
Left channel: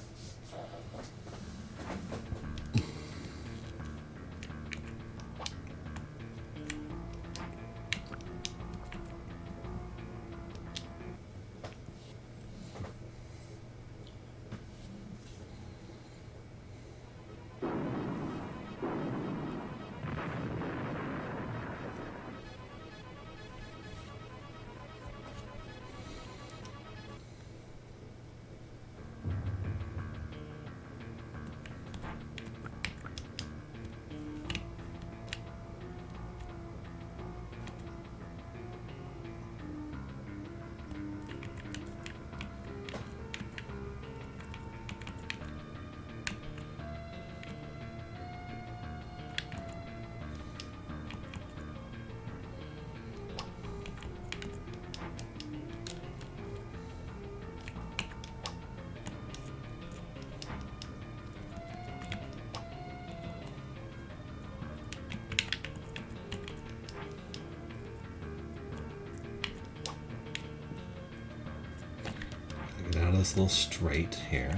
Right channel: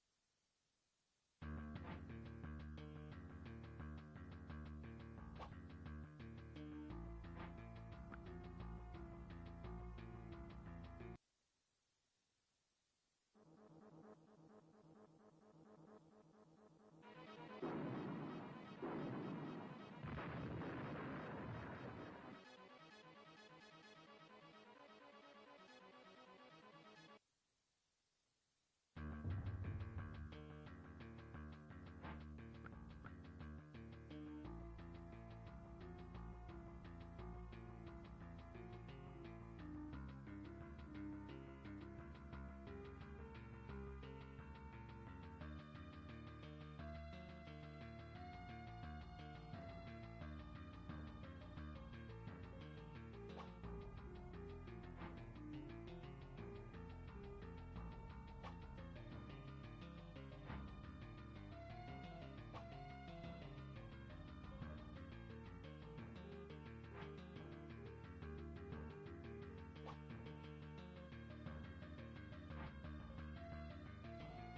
Out of this little strait here.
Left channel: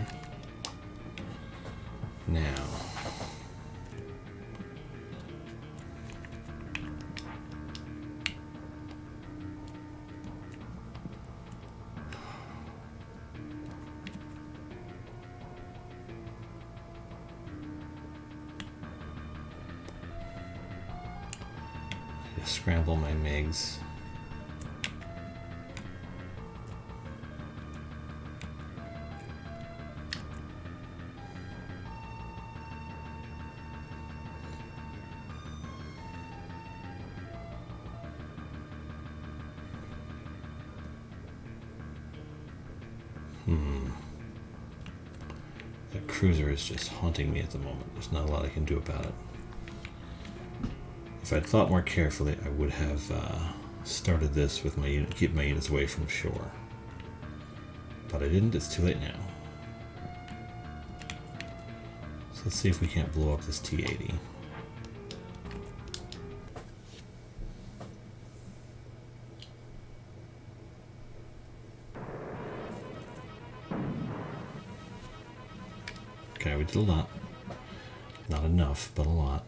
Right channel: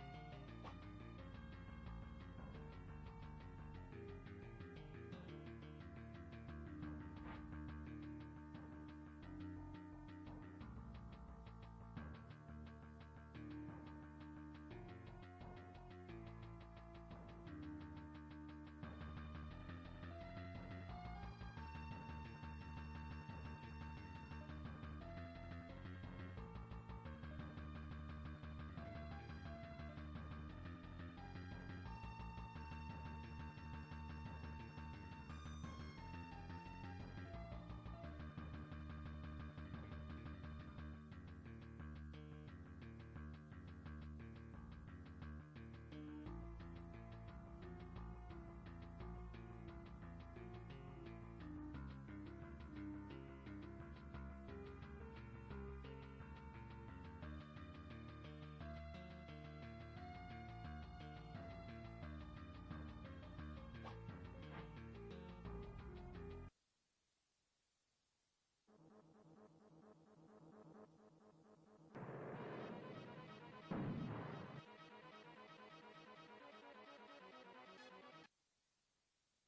Now, scramble my MiGs. The cruiser is just haunting me at the moment. There's not a lot I can do about it. If I'd thought more carefully, I would have started this with my unit, keep my units away from shore. But I didn't. It's too late now. So let's see if we can't blow up this T-80. a lot. Not enough, but a lot.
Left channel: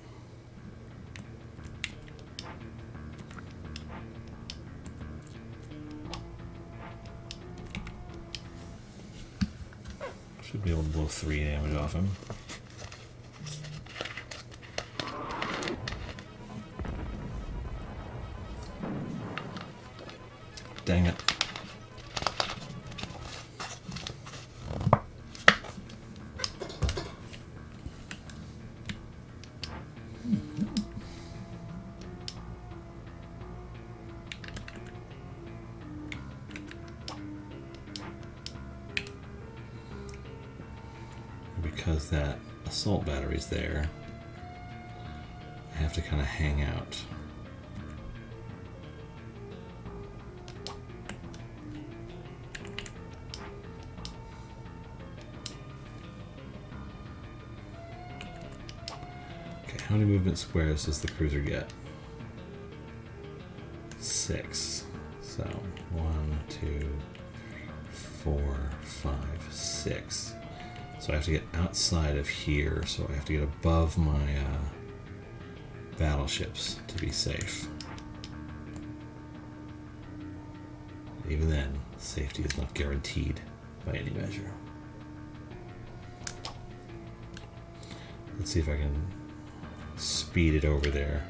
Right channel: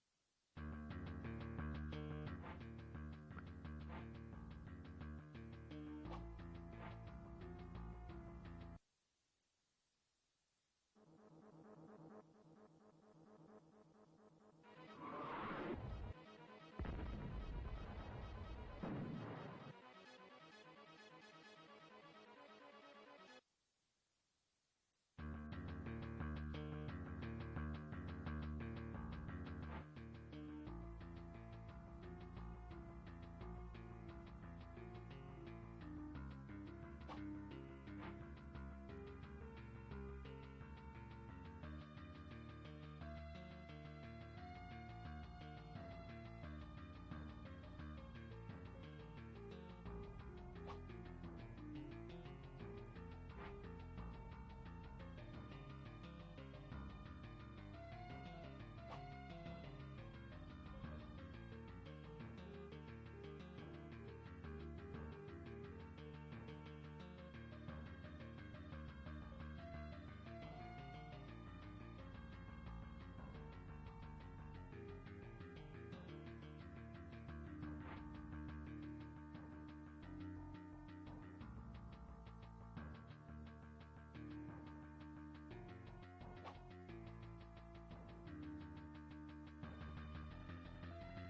Should be able to blow 3 damage off him. Dang it. Because that assault battery's there, I have to kind of hang out. Okay, how many movement squares does the cruiser get? 6. So 1, 2, 4, 5, 6. So I have to get outside of here, so I have to get above my battleships to be safe. Even then, safety is not guaranteed by any measure. Let's see if I can speed it over there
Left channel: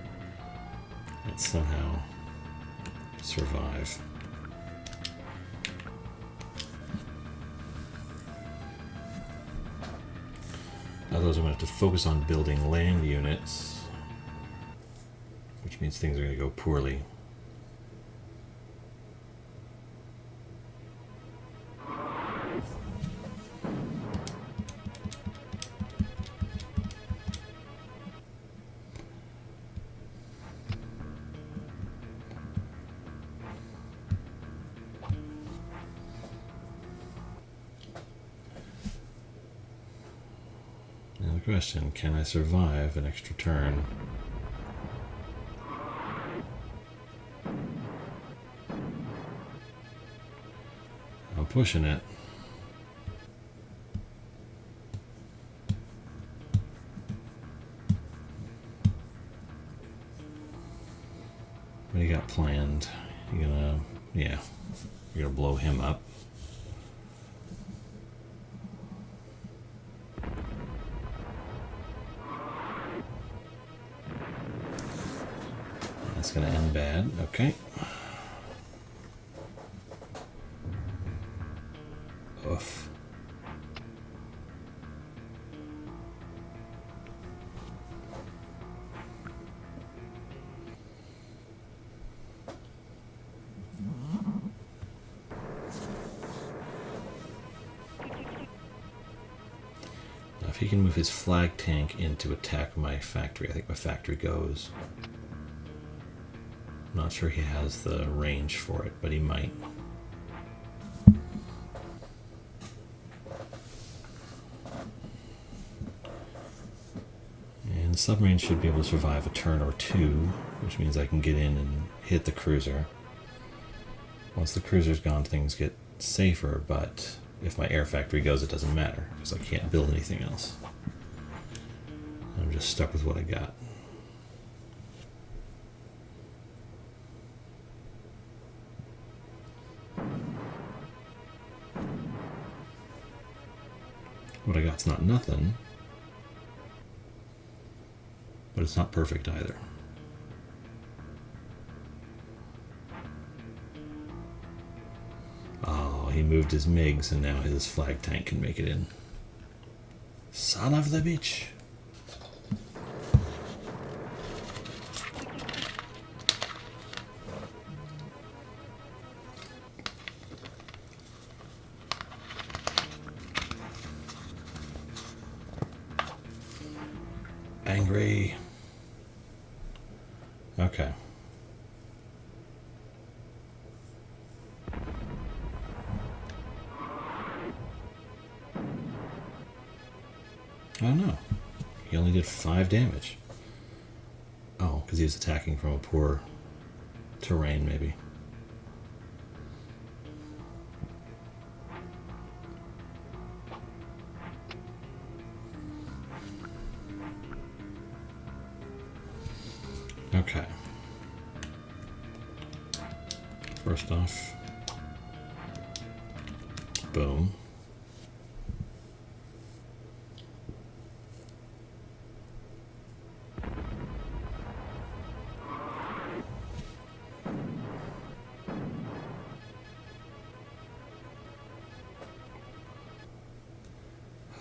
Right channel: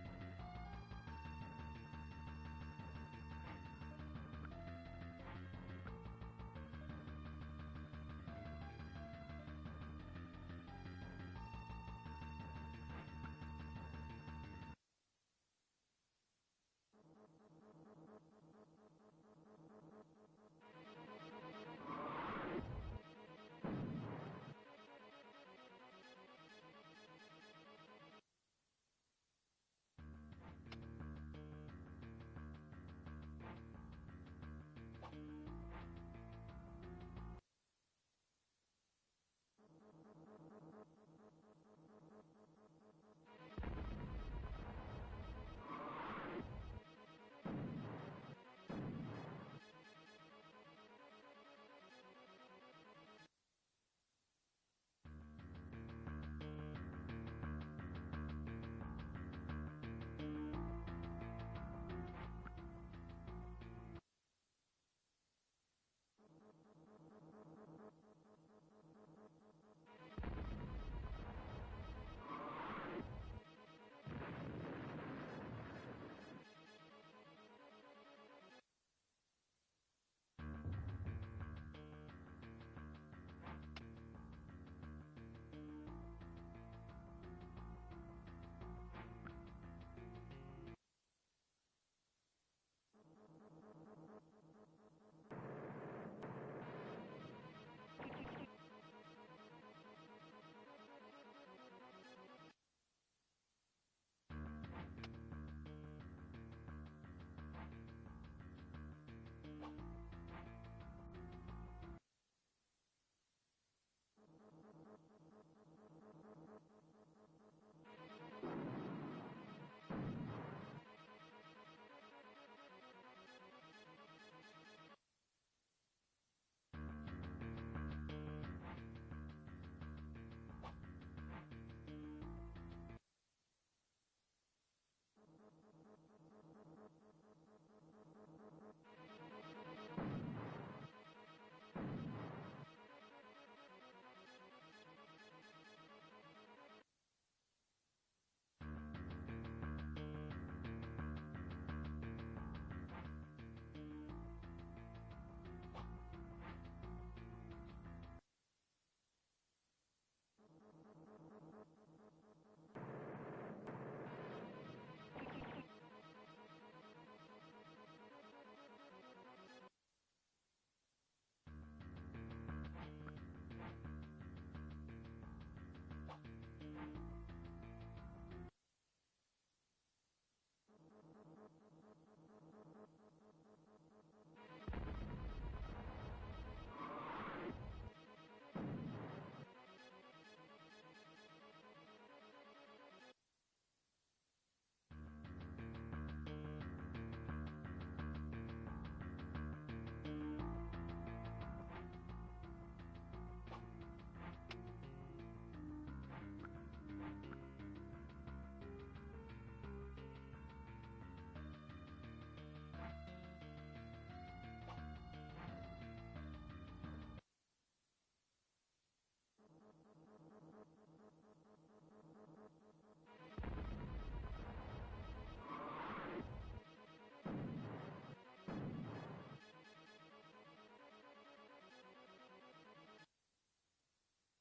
and somehow survive. Otherwise, I'm going to have to focus on building land units, which means things are going to go poorly. Question, can I survive an extra turn? I'm pushing it. What do you got planned? You gonna, yeah, you're gonna blow him up. That's going to end bad. Okay. Oof. Now if he can move his flag tank in to attack my factory, I think my factory goes. I'm not sure he has the range for it, but he might. And the submarine should be able to survive a turn or two, which means I can get in and hit the cruiser. Once the cruiser's gone, things get safer, but if my air factory goes, it doesn't matter, because I can't build anything else. I'm just stuck with what I got. What I got's not nothing, but it's not perfect either. Oh, he moved his MiGs and now his flag tank can make it in. Son of the bitch. Angry. Okay. Oh no. He only did 5 damage. Oh, because he was attacking from a poor terrain, maybe. Okay. First off, boom.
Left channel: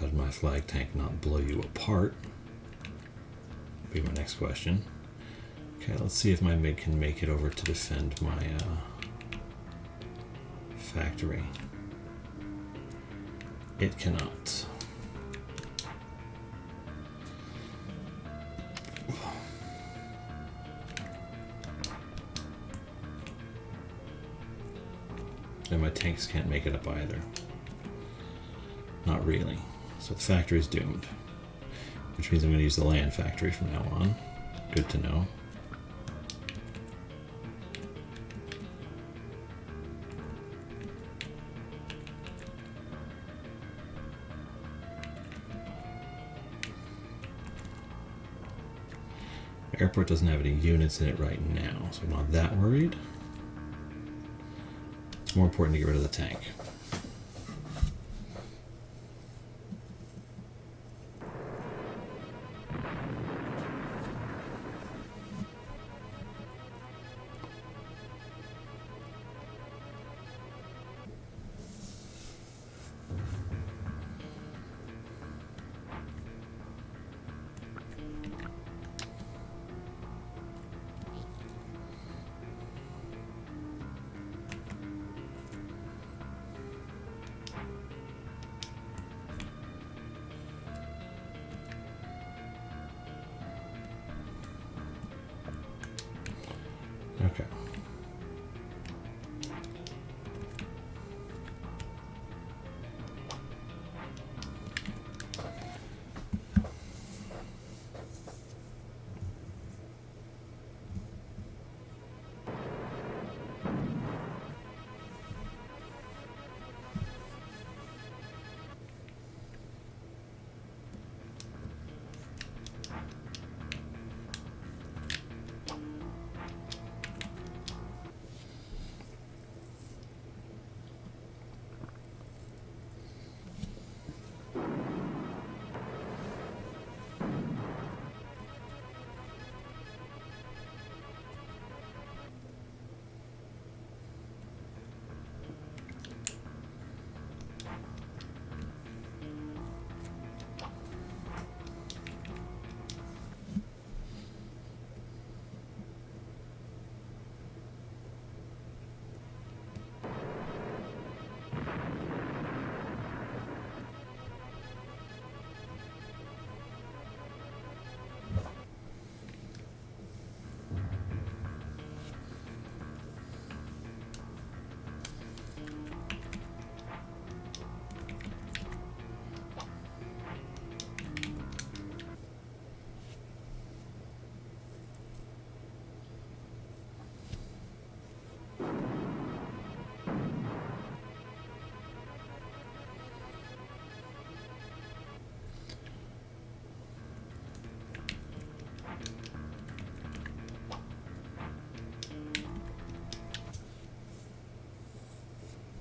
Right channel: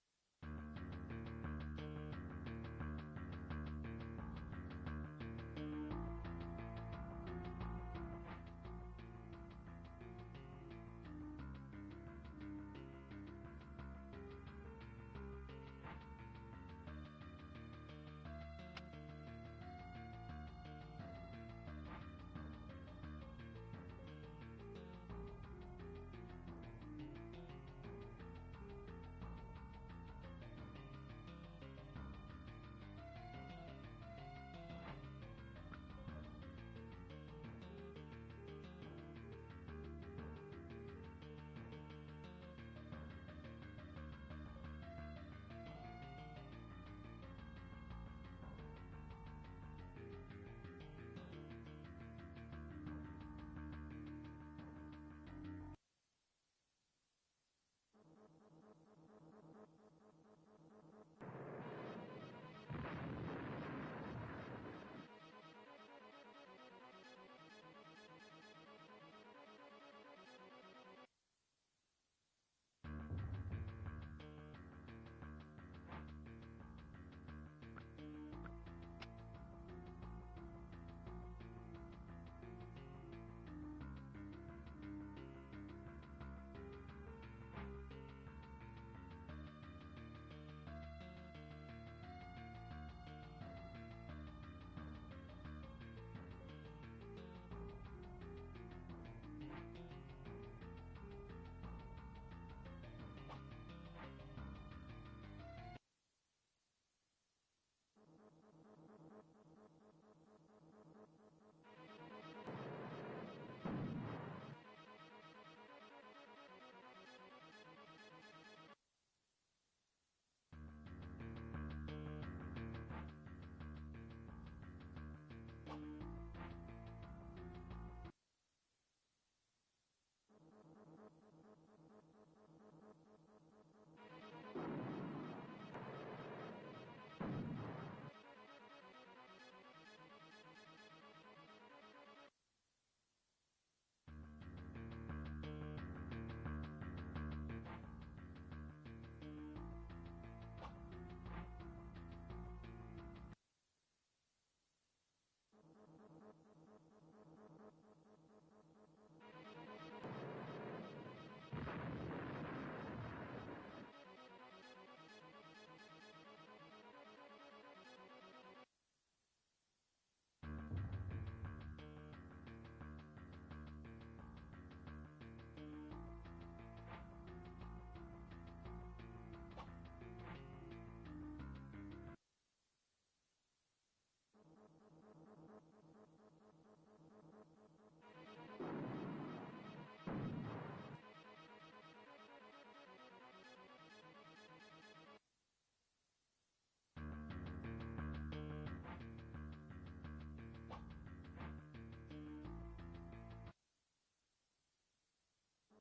How did my flag tank not blow you apart? Be my next question. Okay, let's see if my MiG can make it over to defend my factory. It cannot. And my tanks can't make it up either. Not really. So the factory's doomed. Which means I'm going to use the land factory from now on. Good to know. The airport doesn't have any units in it right now, so I'm not that worried. It's more important to get rid of the tank. Okay.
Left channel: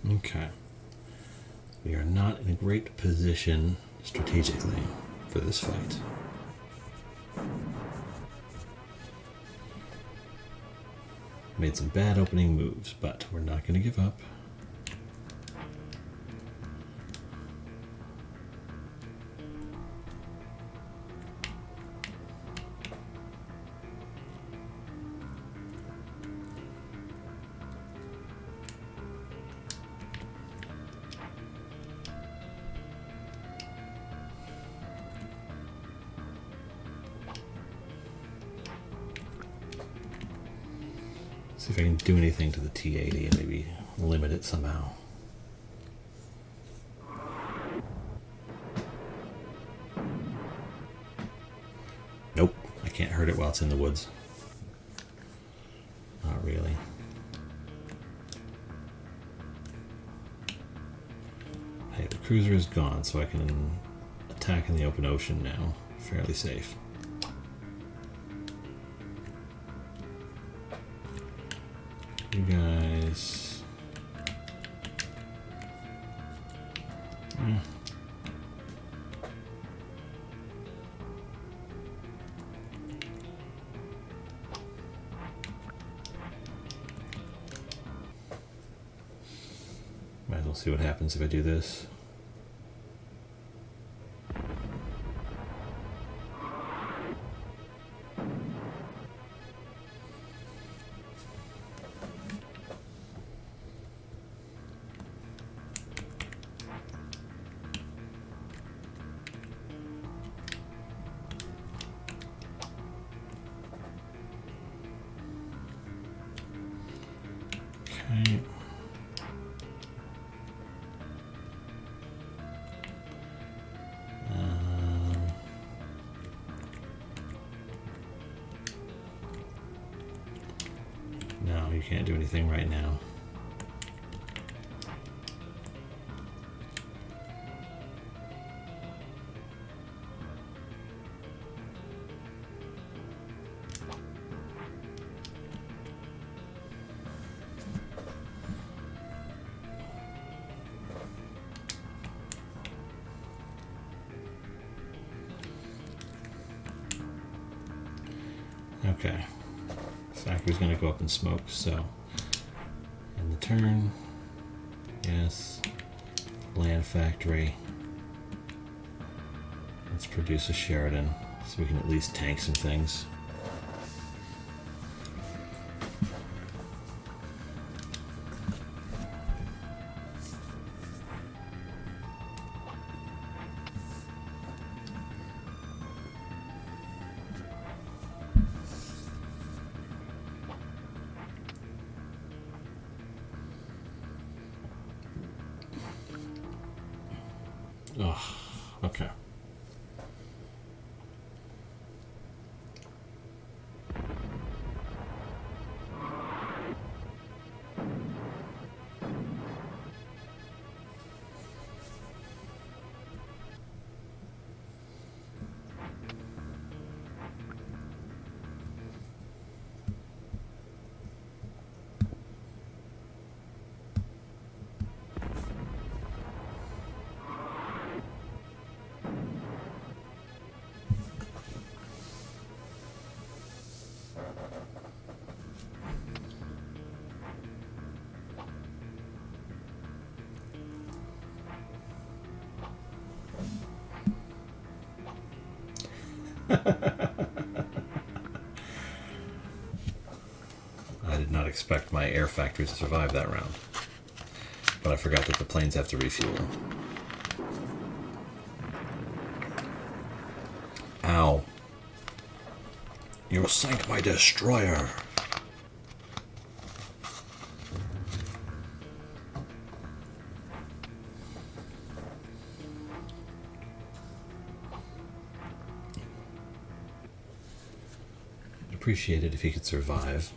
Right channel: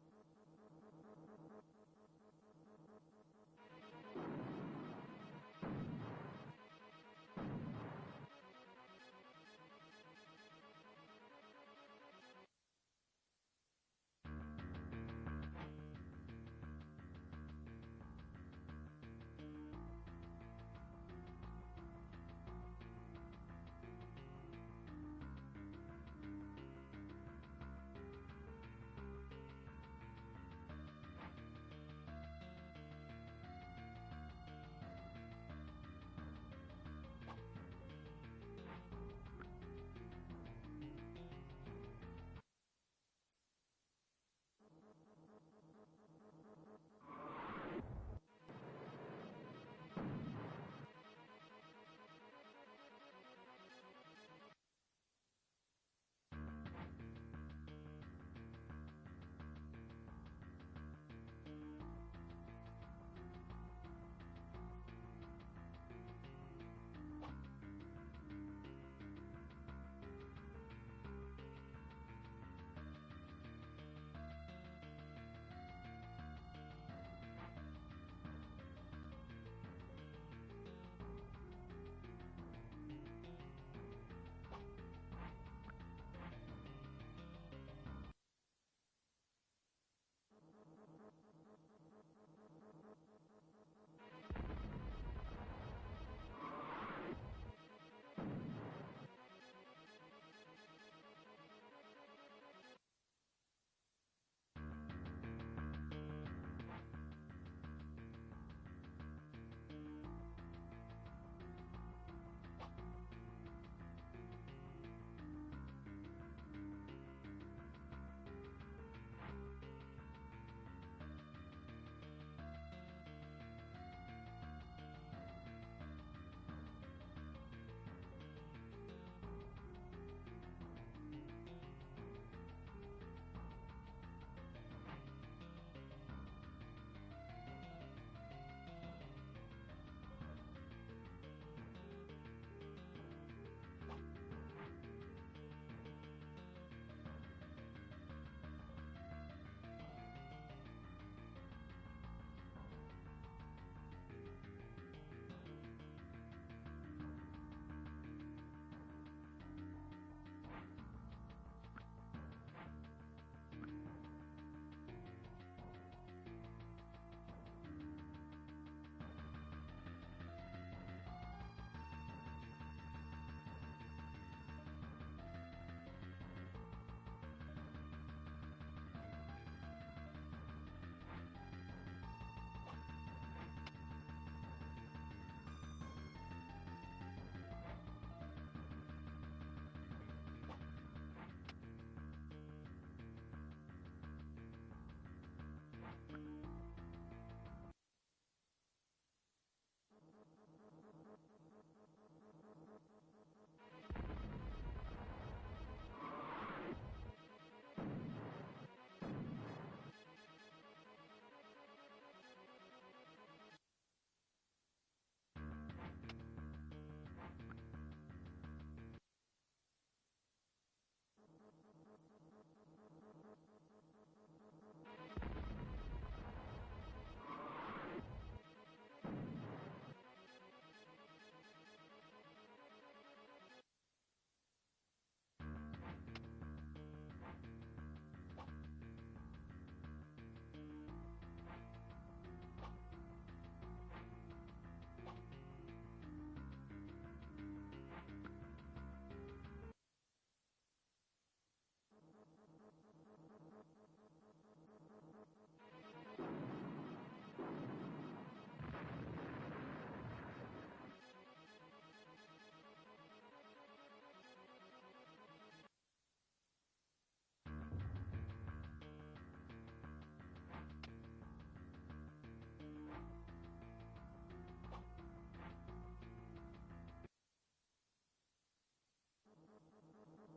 Okay. We are not in a great position strategically for this fight. Made some bad opening moves, but we're not going to give up. See if I can do anything to the T-80 and maybe limit it somehow. Nope, I can't hurt it while it's in the woods. Not really. Hey, the cruiser is gone, so I can attack in the open ocean now. Fairly safe. You guys. Might as well see what happens if I do this. Okay. No, you can't do anything right now. Okay, factory's gonna go up in smoke, so in the turn, yes, land factory. Let's produce a Sheridan so we can at least tank some things. Oh, okay. I did not expect my air factory to survive that round, but I forgot that the planes have to refuel. Ow. You sank my destroyer. I'd appreciate it if he could survive.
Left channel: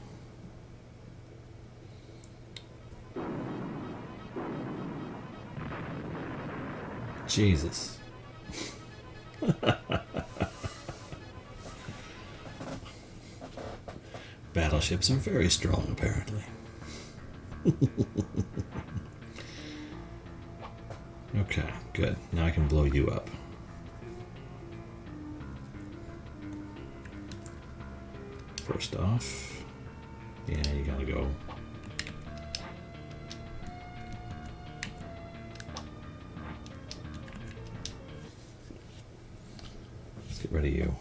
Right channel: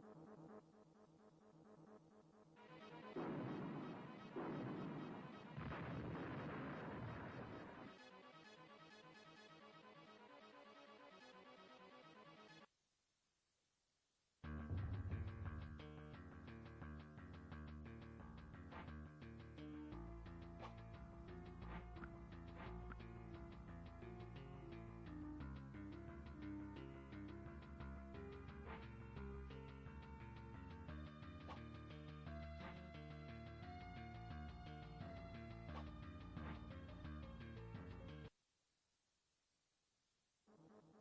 Jesus. Battleships are very strong, apparently. Okay, good. Now I can blow you up. First off, yeah, you gotta go. Let's get rid of you.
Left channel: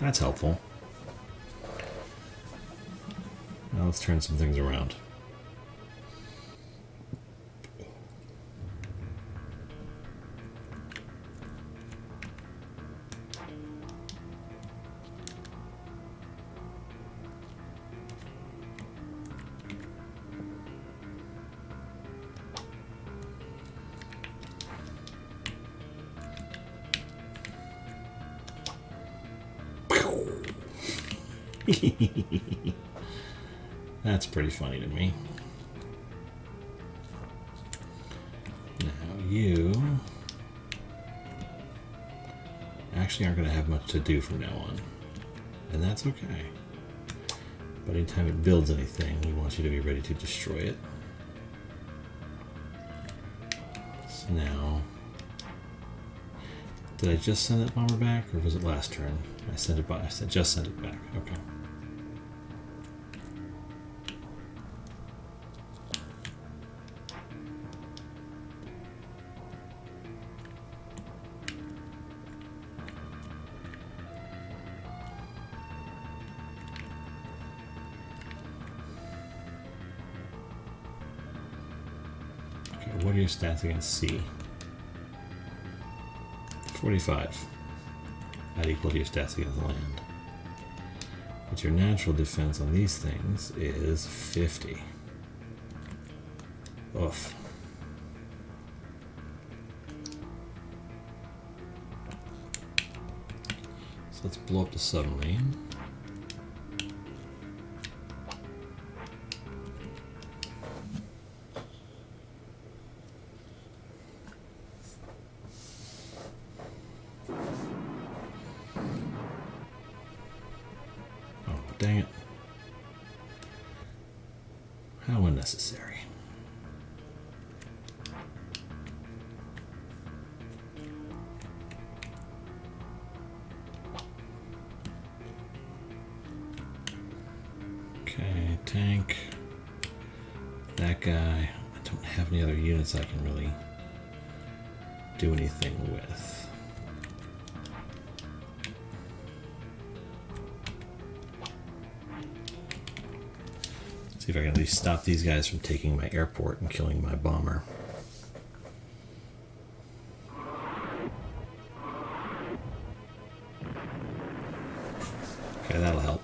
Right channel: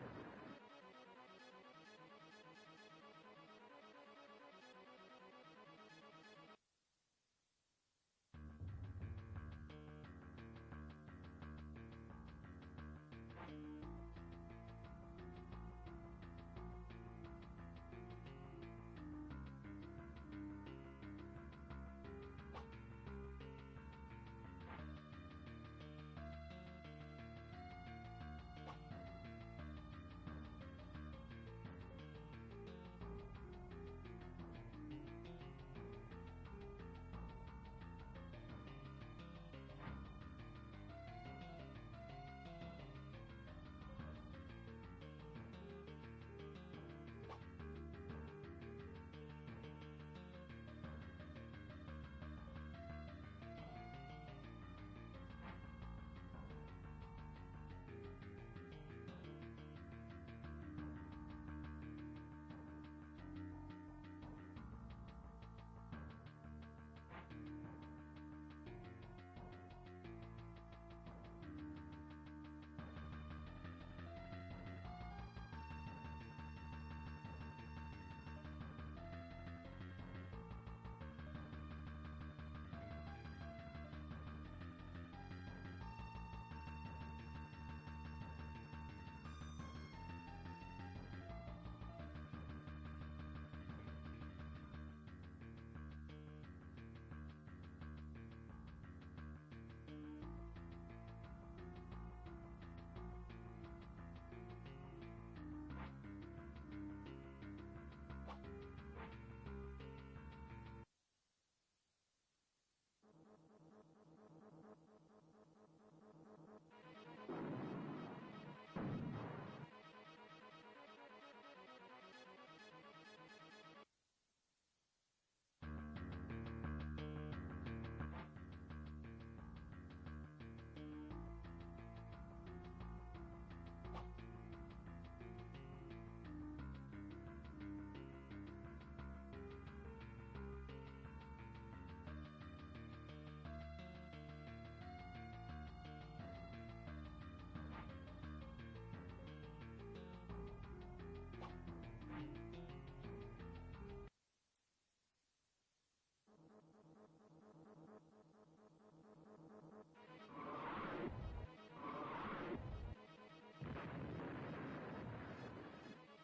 That's helpful. Now let's turn some things around. That's pretty funny to me. Now you actually aren't going to have much to do from now on. And that's okay. But anytime it builds anything, we want you to be ready to destroy it. So now, did I just send that bomber back, or was it last turn? I sent it by. I said just sent it back. Okay. What are your stats against C? 45. Not equal to your stats against land. But your natural defense on these things is 50. Oof. So let's blow up the submarine. Dang it. How unnecessary. Okay, tank. That guy. I don't have any other units I can really do anything with. See if I can at least stop these guys from taking my airport and killing my bomber. Okay, that'll help.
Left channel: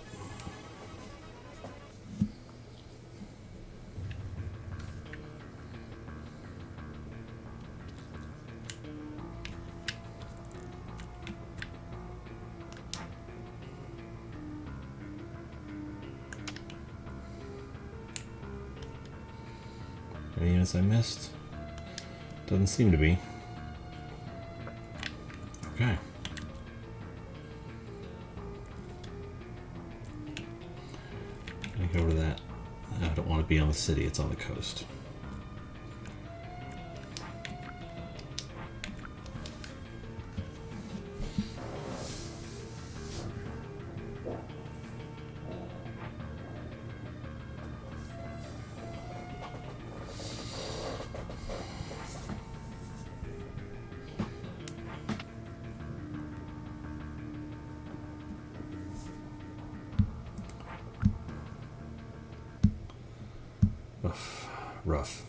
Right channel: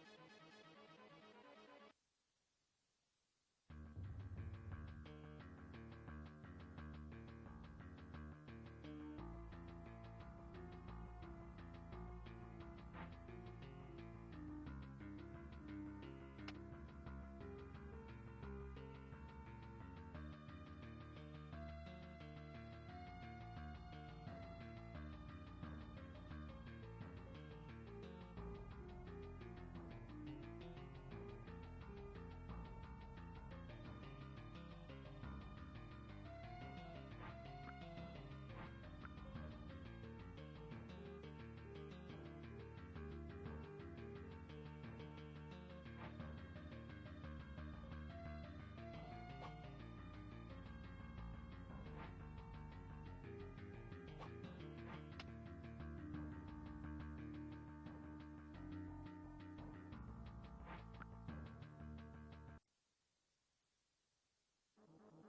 Any units I missed? Doesn't seem to be. Okay. Let me go to that. I don't want to be on the city, it's on the coast. Rough.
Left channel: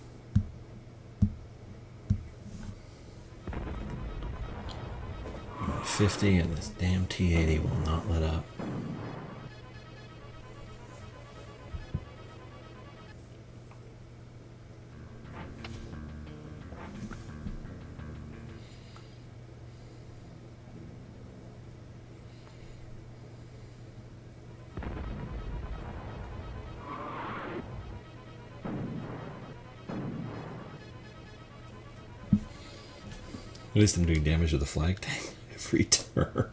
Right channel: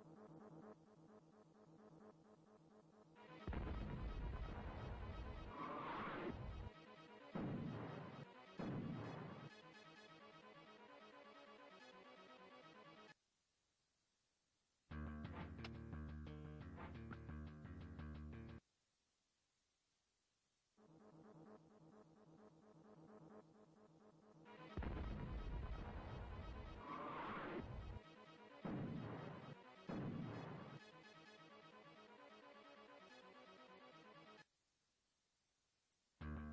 I'm at 50 and this damn T-80 will not let up. At least I'm doing damage to the flag tank every turn.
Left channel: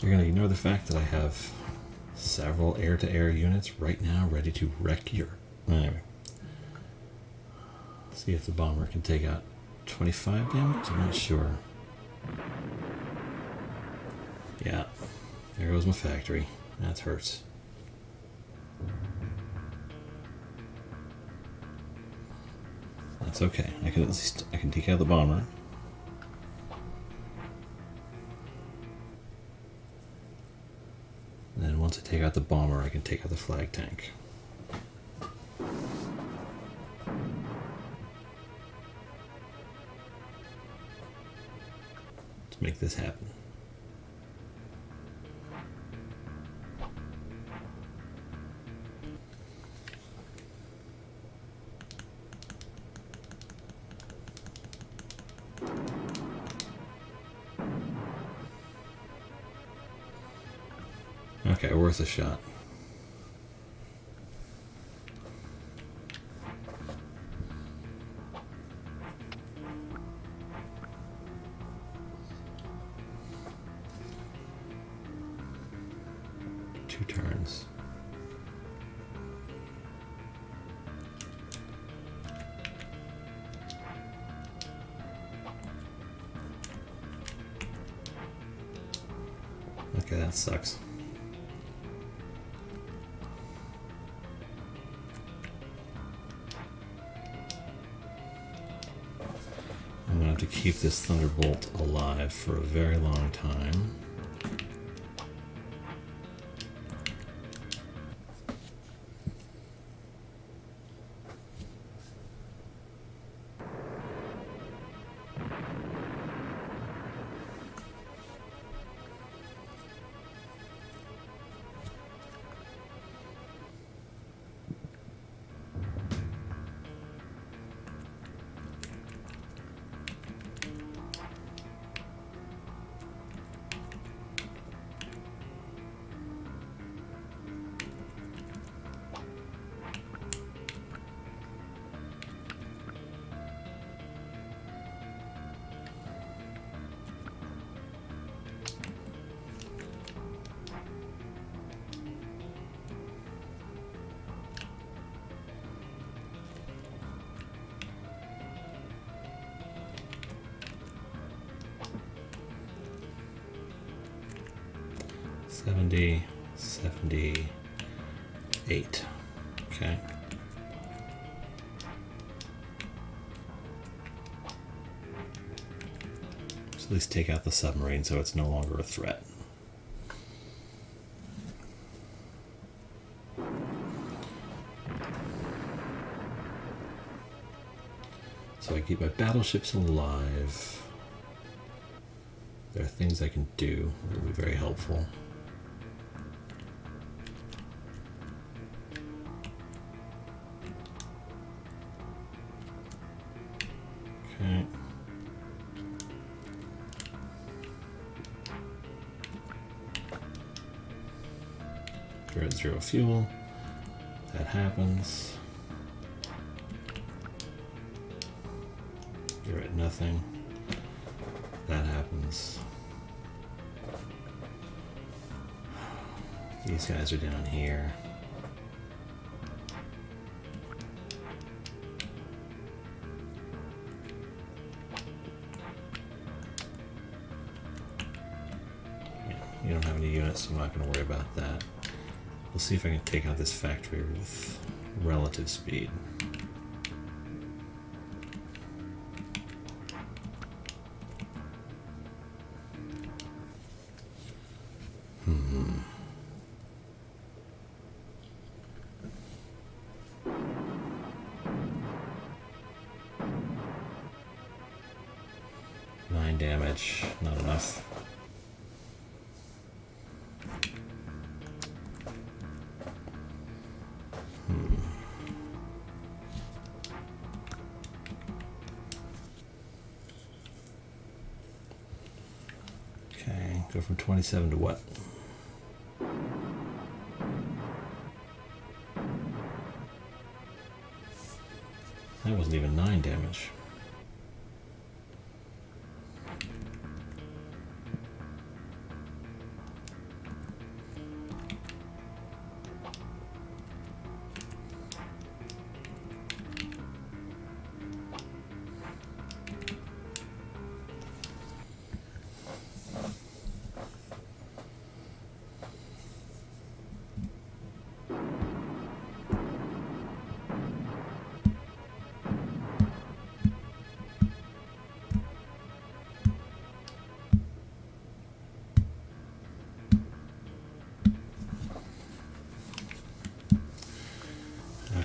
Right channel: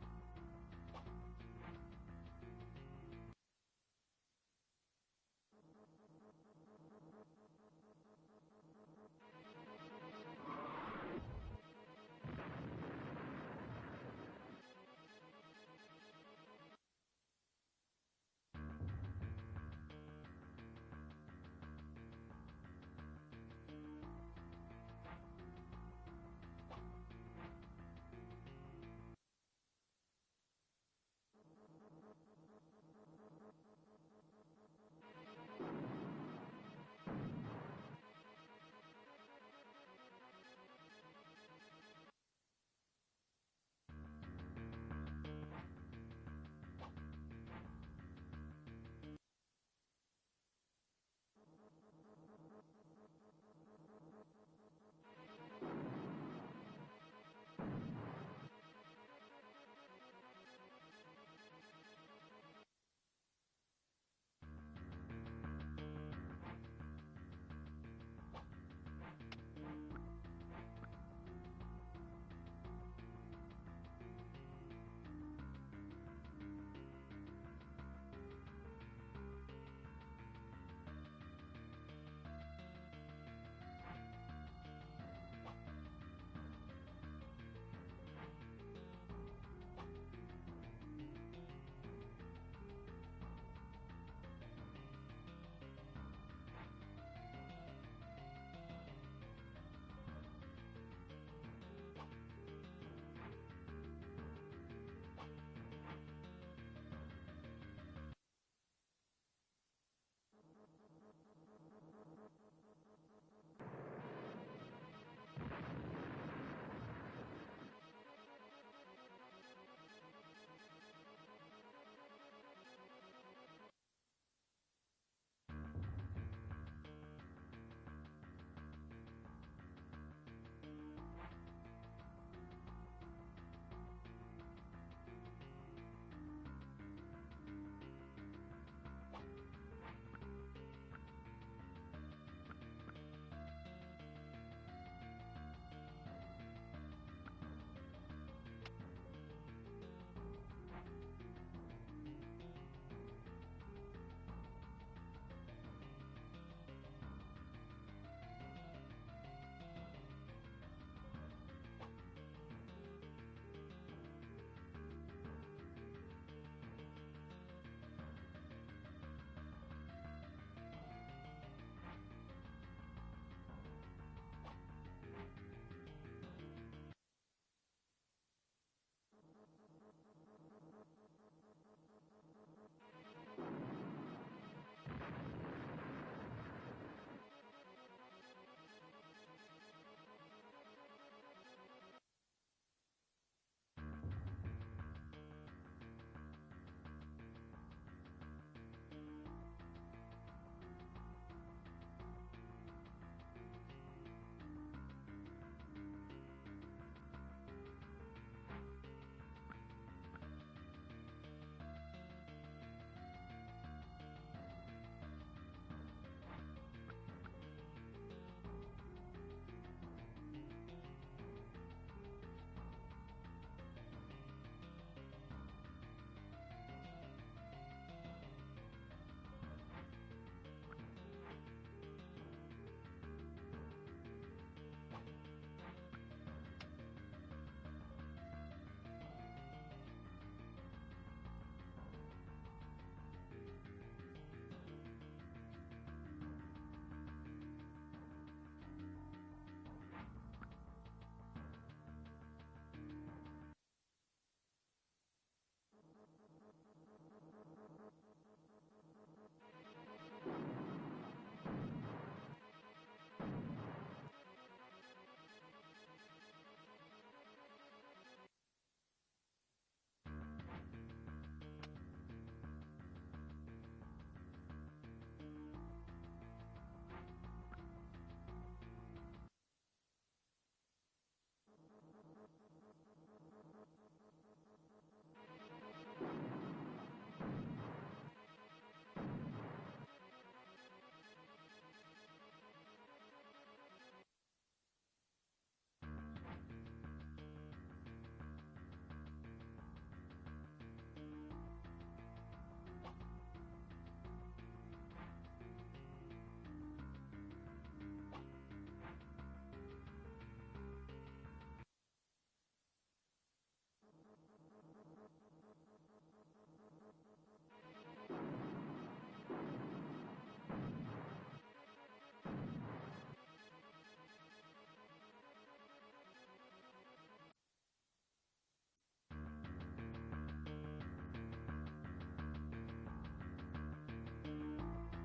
You're going to ignore the fact that I have several air-to-air units right now ready to wreck your... Anyway. See if the bomber can take out 25 damage? I'm not sure. Yeah. There goes my factory. That hurts. That's okay. I can take out the bomber. And then once I take out the bomber, I can take out the flag tank. Let's make this happen. Okay, worth a shot. 2 turns. Okay, that sucks. I'm gonna have to keep this Thunderbolt alive for a very long time. $70, $78. Okay. So at least take out the submarine so it's no longer a threat. So I keep my battleships alive. There are things I can do that will be very helpful. Okay. We're at 0 fuel. That happens. You're at nothing. That happens. These guys are down here. You don't have any units, so I'm not going to worry about that. We'll see if I can take out this factory with relative speed. Damage, not enough. Okay, go from 27 to what? That wasn't even 9 damage.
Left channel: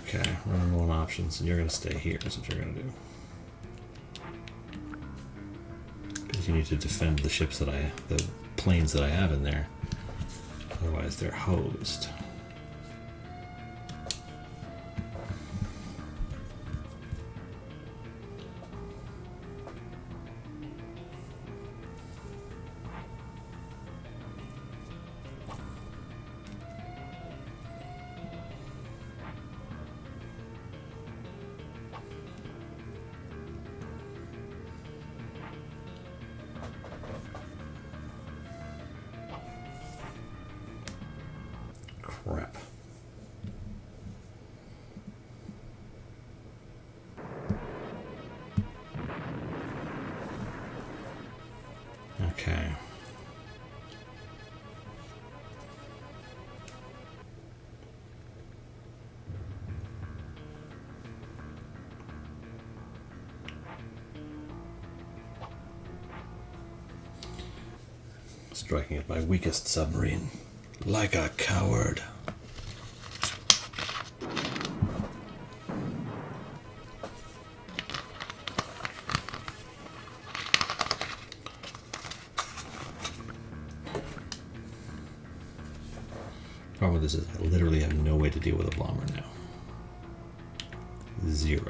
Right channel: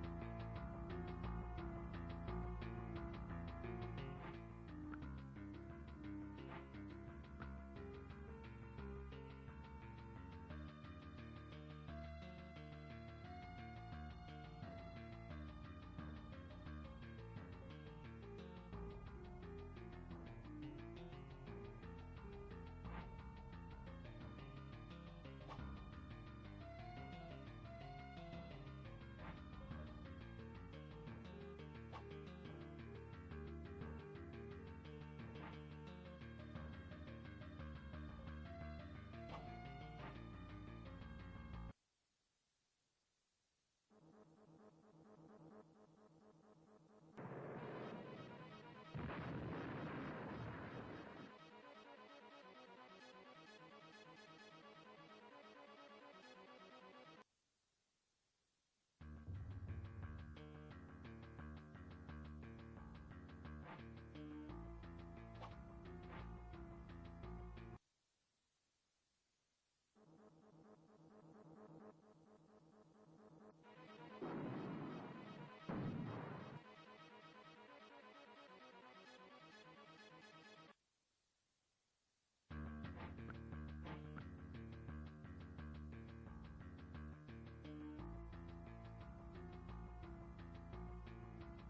Okay, running low on options, and you're going to stay here, is what you're going to do. Because you need to defend the ships that the planes that I have in there. Otherwise, they're hosed. Striking at my weakest submarine. Like a coward. Problem with this is I literally have no way to deal with a bomber now. Zero.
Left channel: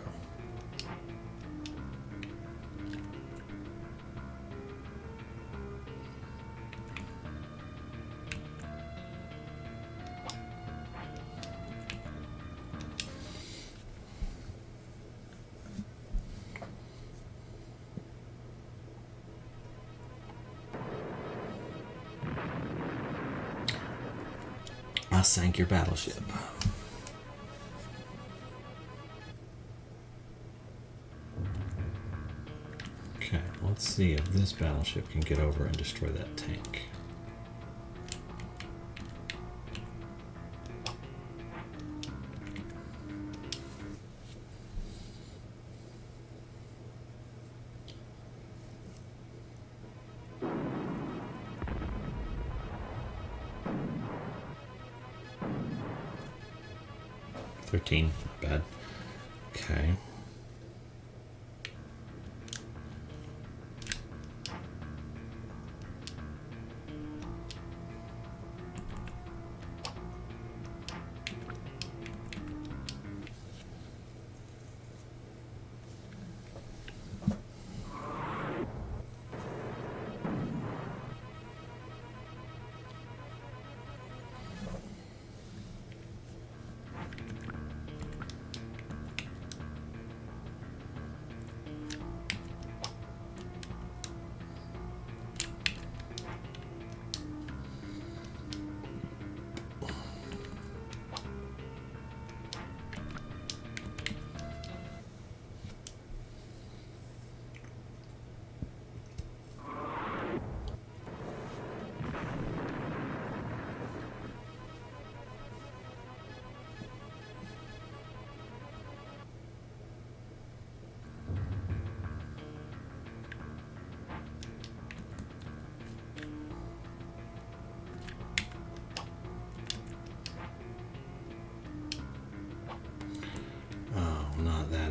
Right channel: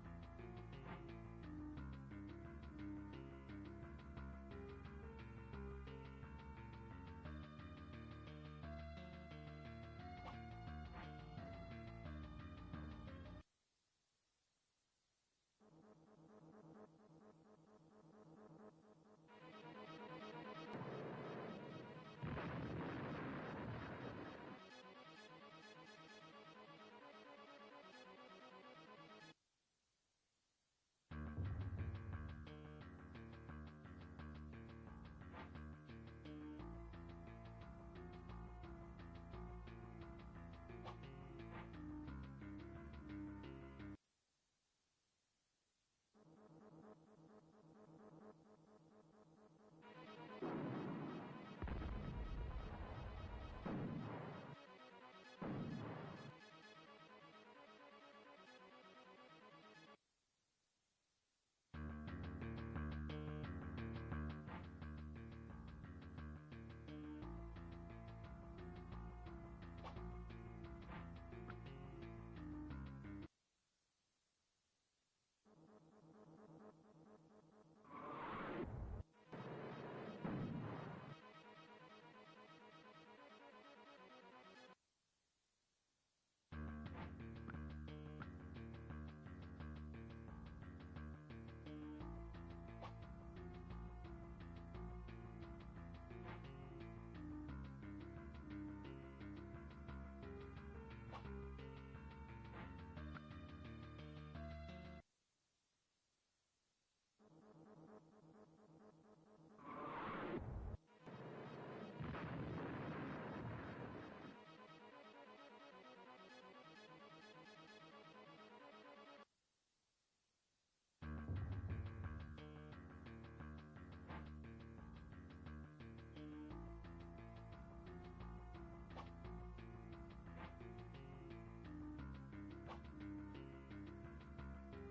I sank your battleship. Okay, let's see if this battleship can get over and destroy that tank. Not bad. Okay.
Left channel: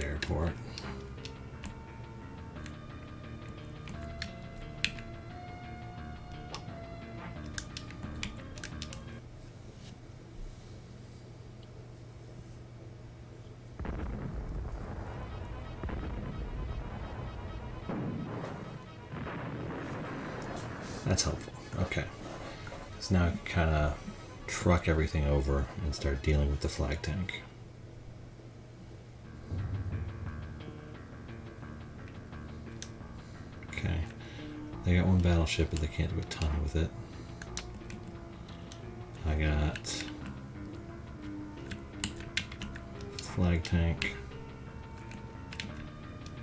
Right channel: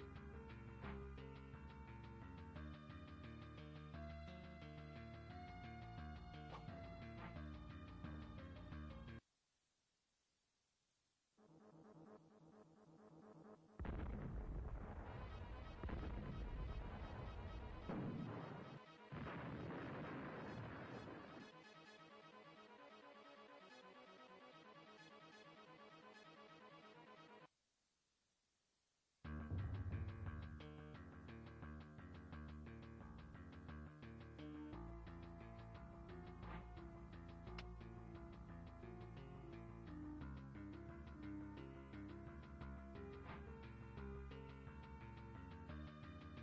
Airport. That's helpful. Okay. So now I can kind of truck everything over and start dealing with the flag tank. They got one battleship, but they can't do a ton with it. I got flag tank.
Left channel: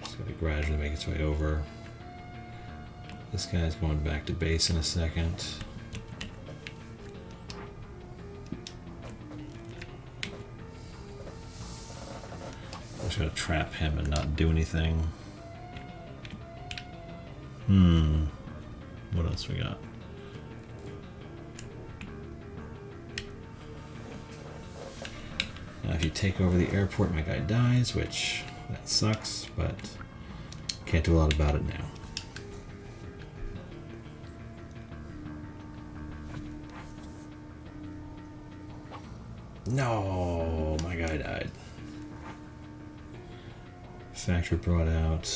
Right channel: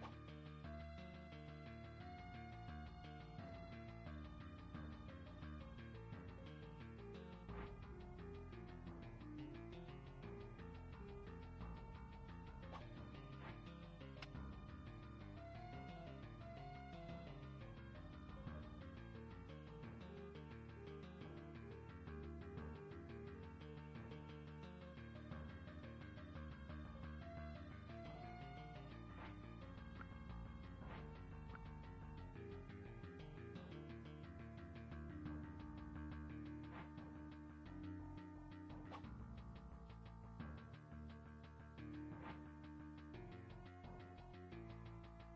It's going to gradually make its way over. This guy's going back to base in a second. I'm just going to trap him and not do anything. What else we got? Now if you take over the airport, my guy dies, which that sucks, but can't do a lot about it now. No, my guy died. Factory brought out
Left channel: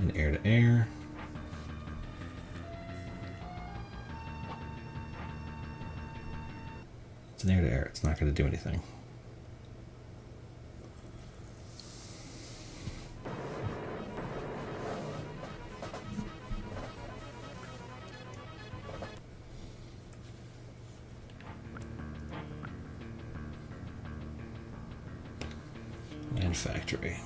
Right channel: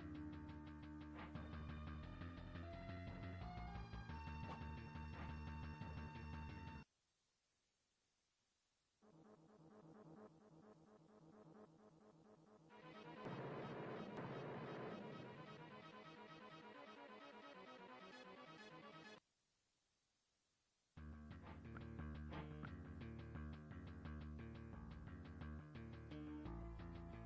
an air-to-air. It's an air-to-air. It's not going to do anything. And factory.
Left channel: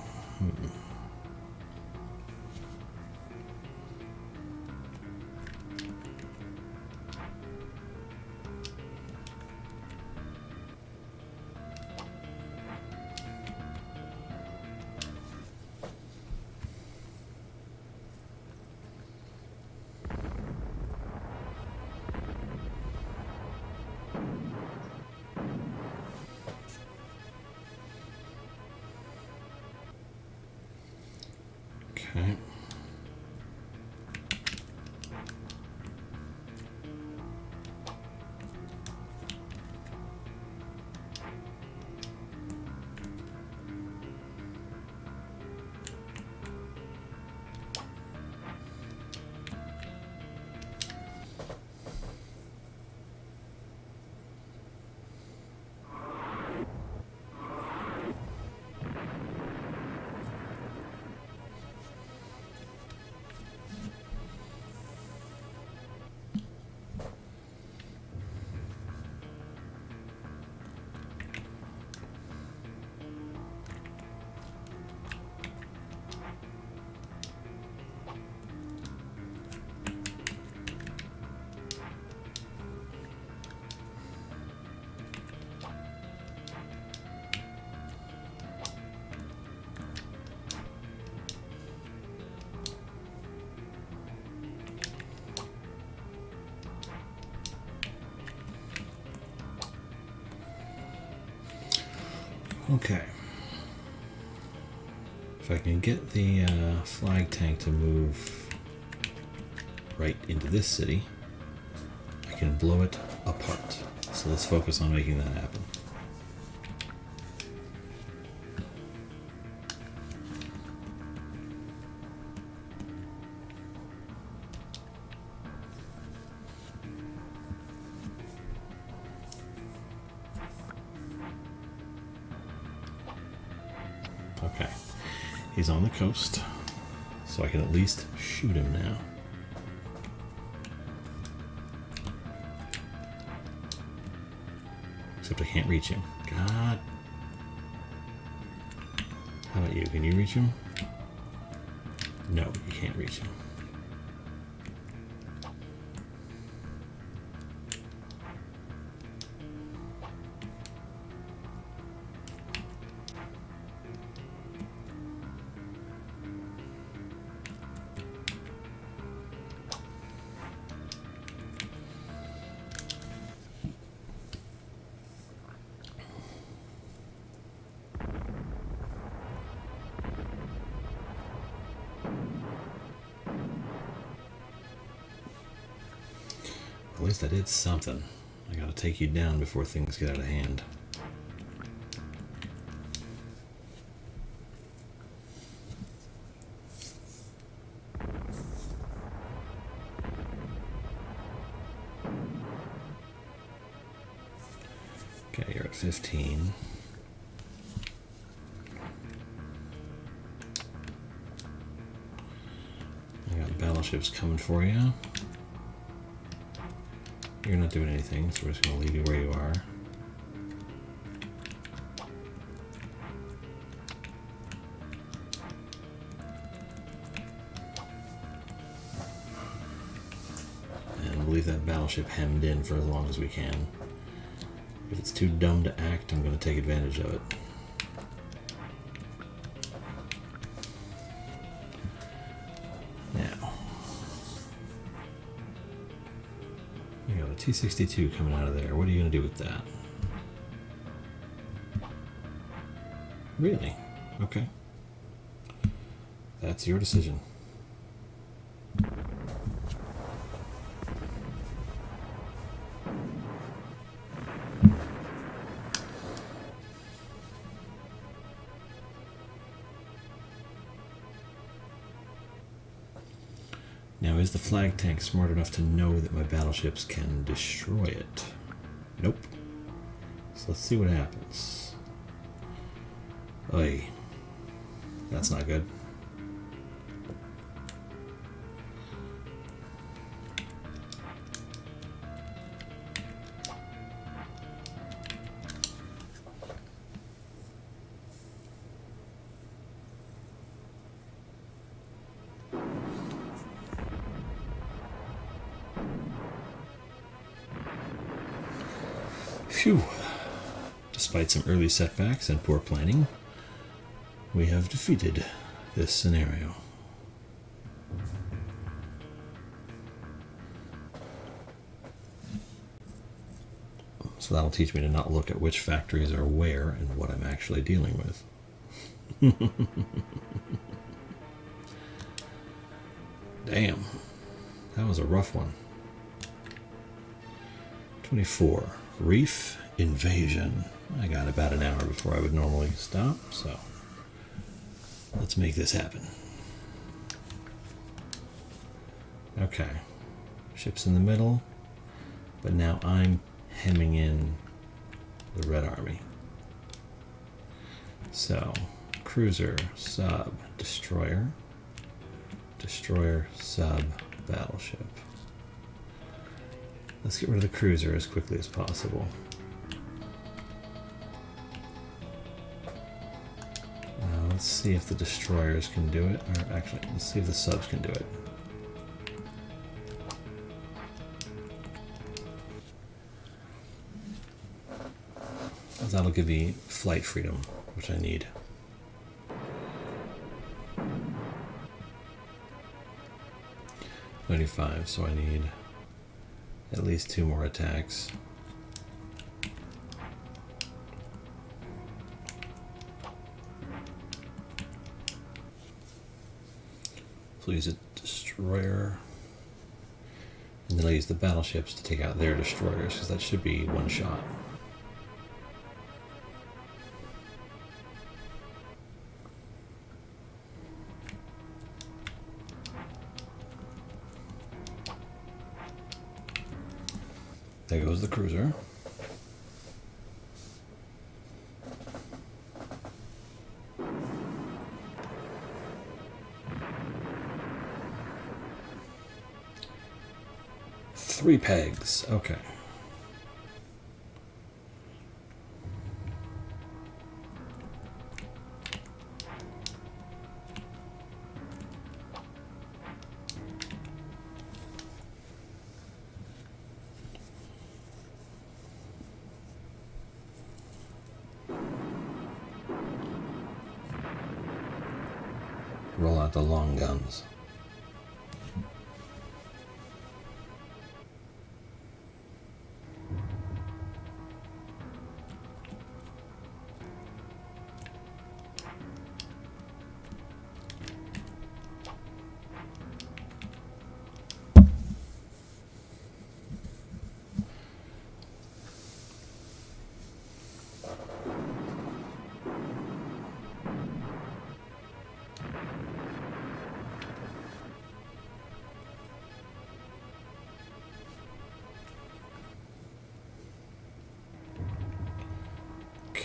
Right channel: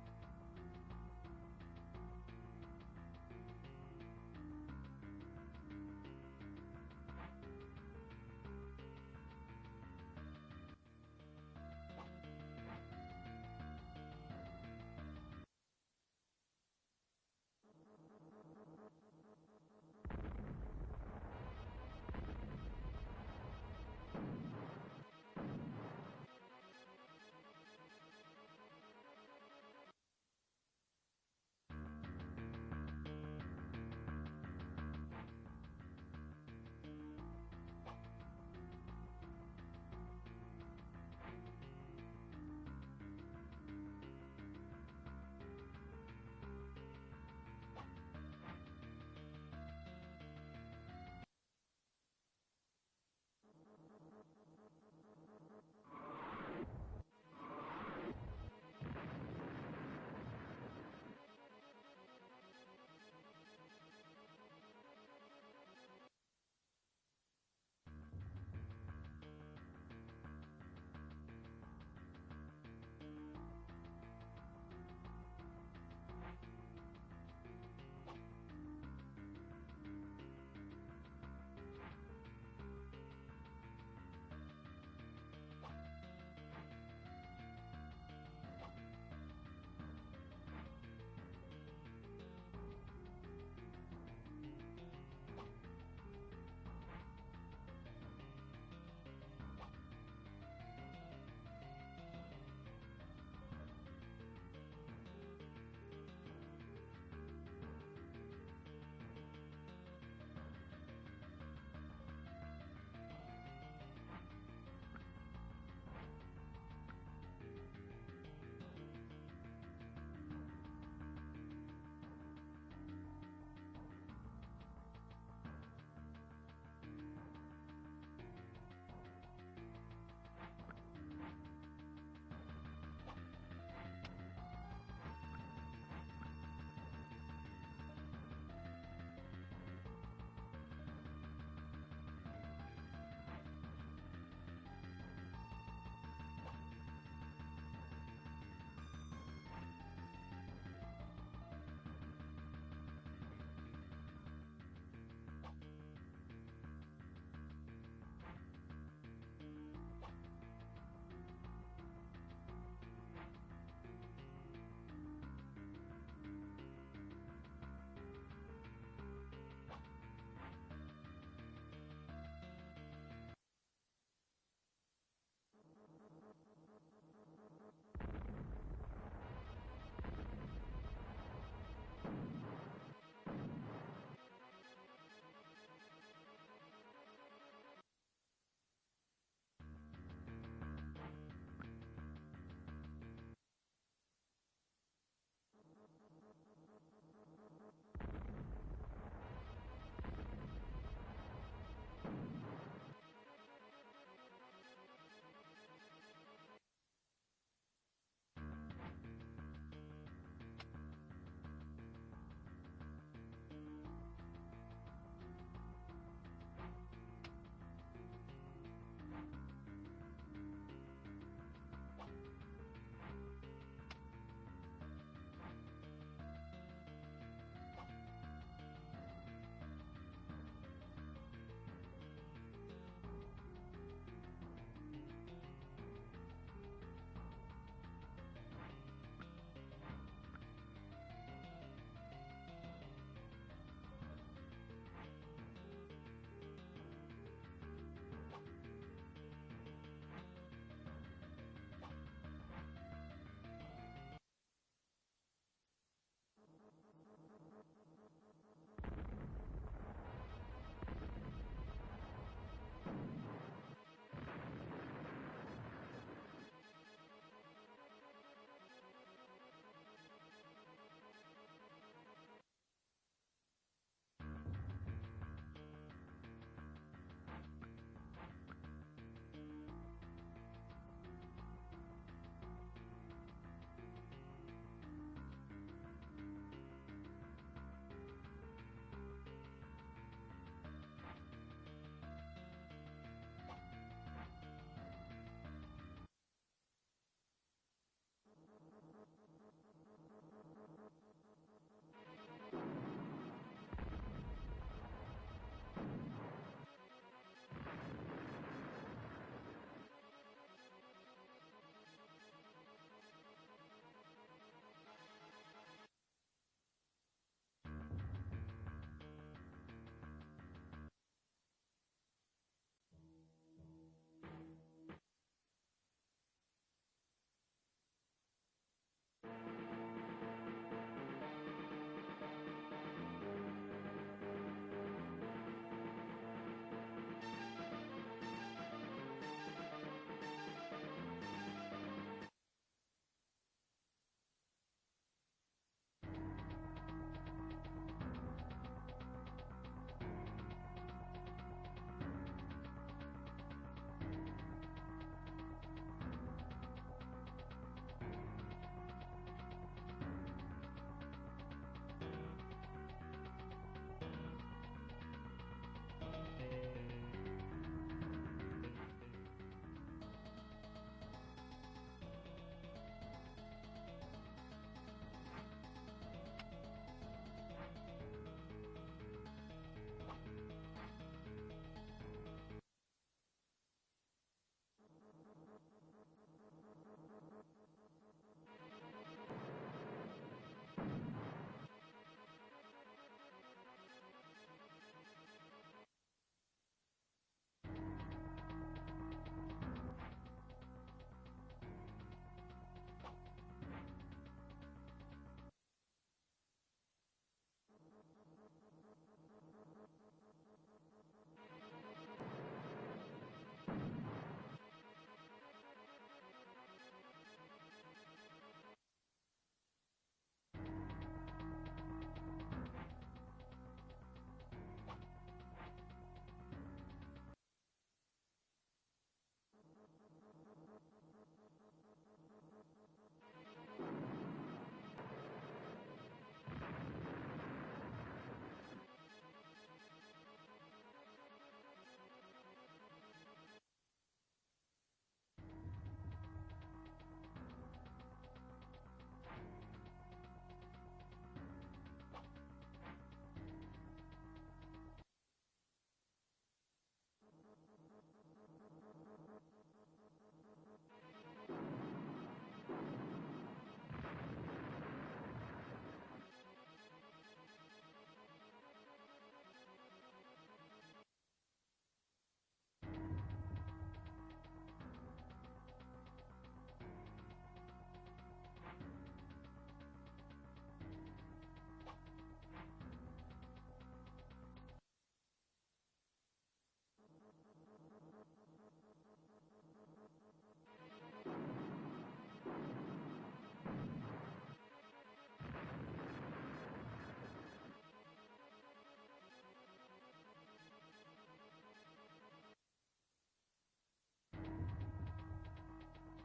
Okay. If I can get the flag tank to move right into this city, I can blow it apart. So let's focus on making that happen. Okay, he's on the coast, so I can at least shoot him now. Except I can't reach him. God. How about you? Can you reach him? No, you can't reach him. At least I did something. I gotta take you down before things get out of hand. Okay, you're at 15. I got battleships coming for you. You're not doing anything, so we're just going to leave you where you are. And we'll leave that battleship hemmed in for as long as we can. If it's too dumb to act, I'm going to take advantage of it. T-62 coming out of there. What are you going to do with that? Really? Okay. That's your decision. Now, is the flag tank smart enough to know that my battleships can destroy it? Nope. So let's see what happens. Oy. That's not good. Phew. Despite some early setbacks and poor planning, we have defeated this scenario. So that'll teach me to not look at which factories are where and what I'm actually dealing with. Damn. That was a rough one. 24. Reef invasion. I got about an hour before I would normally stop, so let's make this happen. Okay. Ships in the middle, but now I'm hemming in the Red Army. So, cruiser, sub, destroyer, destroyer, sub, battleship. Let's get rid of the cruiser as quickly as possible. Let's see if the destroyers can do it. Or actually, let's see if the subs can do it. That'll give me flight freedom, which I need. $95, so I need at least 2 more attacks. will use a destroyer. And then I'll use the battleships to take out their destroyers, because that should be one shot. There goes the cruiser. Three pegs, okay. Roll out the long guns.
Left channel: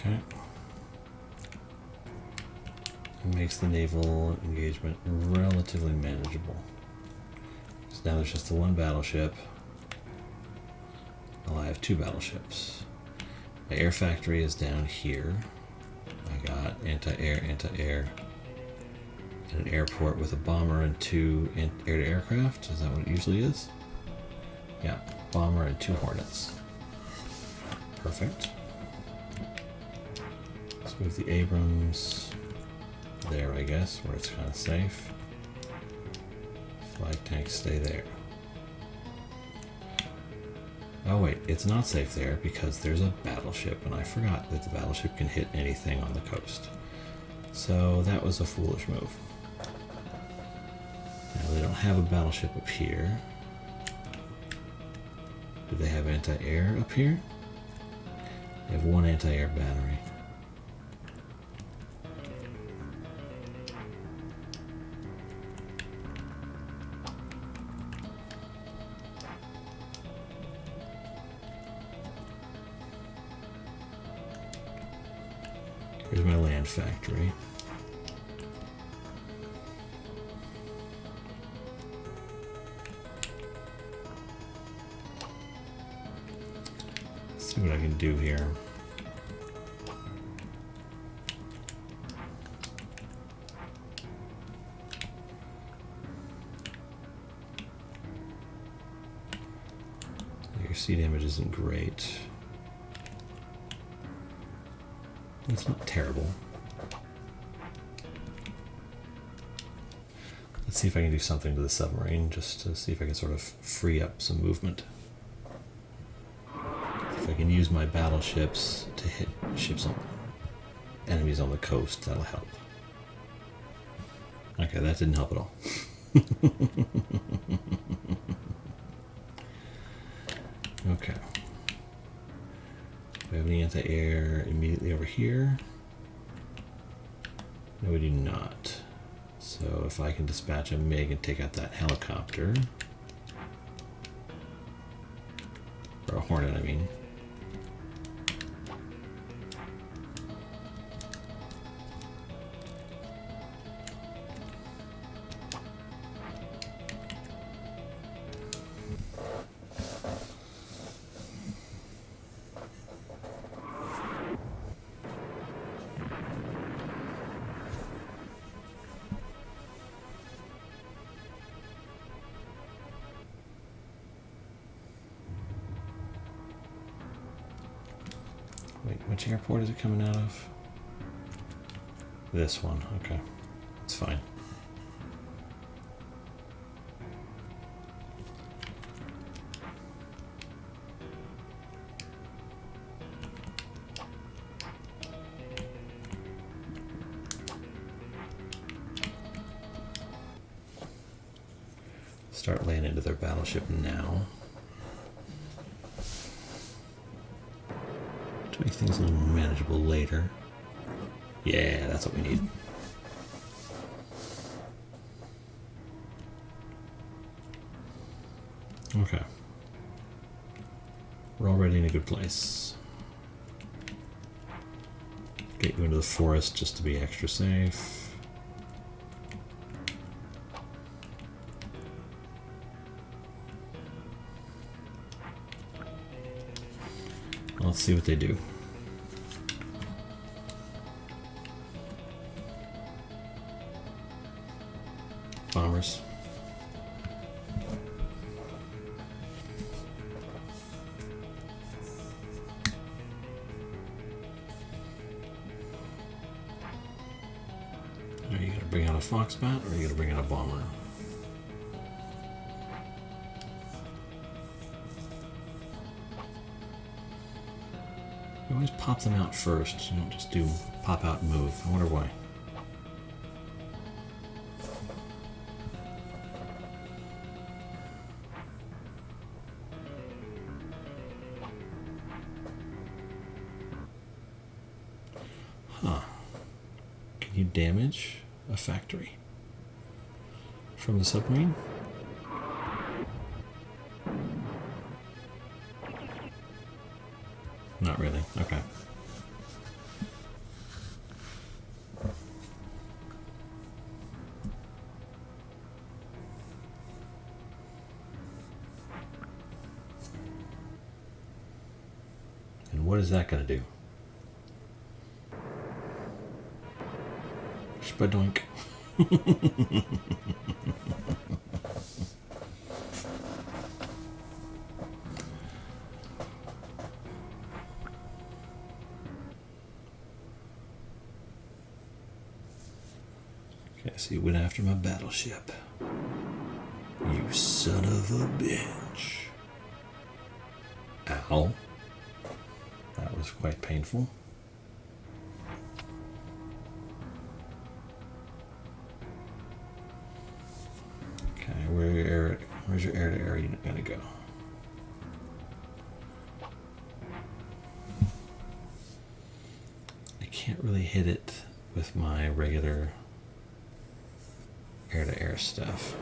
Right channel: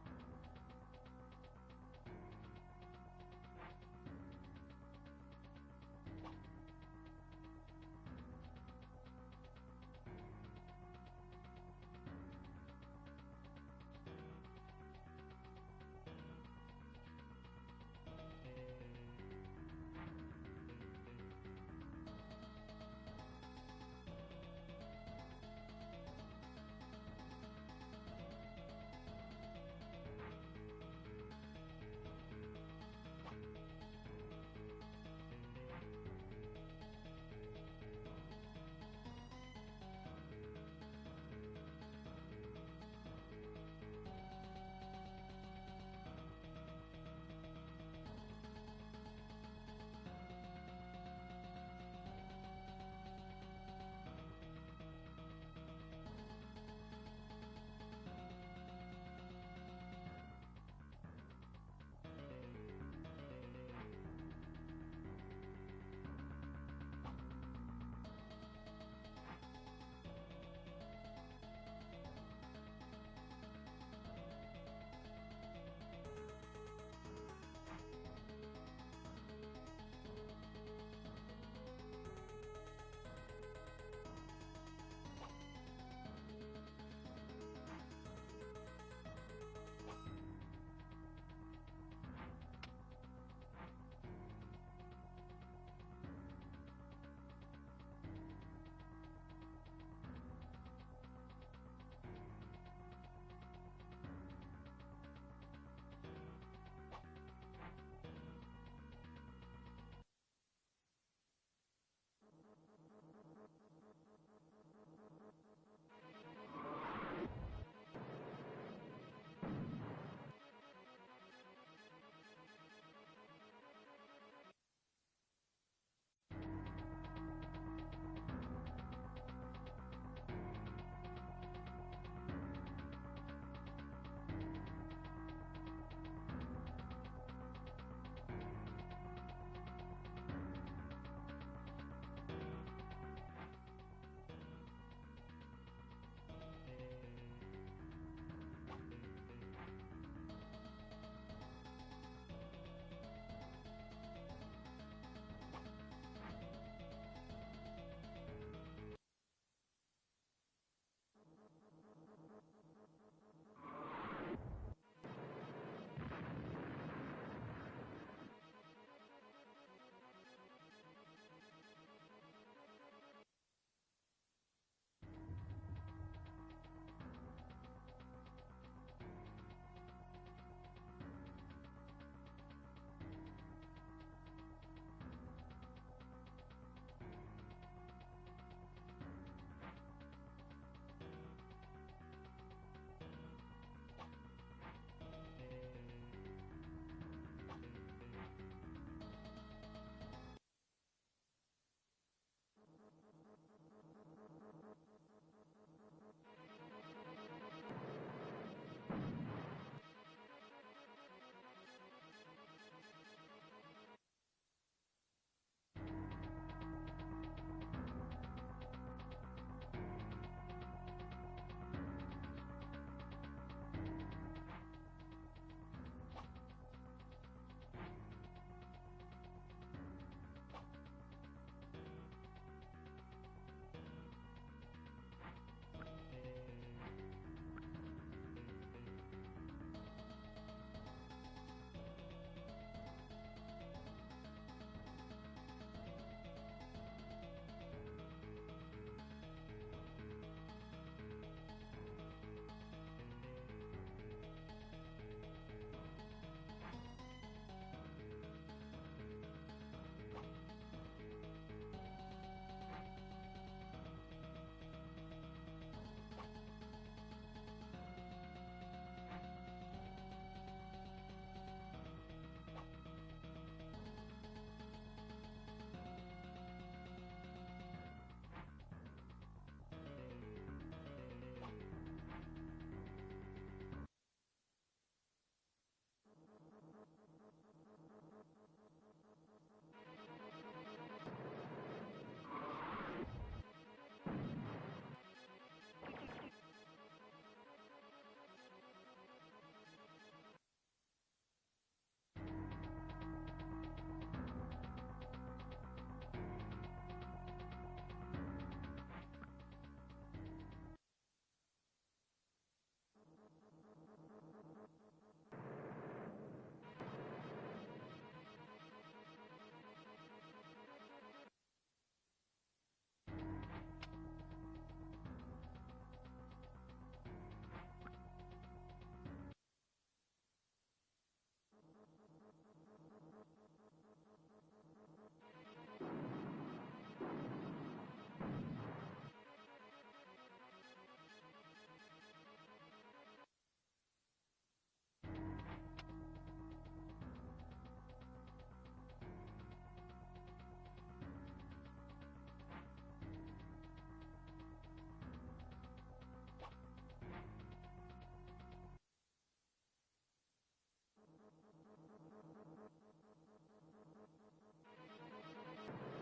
Okay. It makes the naval engagement relatively manageable. So now there's just the one battleship. Well, I have two battleships. My air factory is down here. I got anti-air, anti-air, and an airport with a bomber and two air-to-air craft. Is that what it usually is? Yeah, bomber and two Hornets. Perfect. Let's move the Abrams there, I guess, where it's kind of safe. Flag tanks stay there. Oh wait, it's not safe there because there's a battleship, and I forgot that the battleship can hit anything on the coast. So that was a foolish move. Now they don't have a battleship up here. Do they have anti-air up here? They have one anti-air battery. Here's my land factory. Let's see what I can do here. Your sea damage isn't great. It's not terrible. Let's see if I can do something to the submarine, just to see if I can sort of free up some movement. If I can use my battleships to hit ships on enemies on the coast, that'll help. Okay, that didn't help at all. Okay. Do we have any anti-air immediately over here? No, we do not. So if I can dispatch a MiG and take out that helicopter, or a Hornet, I mean. Wait, which airport is it coming out of? This one, okay. It's fine. Start laying into their battleship now. To make things a little manageable later. Yeah, that's what we need. Okay. We're already in a good place. Get you into the forest just to be extra safe. Let's see what they do. Bombers. Are you going to bring out a Foxbat or are you going to bring out a bomber? You always pop them out first. You don't just do pop out and move. I wonder why. Huh. Can you damage a factory from the submarine? Not really. Okay. And what is that going to do? Spadoink. Okay, so you went after my battleship. You son of a bitch. Ow. That was quite painful. Okay, where's your air-to-air unit gonna go? I can't really hit it with my regular air-to-air stuff.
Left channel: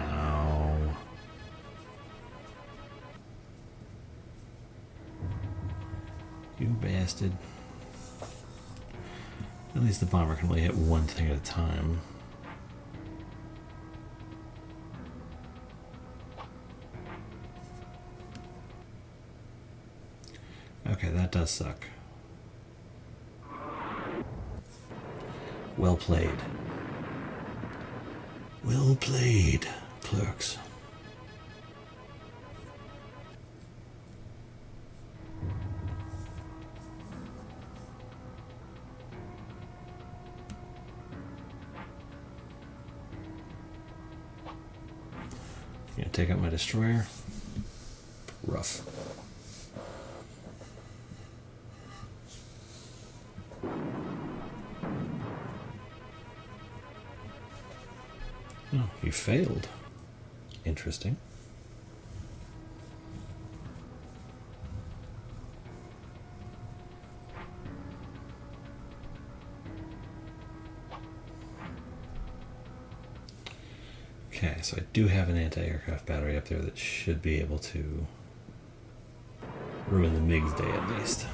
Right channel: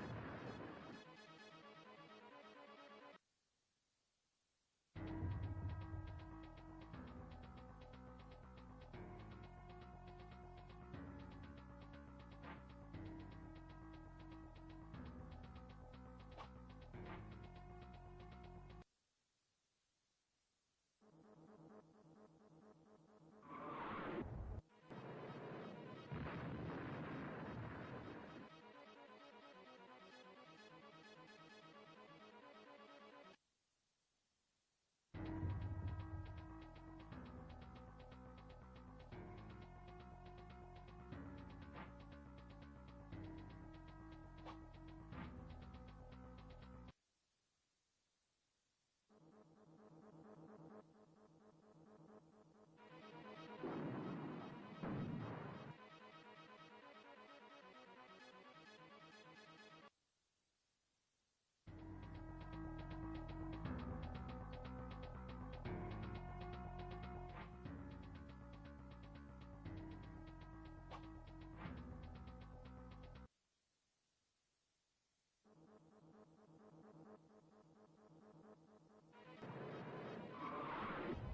Ow. You bastard. At least the bomber can only hit one thing at a time. Okay, that does suck. Well played. Well played, clerks. You gonna take out my destroyer? Rough. Oh, you failed. Interesting. Okay, so I do have an anti-aircraft battery up there that should be able to ruin the MiG's day at least.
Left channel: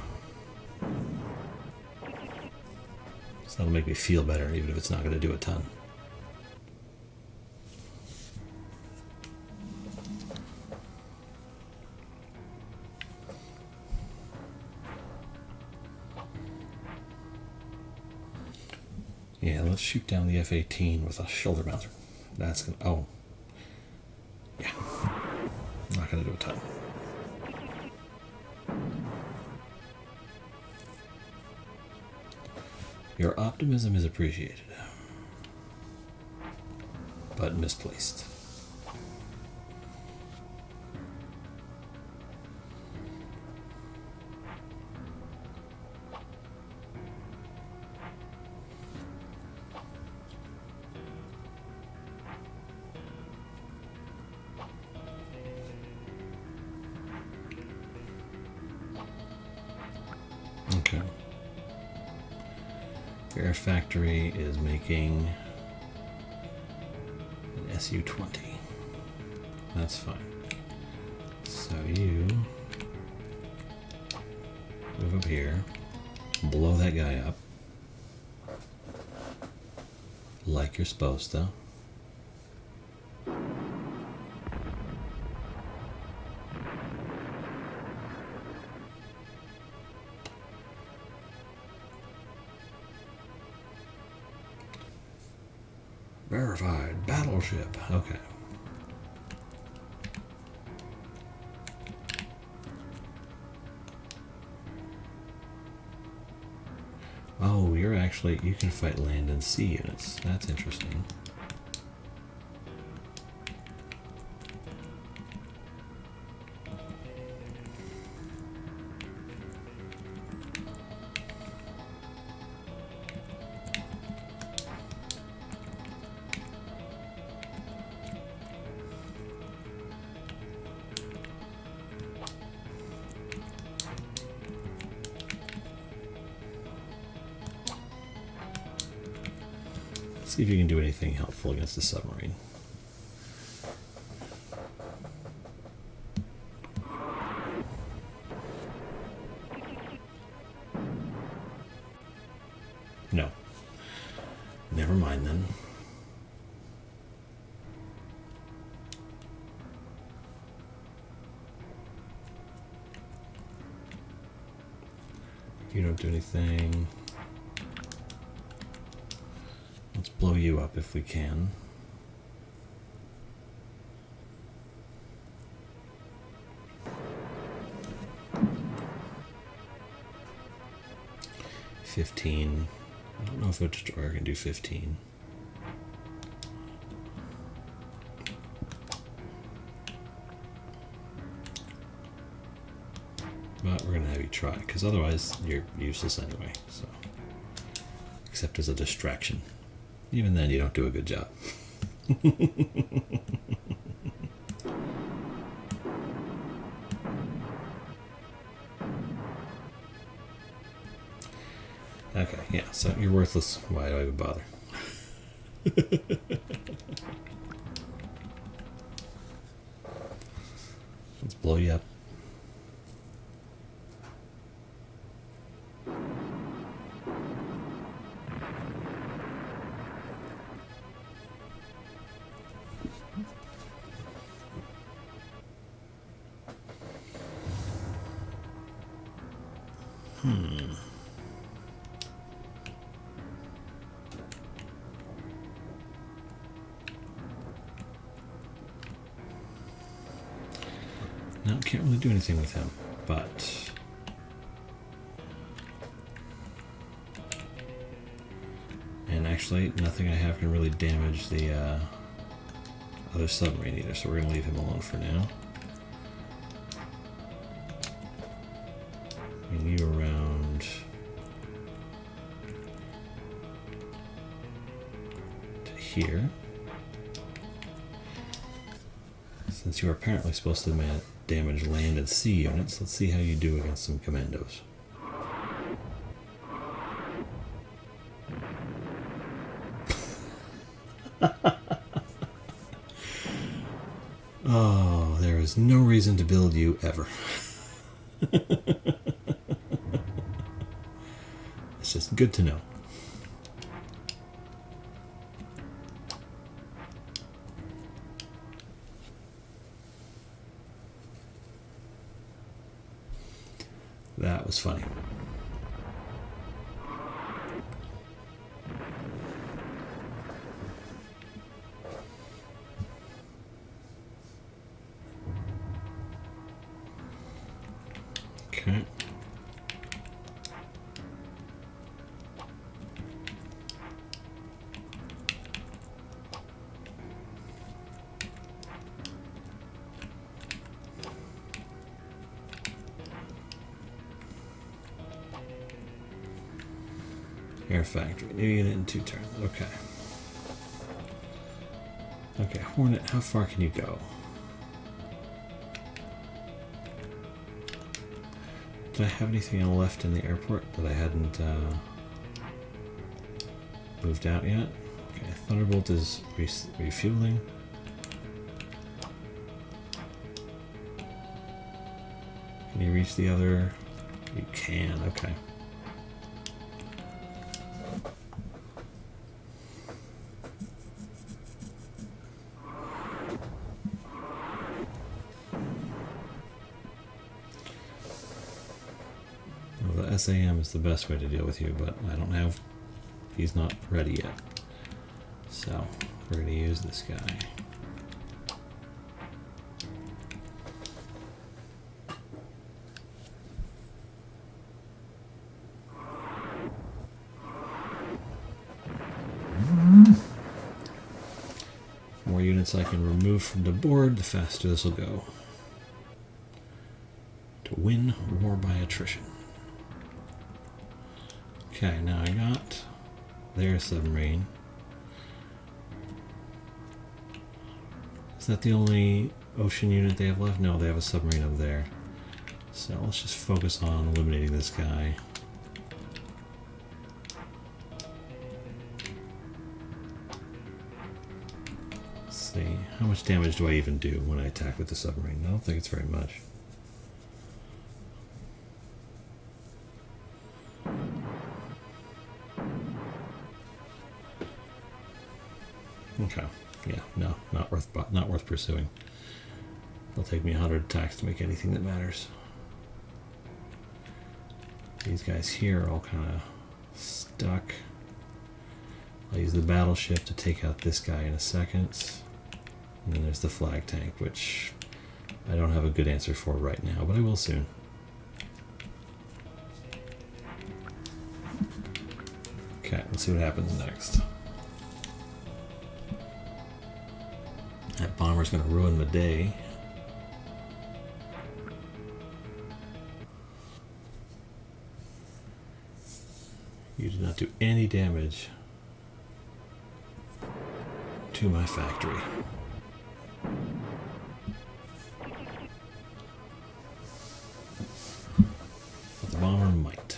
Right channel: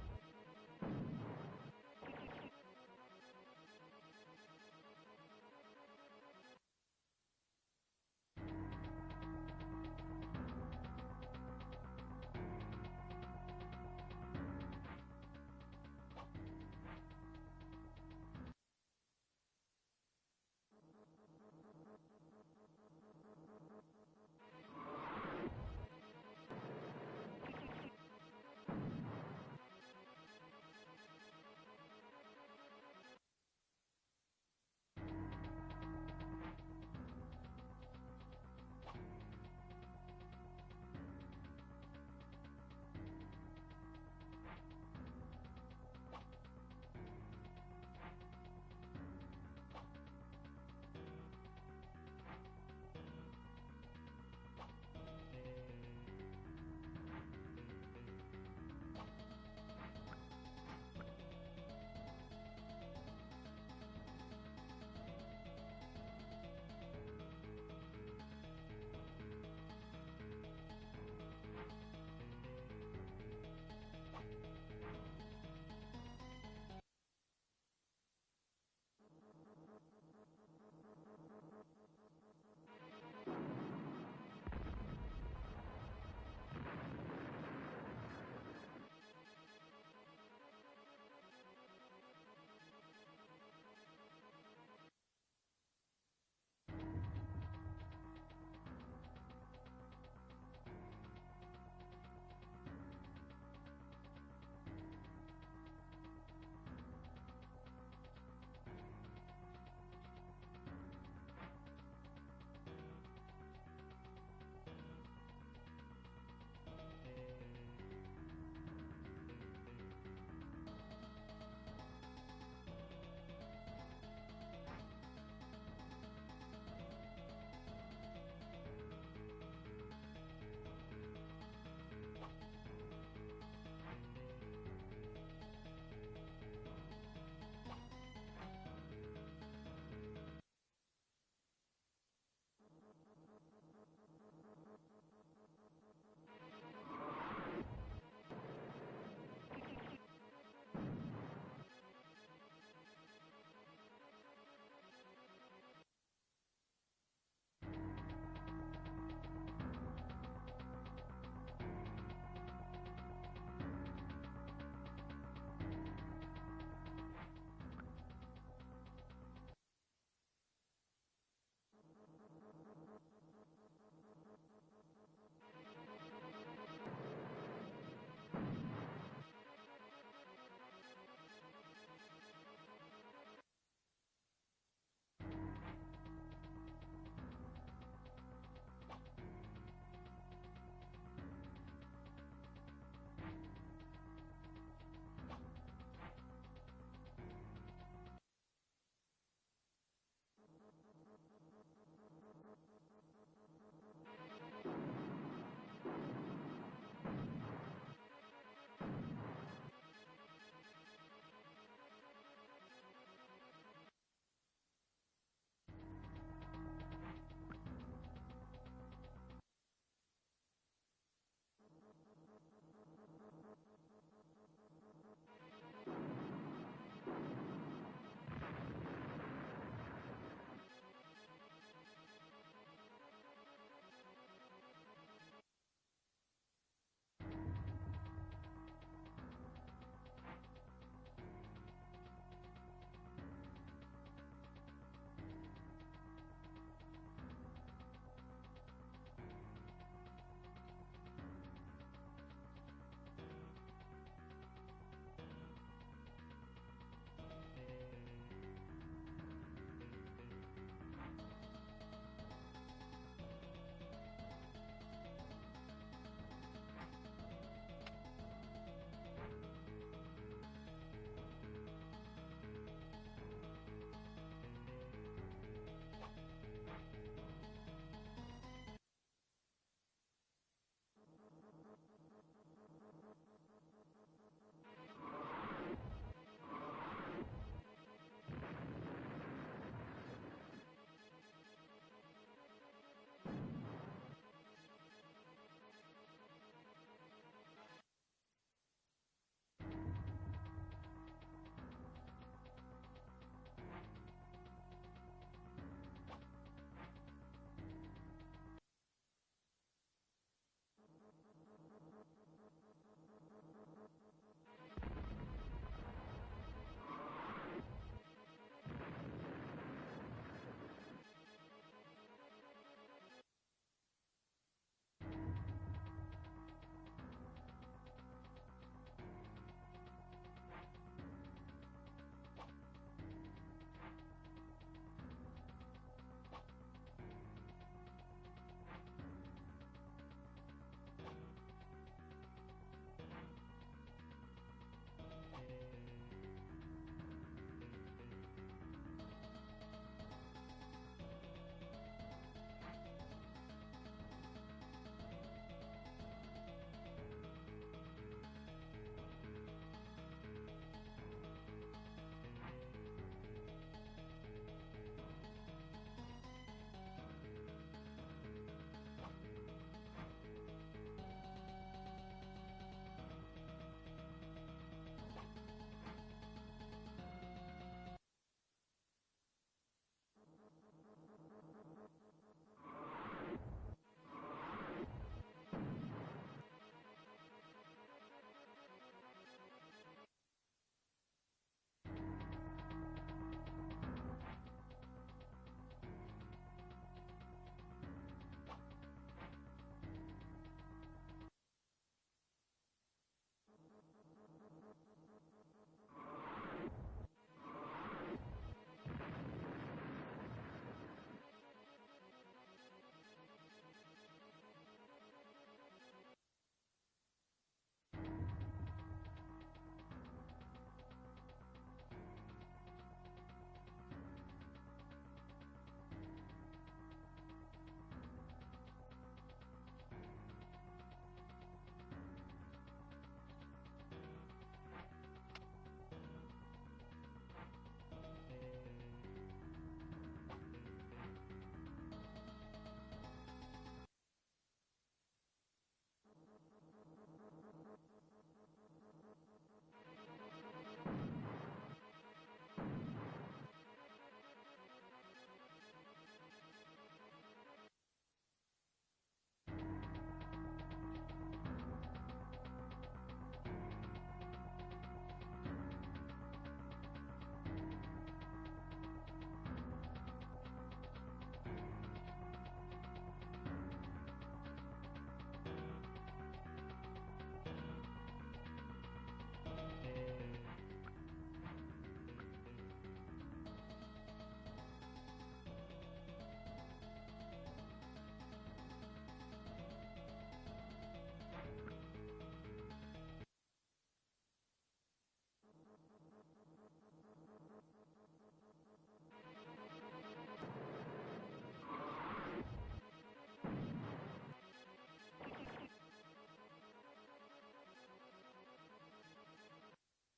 So that'll make me feel better, even if it's not going to do a ton. Yeah, let's shoot down the F-18 with a shoulder mounter. That's gonna, oh. Yeah. Not gonna do a ton. Your optimism is appreciated, but misplaced. Air Factory is making an SU-20. That's fine. So you move up here, blow that guy up, like you're supposed to. Verified battleship. Okay. Oh, you're actually, you can fight land and sea units. That's interesting. See if you can do anything helpful against the submarine. No. Never mind then. You don't do anything. Let's blow you up if we can. $15. I don't know if a destroyer can do 15. But we're gonna have you try, because otherwise you're useless anyway. So, except as a distraction. Even then, you don't do a good job. Okay, yeah, so you're worthless. Why do I even bother? Let's blow you up. No, can't really do anything with him, but and actually nothing I have can really damage the other submarine either, so we're gonna leave him alone for now. Bring you around to here. Since you're apparently supposed to damage land and sea units, let's see how you do against some commandos. Oh, there is no reason to build you ever. It's just good to know. That was funny. Okay. Air Factory. New unit in 2 turns. Okay. Okay, Hornet, how far can you go? Did I have anything left in the airport that I hadn't moved out yet. Okay, Thunderbolt is refueling. Can you reach the other? You can, okay. Well, the SAM is the best way to deal with you, but I don't have... He's not ready yet. So, we're going to use this guy. The more units I can remove from the board, the faster this will go. To win war by attrition. Okay, now I got their submarine. Is that the only ocean unit they have left? No, they have a submarine over there. So let's just focus on eliminating this guy. Let's see, how much damage do I even do when I attack with the submarine? I don't think it's very much. Okay, yeah, no, not worth pursuing. It'll take me 100 attacks to make anything that matters. These guys here are all kind of stuck. I'll use the battleship to take out this guy in a second. And then there's the flag tank, which I don't have a good answer for right now, but I will soon. Okay, let's see what happens next. That bomber's going to ruin the day. You did not do any damage to my factory. But the bomber might.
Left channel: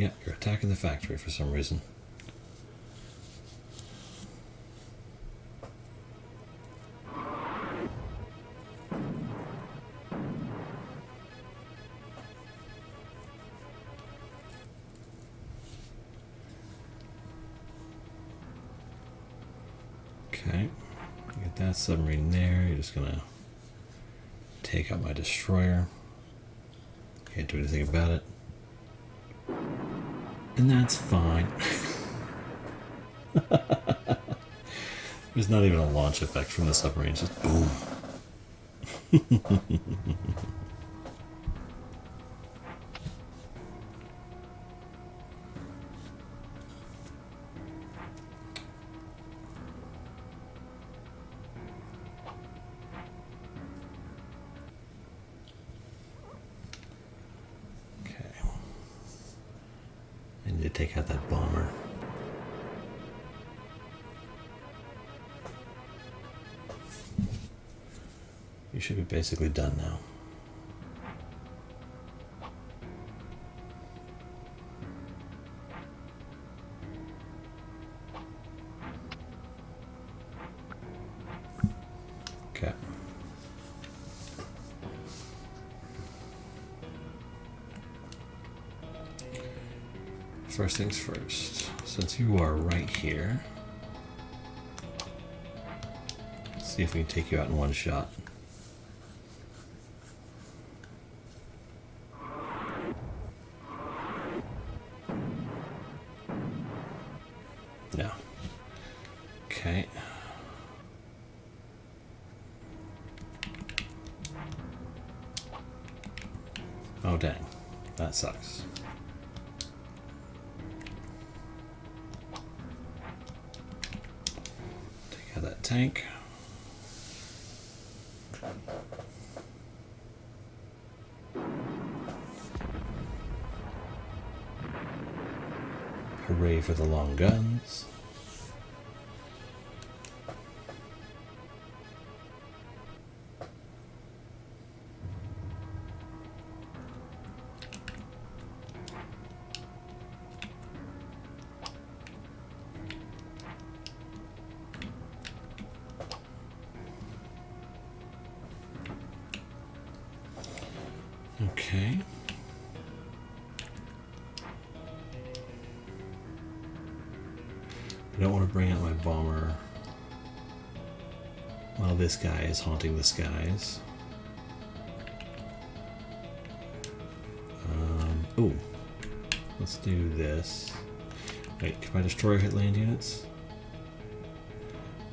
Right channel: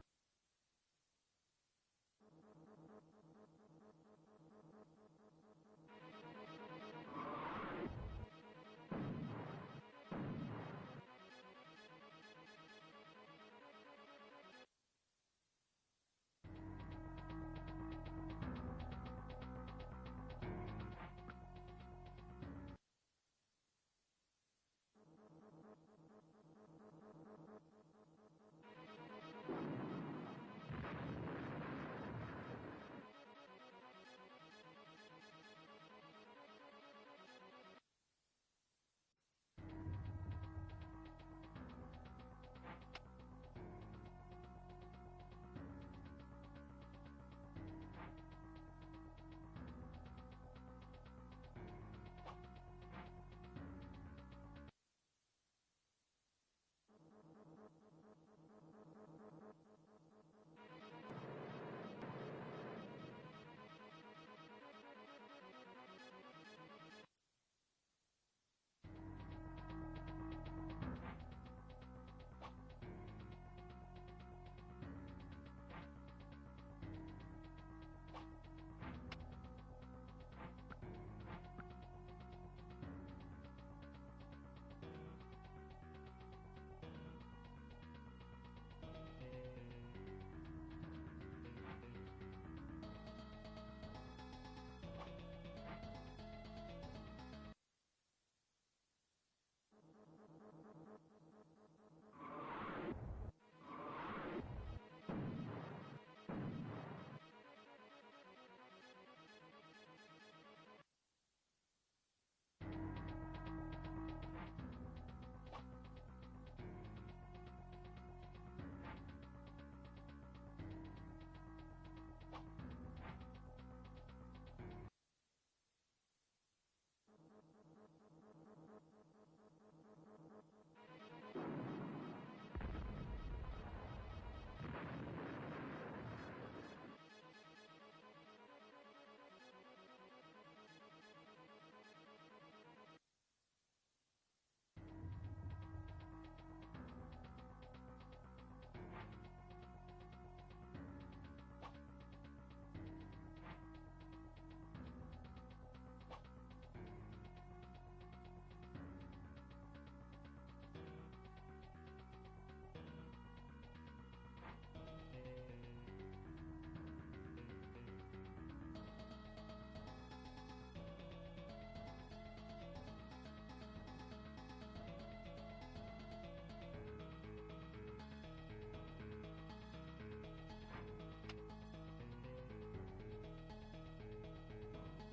Yeah, you're attacking the factory for some reason. Okay, get that submarine there. You're just gonna take out my destroyer. Can't do anything about it. And that's fine. There's not even a launch effect from the submarine, it's just boom. Take out that bomber. You should be basically done now. Okay. First things first, since you are right here, let's see if we can take you out in one shot. No. Okay. Oh dang, that sucks. Tank. Hooray for the long guns. bomber while this guy is haunting the skies. Ooh, let's do this. Wait, can I destroy hit land units?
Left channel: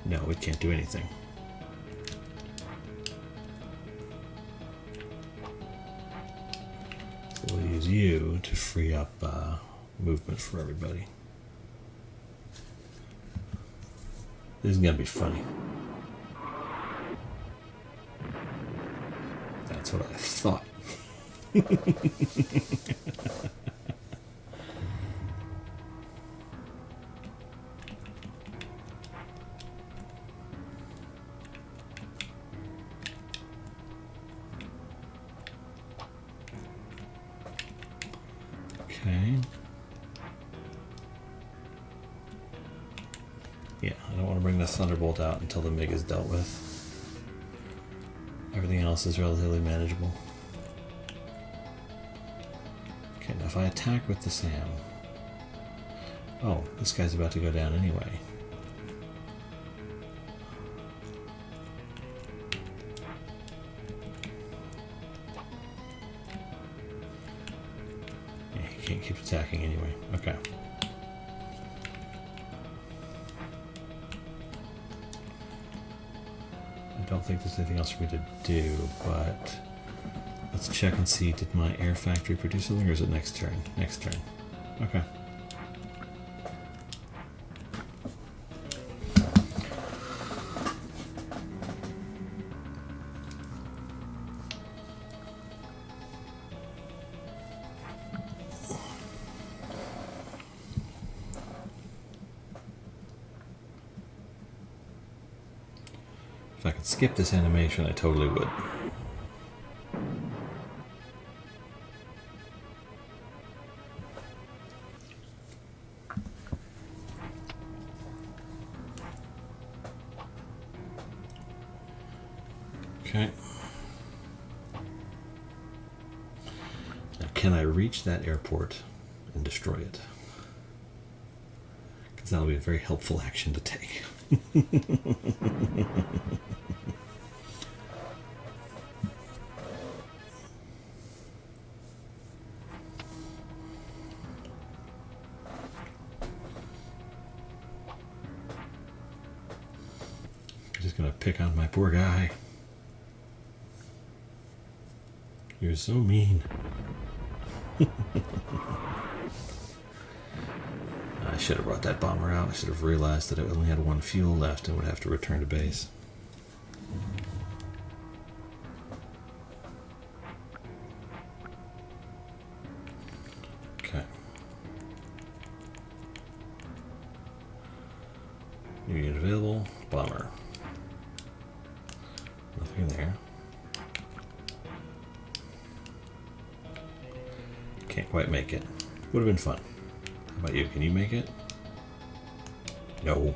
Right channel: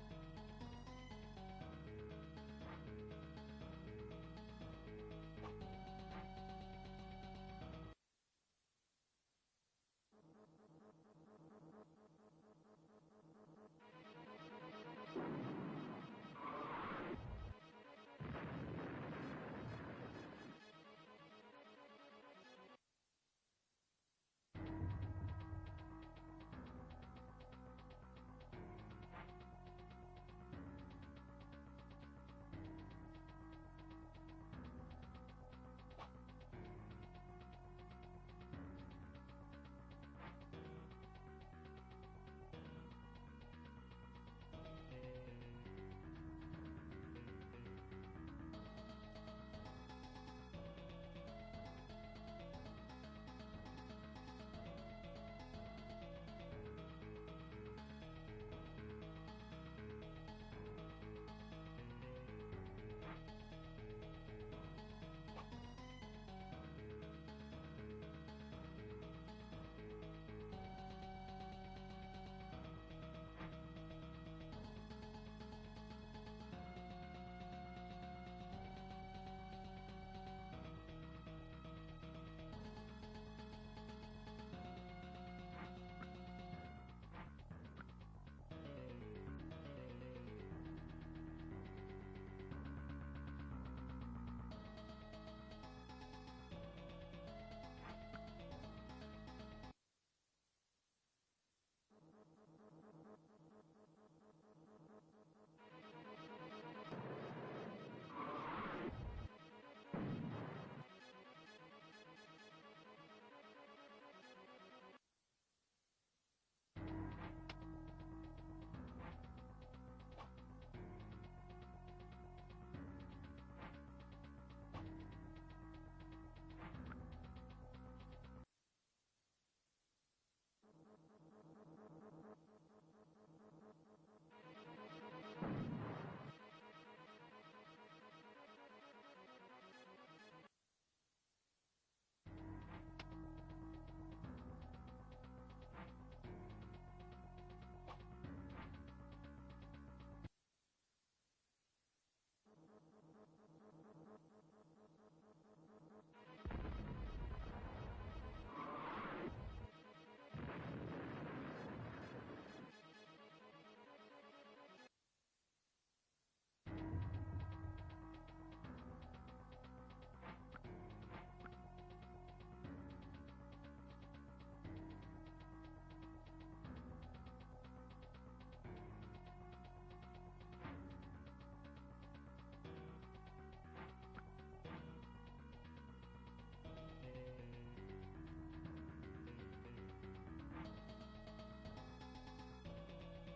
No, it can't do anything. So we'll use you to free up movement for everybody. This is gonna be funny. That's what I thought. Okay. Yeah, I don't want to bring this Thunderbolt out until the MiG is dealt with. Everything else is relatively manageable. Okay, now if I attack with the SAM... Oh, this guy's about to go down anyway. Yeah, he can't keep attacking anyway. Okay. I don't think there's anything else for me to do, but let's check and see, did my air factory produce something, or is it next turn? Next turn. Okay. If I could skip this animation, I totally would. Okay. Now, can I reach that airport and destroy it? Because that'll be a very helpful action to take. Just gonna pick on my poor guy. You're so mean. I should have brought that bomber out. I should have realized that it only had one fuel left and would have to return to base. Okay. New unit available. Bomber. Nothing there. Can't quite make it. Would have been fun. How about you? Can you make it? No.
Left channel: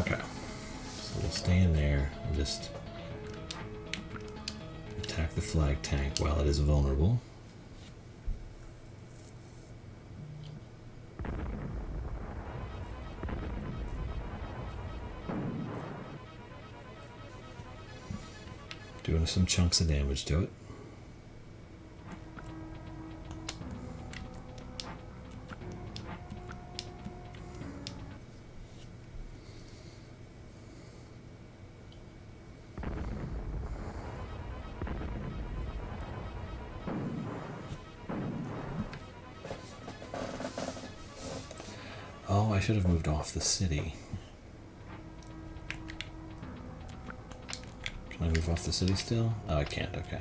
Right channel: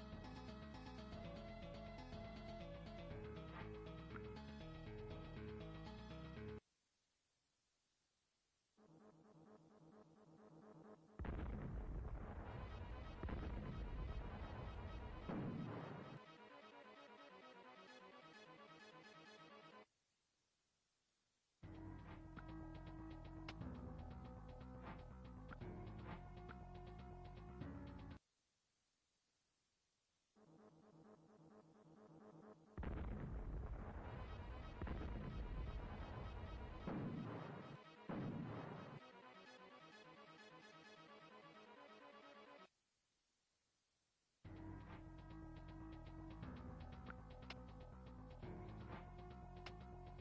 Okay. So we'll stay in there and just attack the flag tank while it is vulnerable. Doing some chunks of damage to it. Oh, I should have moved off the city. Can I move off the city still? Oh, I can't, okay.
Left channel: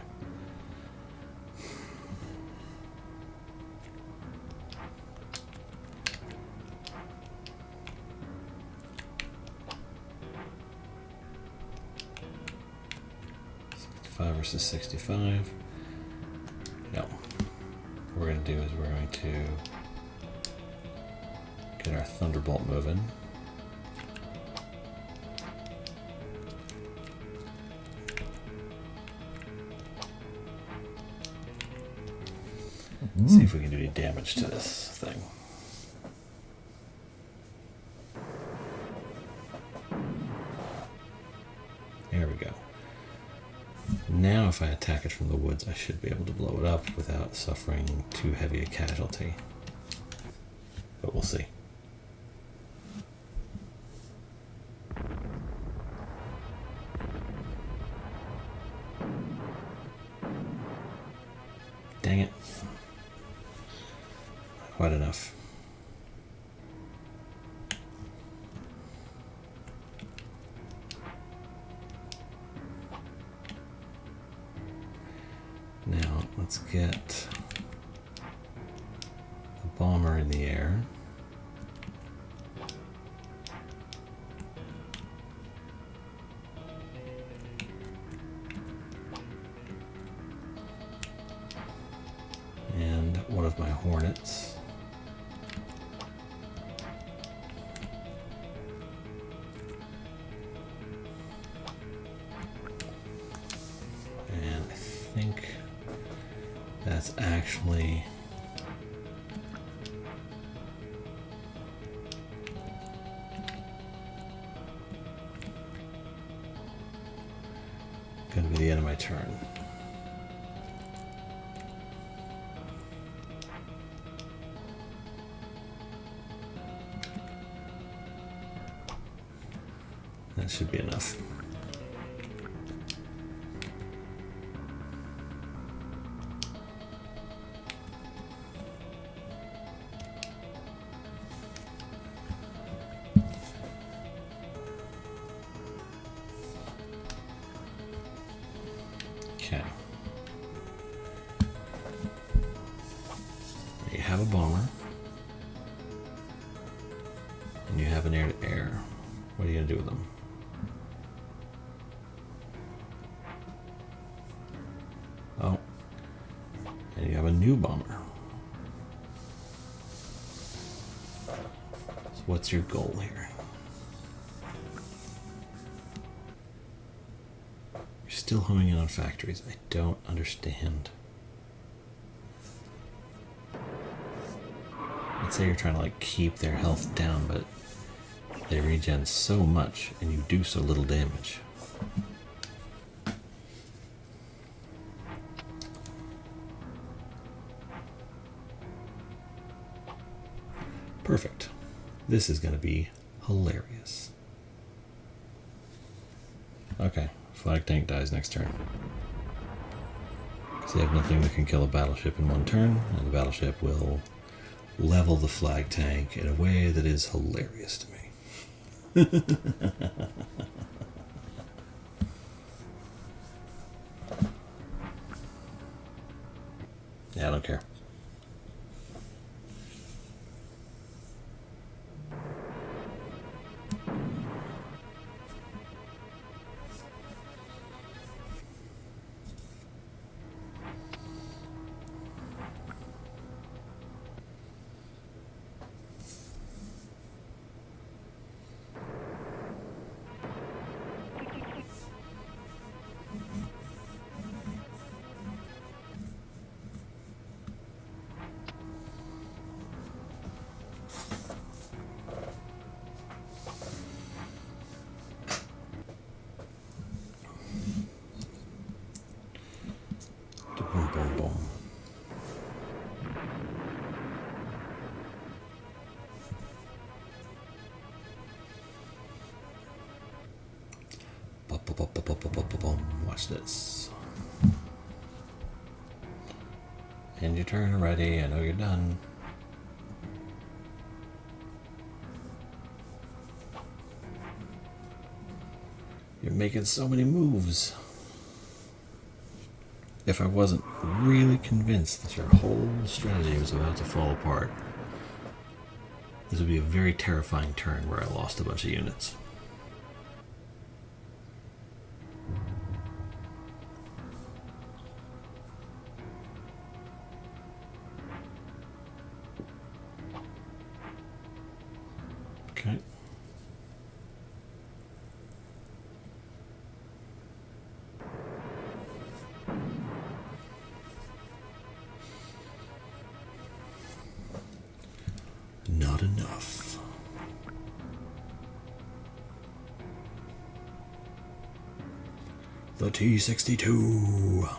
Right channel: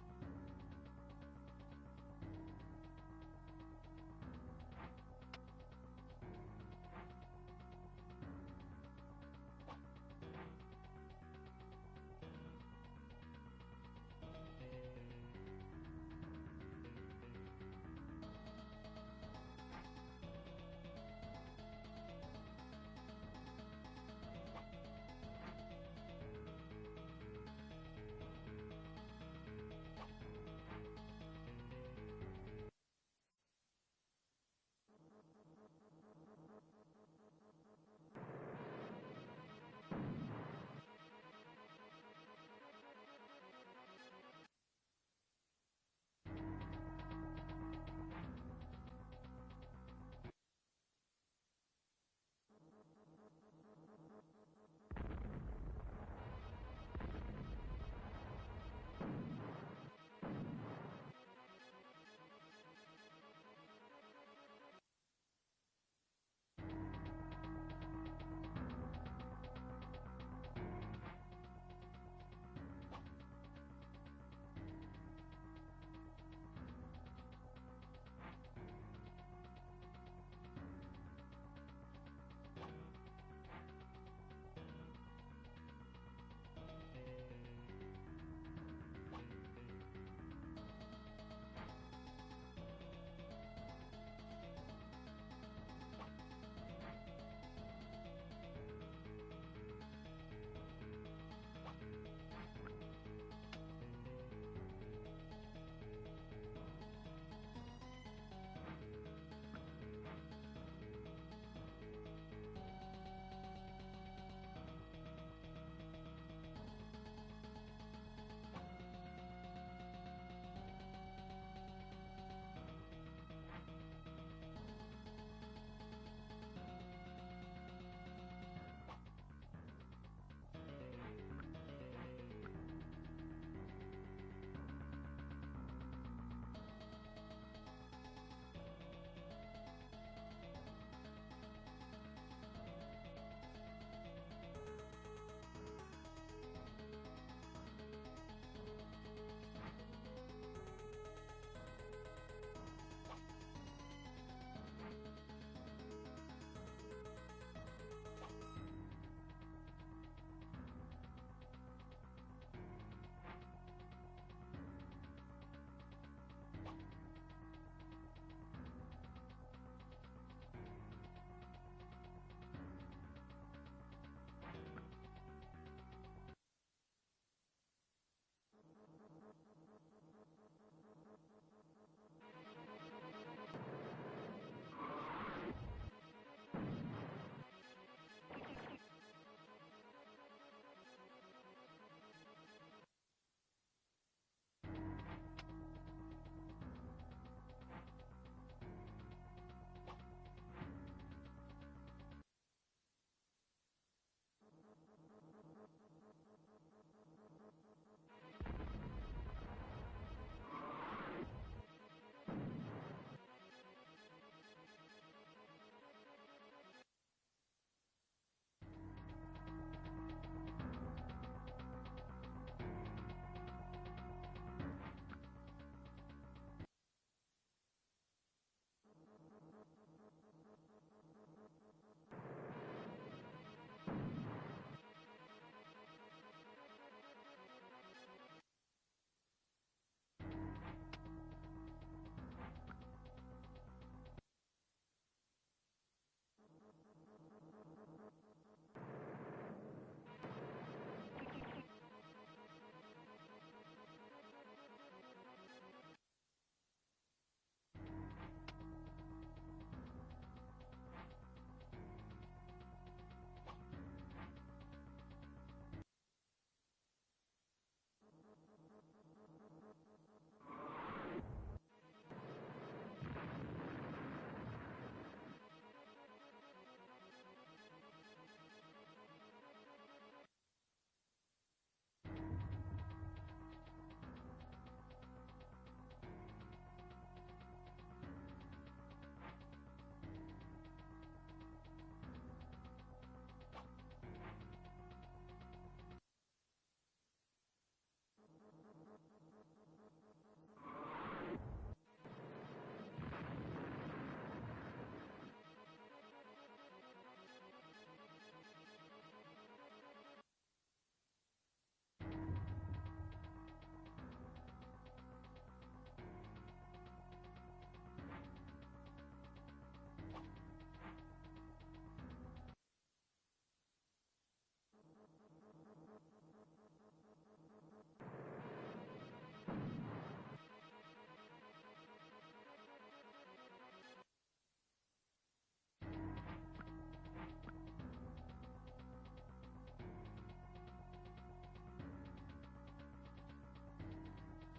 Versus 65. No. What we're going to do is we're going to get our Thunderbolt moving. See if we can do any damage to this thing. if I attack it from the woods, I should be able to blow it up without suffering too heavy a casualty. But we'll see. Dang it. Quite enough. Now, let's get the bomber in the air. And one of my hornets. And I think that's actually going to be the end of my turn. That should be enough. Okay. You have a bomber. And you have an air-to-air. What are you going to do with them? Oh. And you have a new bomber. So what's your goal here? You're still homing in on factories. I don't understand. I'd say you're trying to like keep their health down, but they regen so much and you do so little damage. Perfect. This is going to be hilarious. Okay, flag tank dies next turn. Because they have nothing that can kill a battleship in one turn, and the battleship will level the flag tank in a way that is hilarious to me. Yeah, I don't care. Watch this. End your turn already. I know you're done. You're making so many moves. If I wasn't really convinced that your whole strategy was about to fall apart, this would be a very terrifying turn where I lost a bunch of units. Okay. Not enough. The T-62.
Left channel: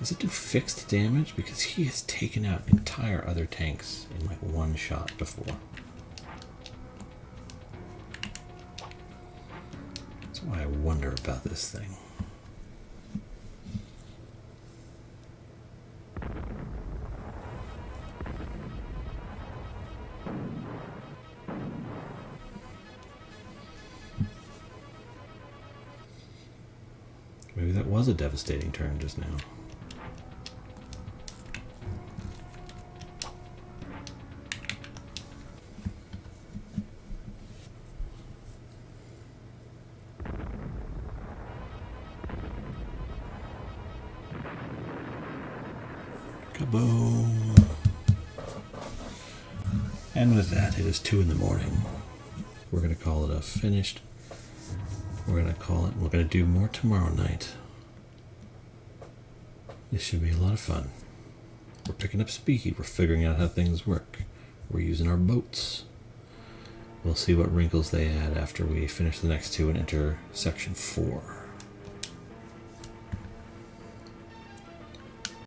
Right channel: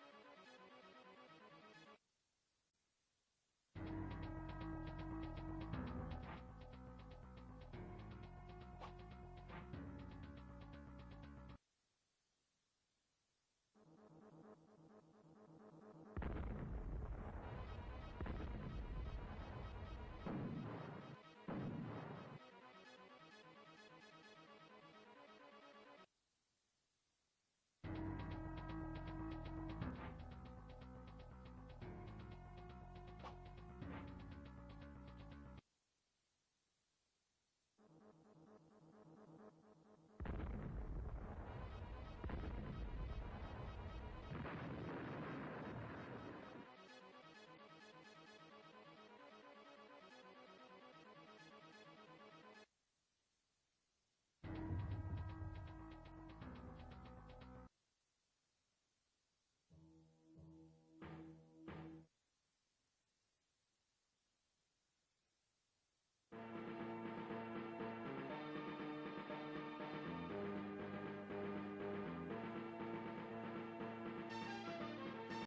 Does it do fixed damage? Because he has taken out entire other tanks in like one shot before. That's why I wonder about this thing. Maybe that was a devastating turn just now. Boom. And with that, it is 2 in the morning. We're going to call it a finished. We're going to call it, we're going to do more tomorrow night. This should be a lot of fun. We're picking up speed. We're figuring out how things work. We're using our boats. We'll see what wrinkles they add after we finish the next 2 and enter section 4.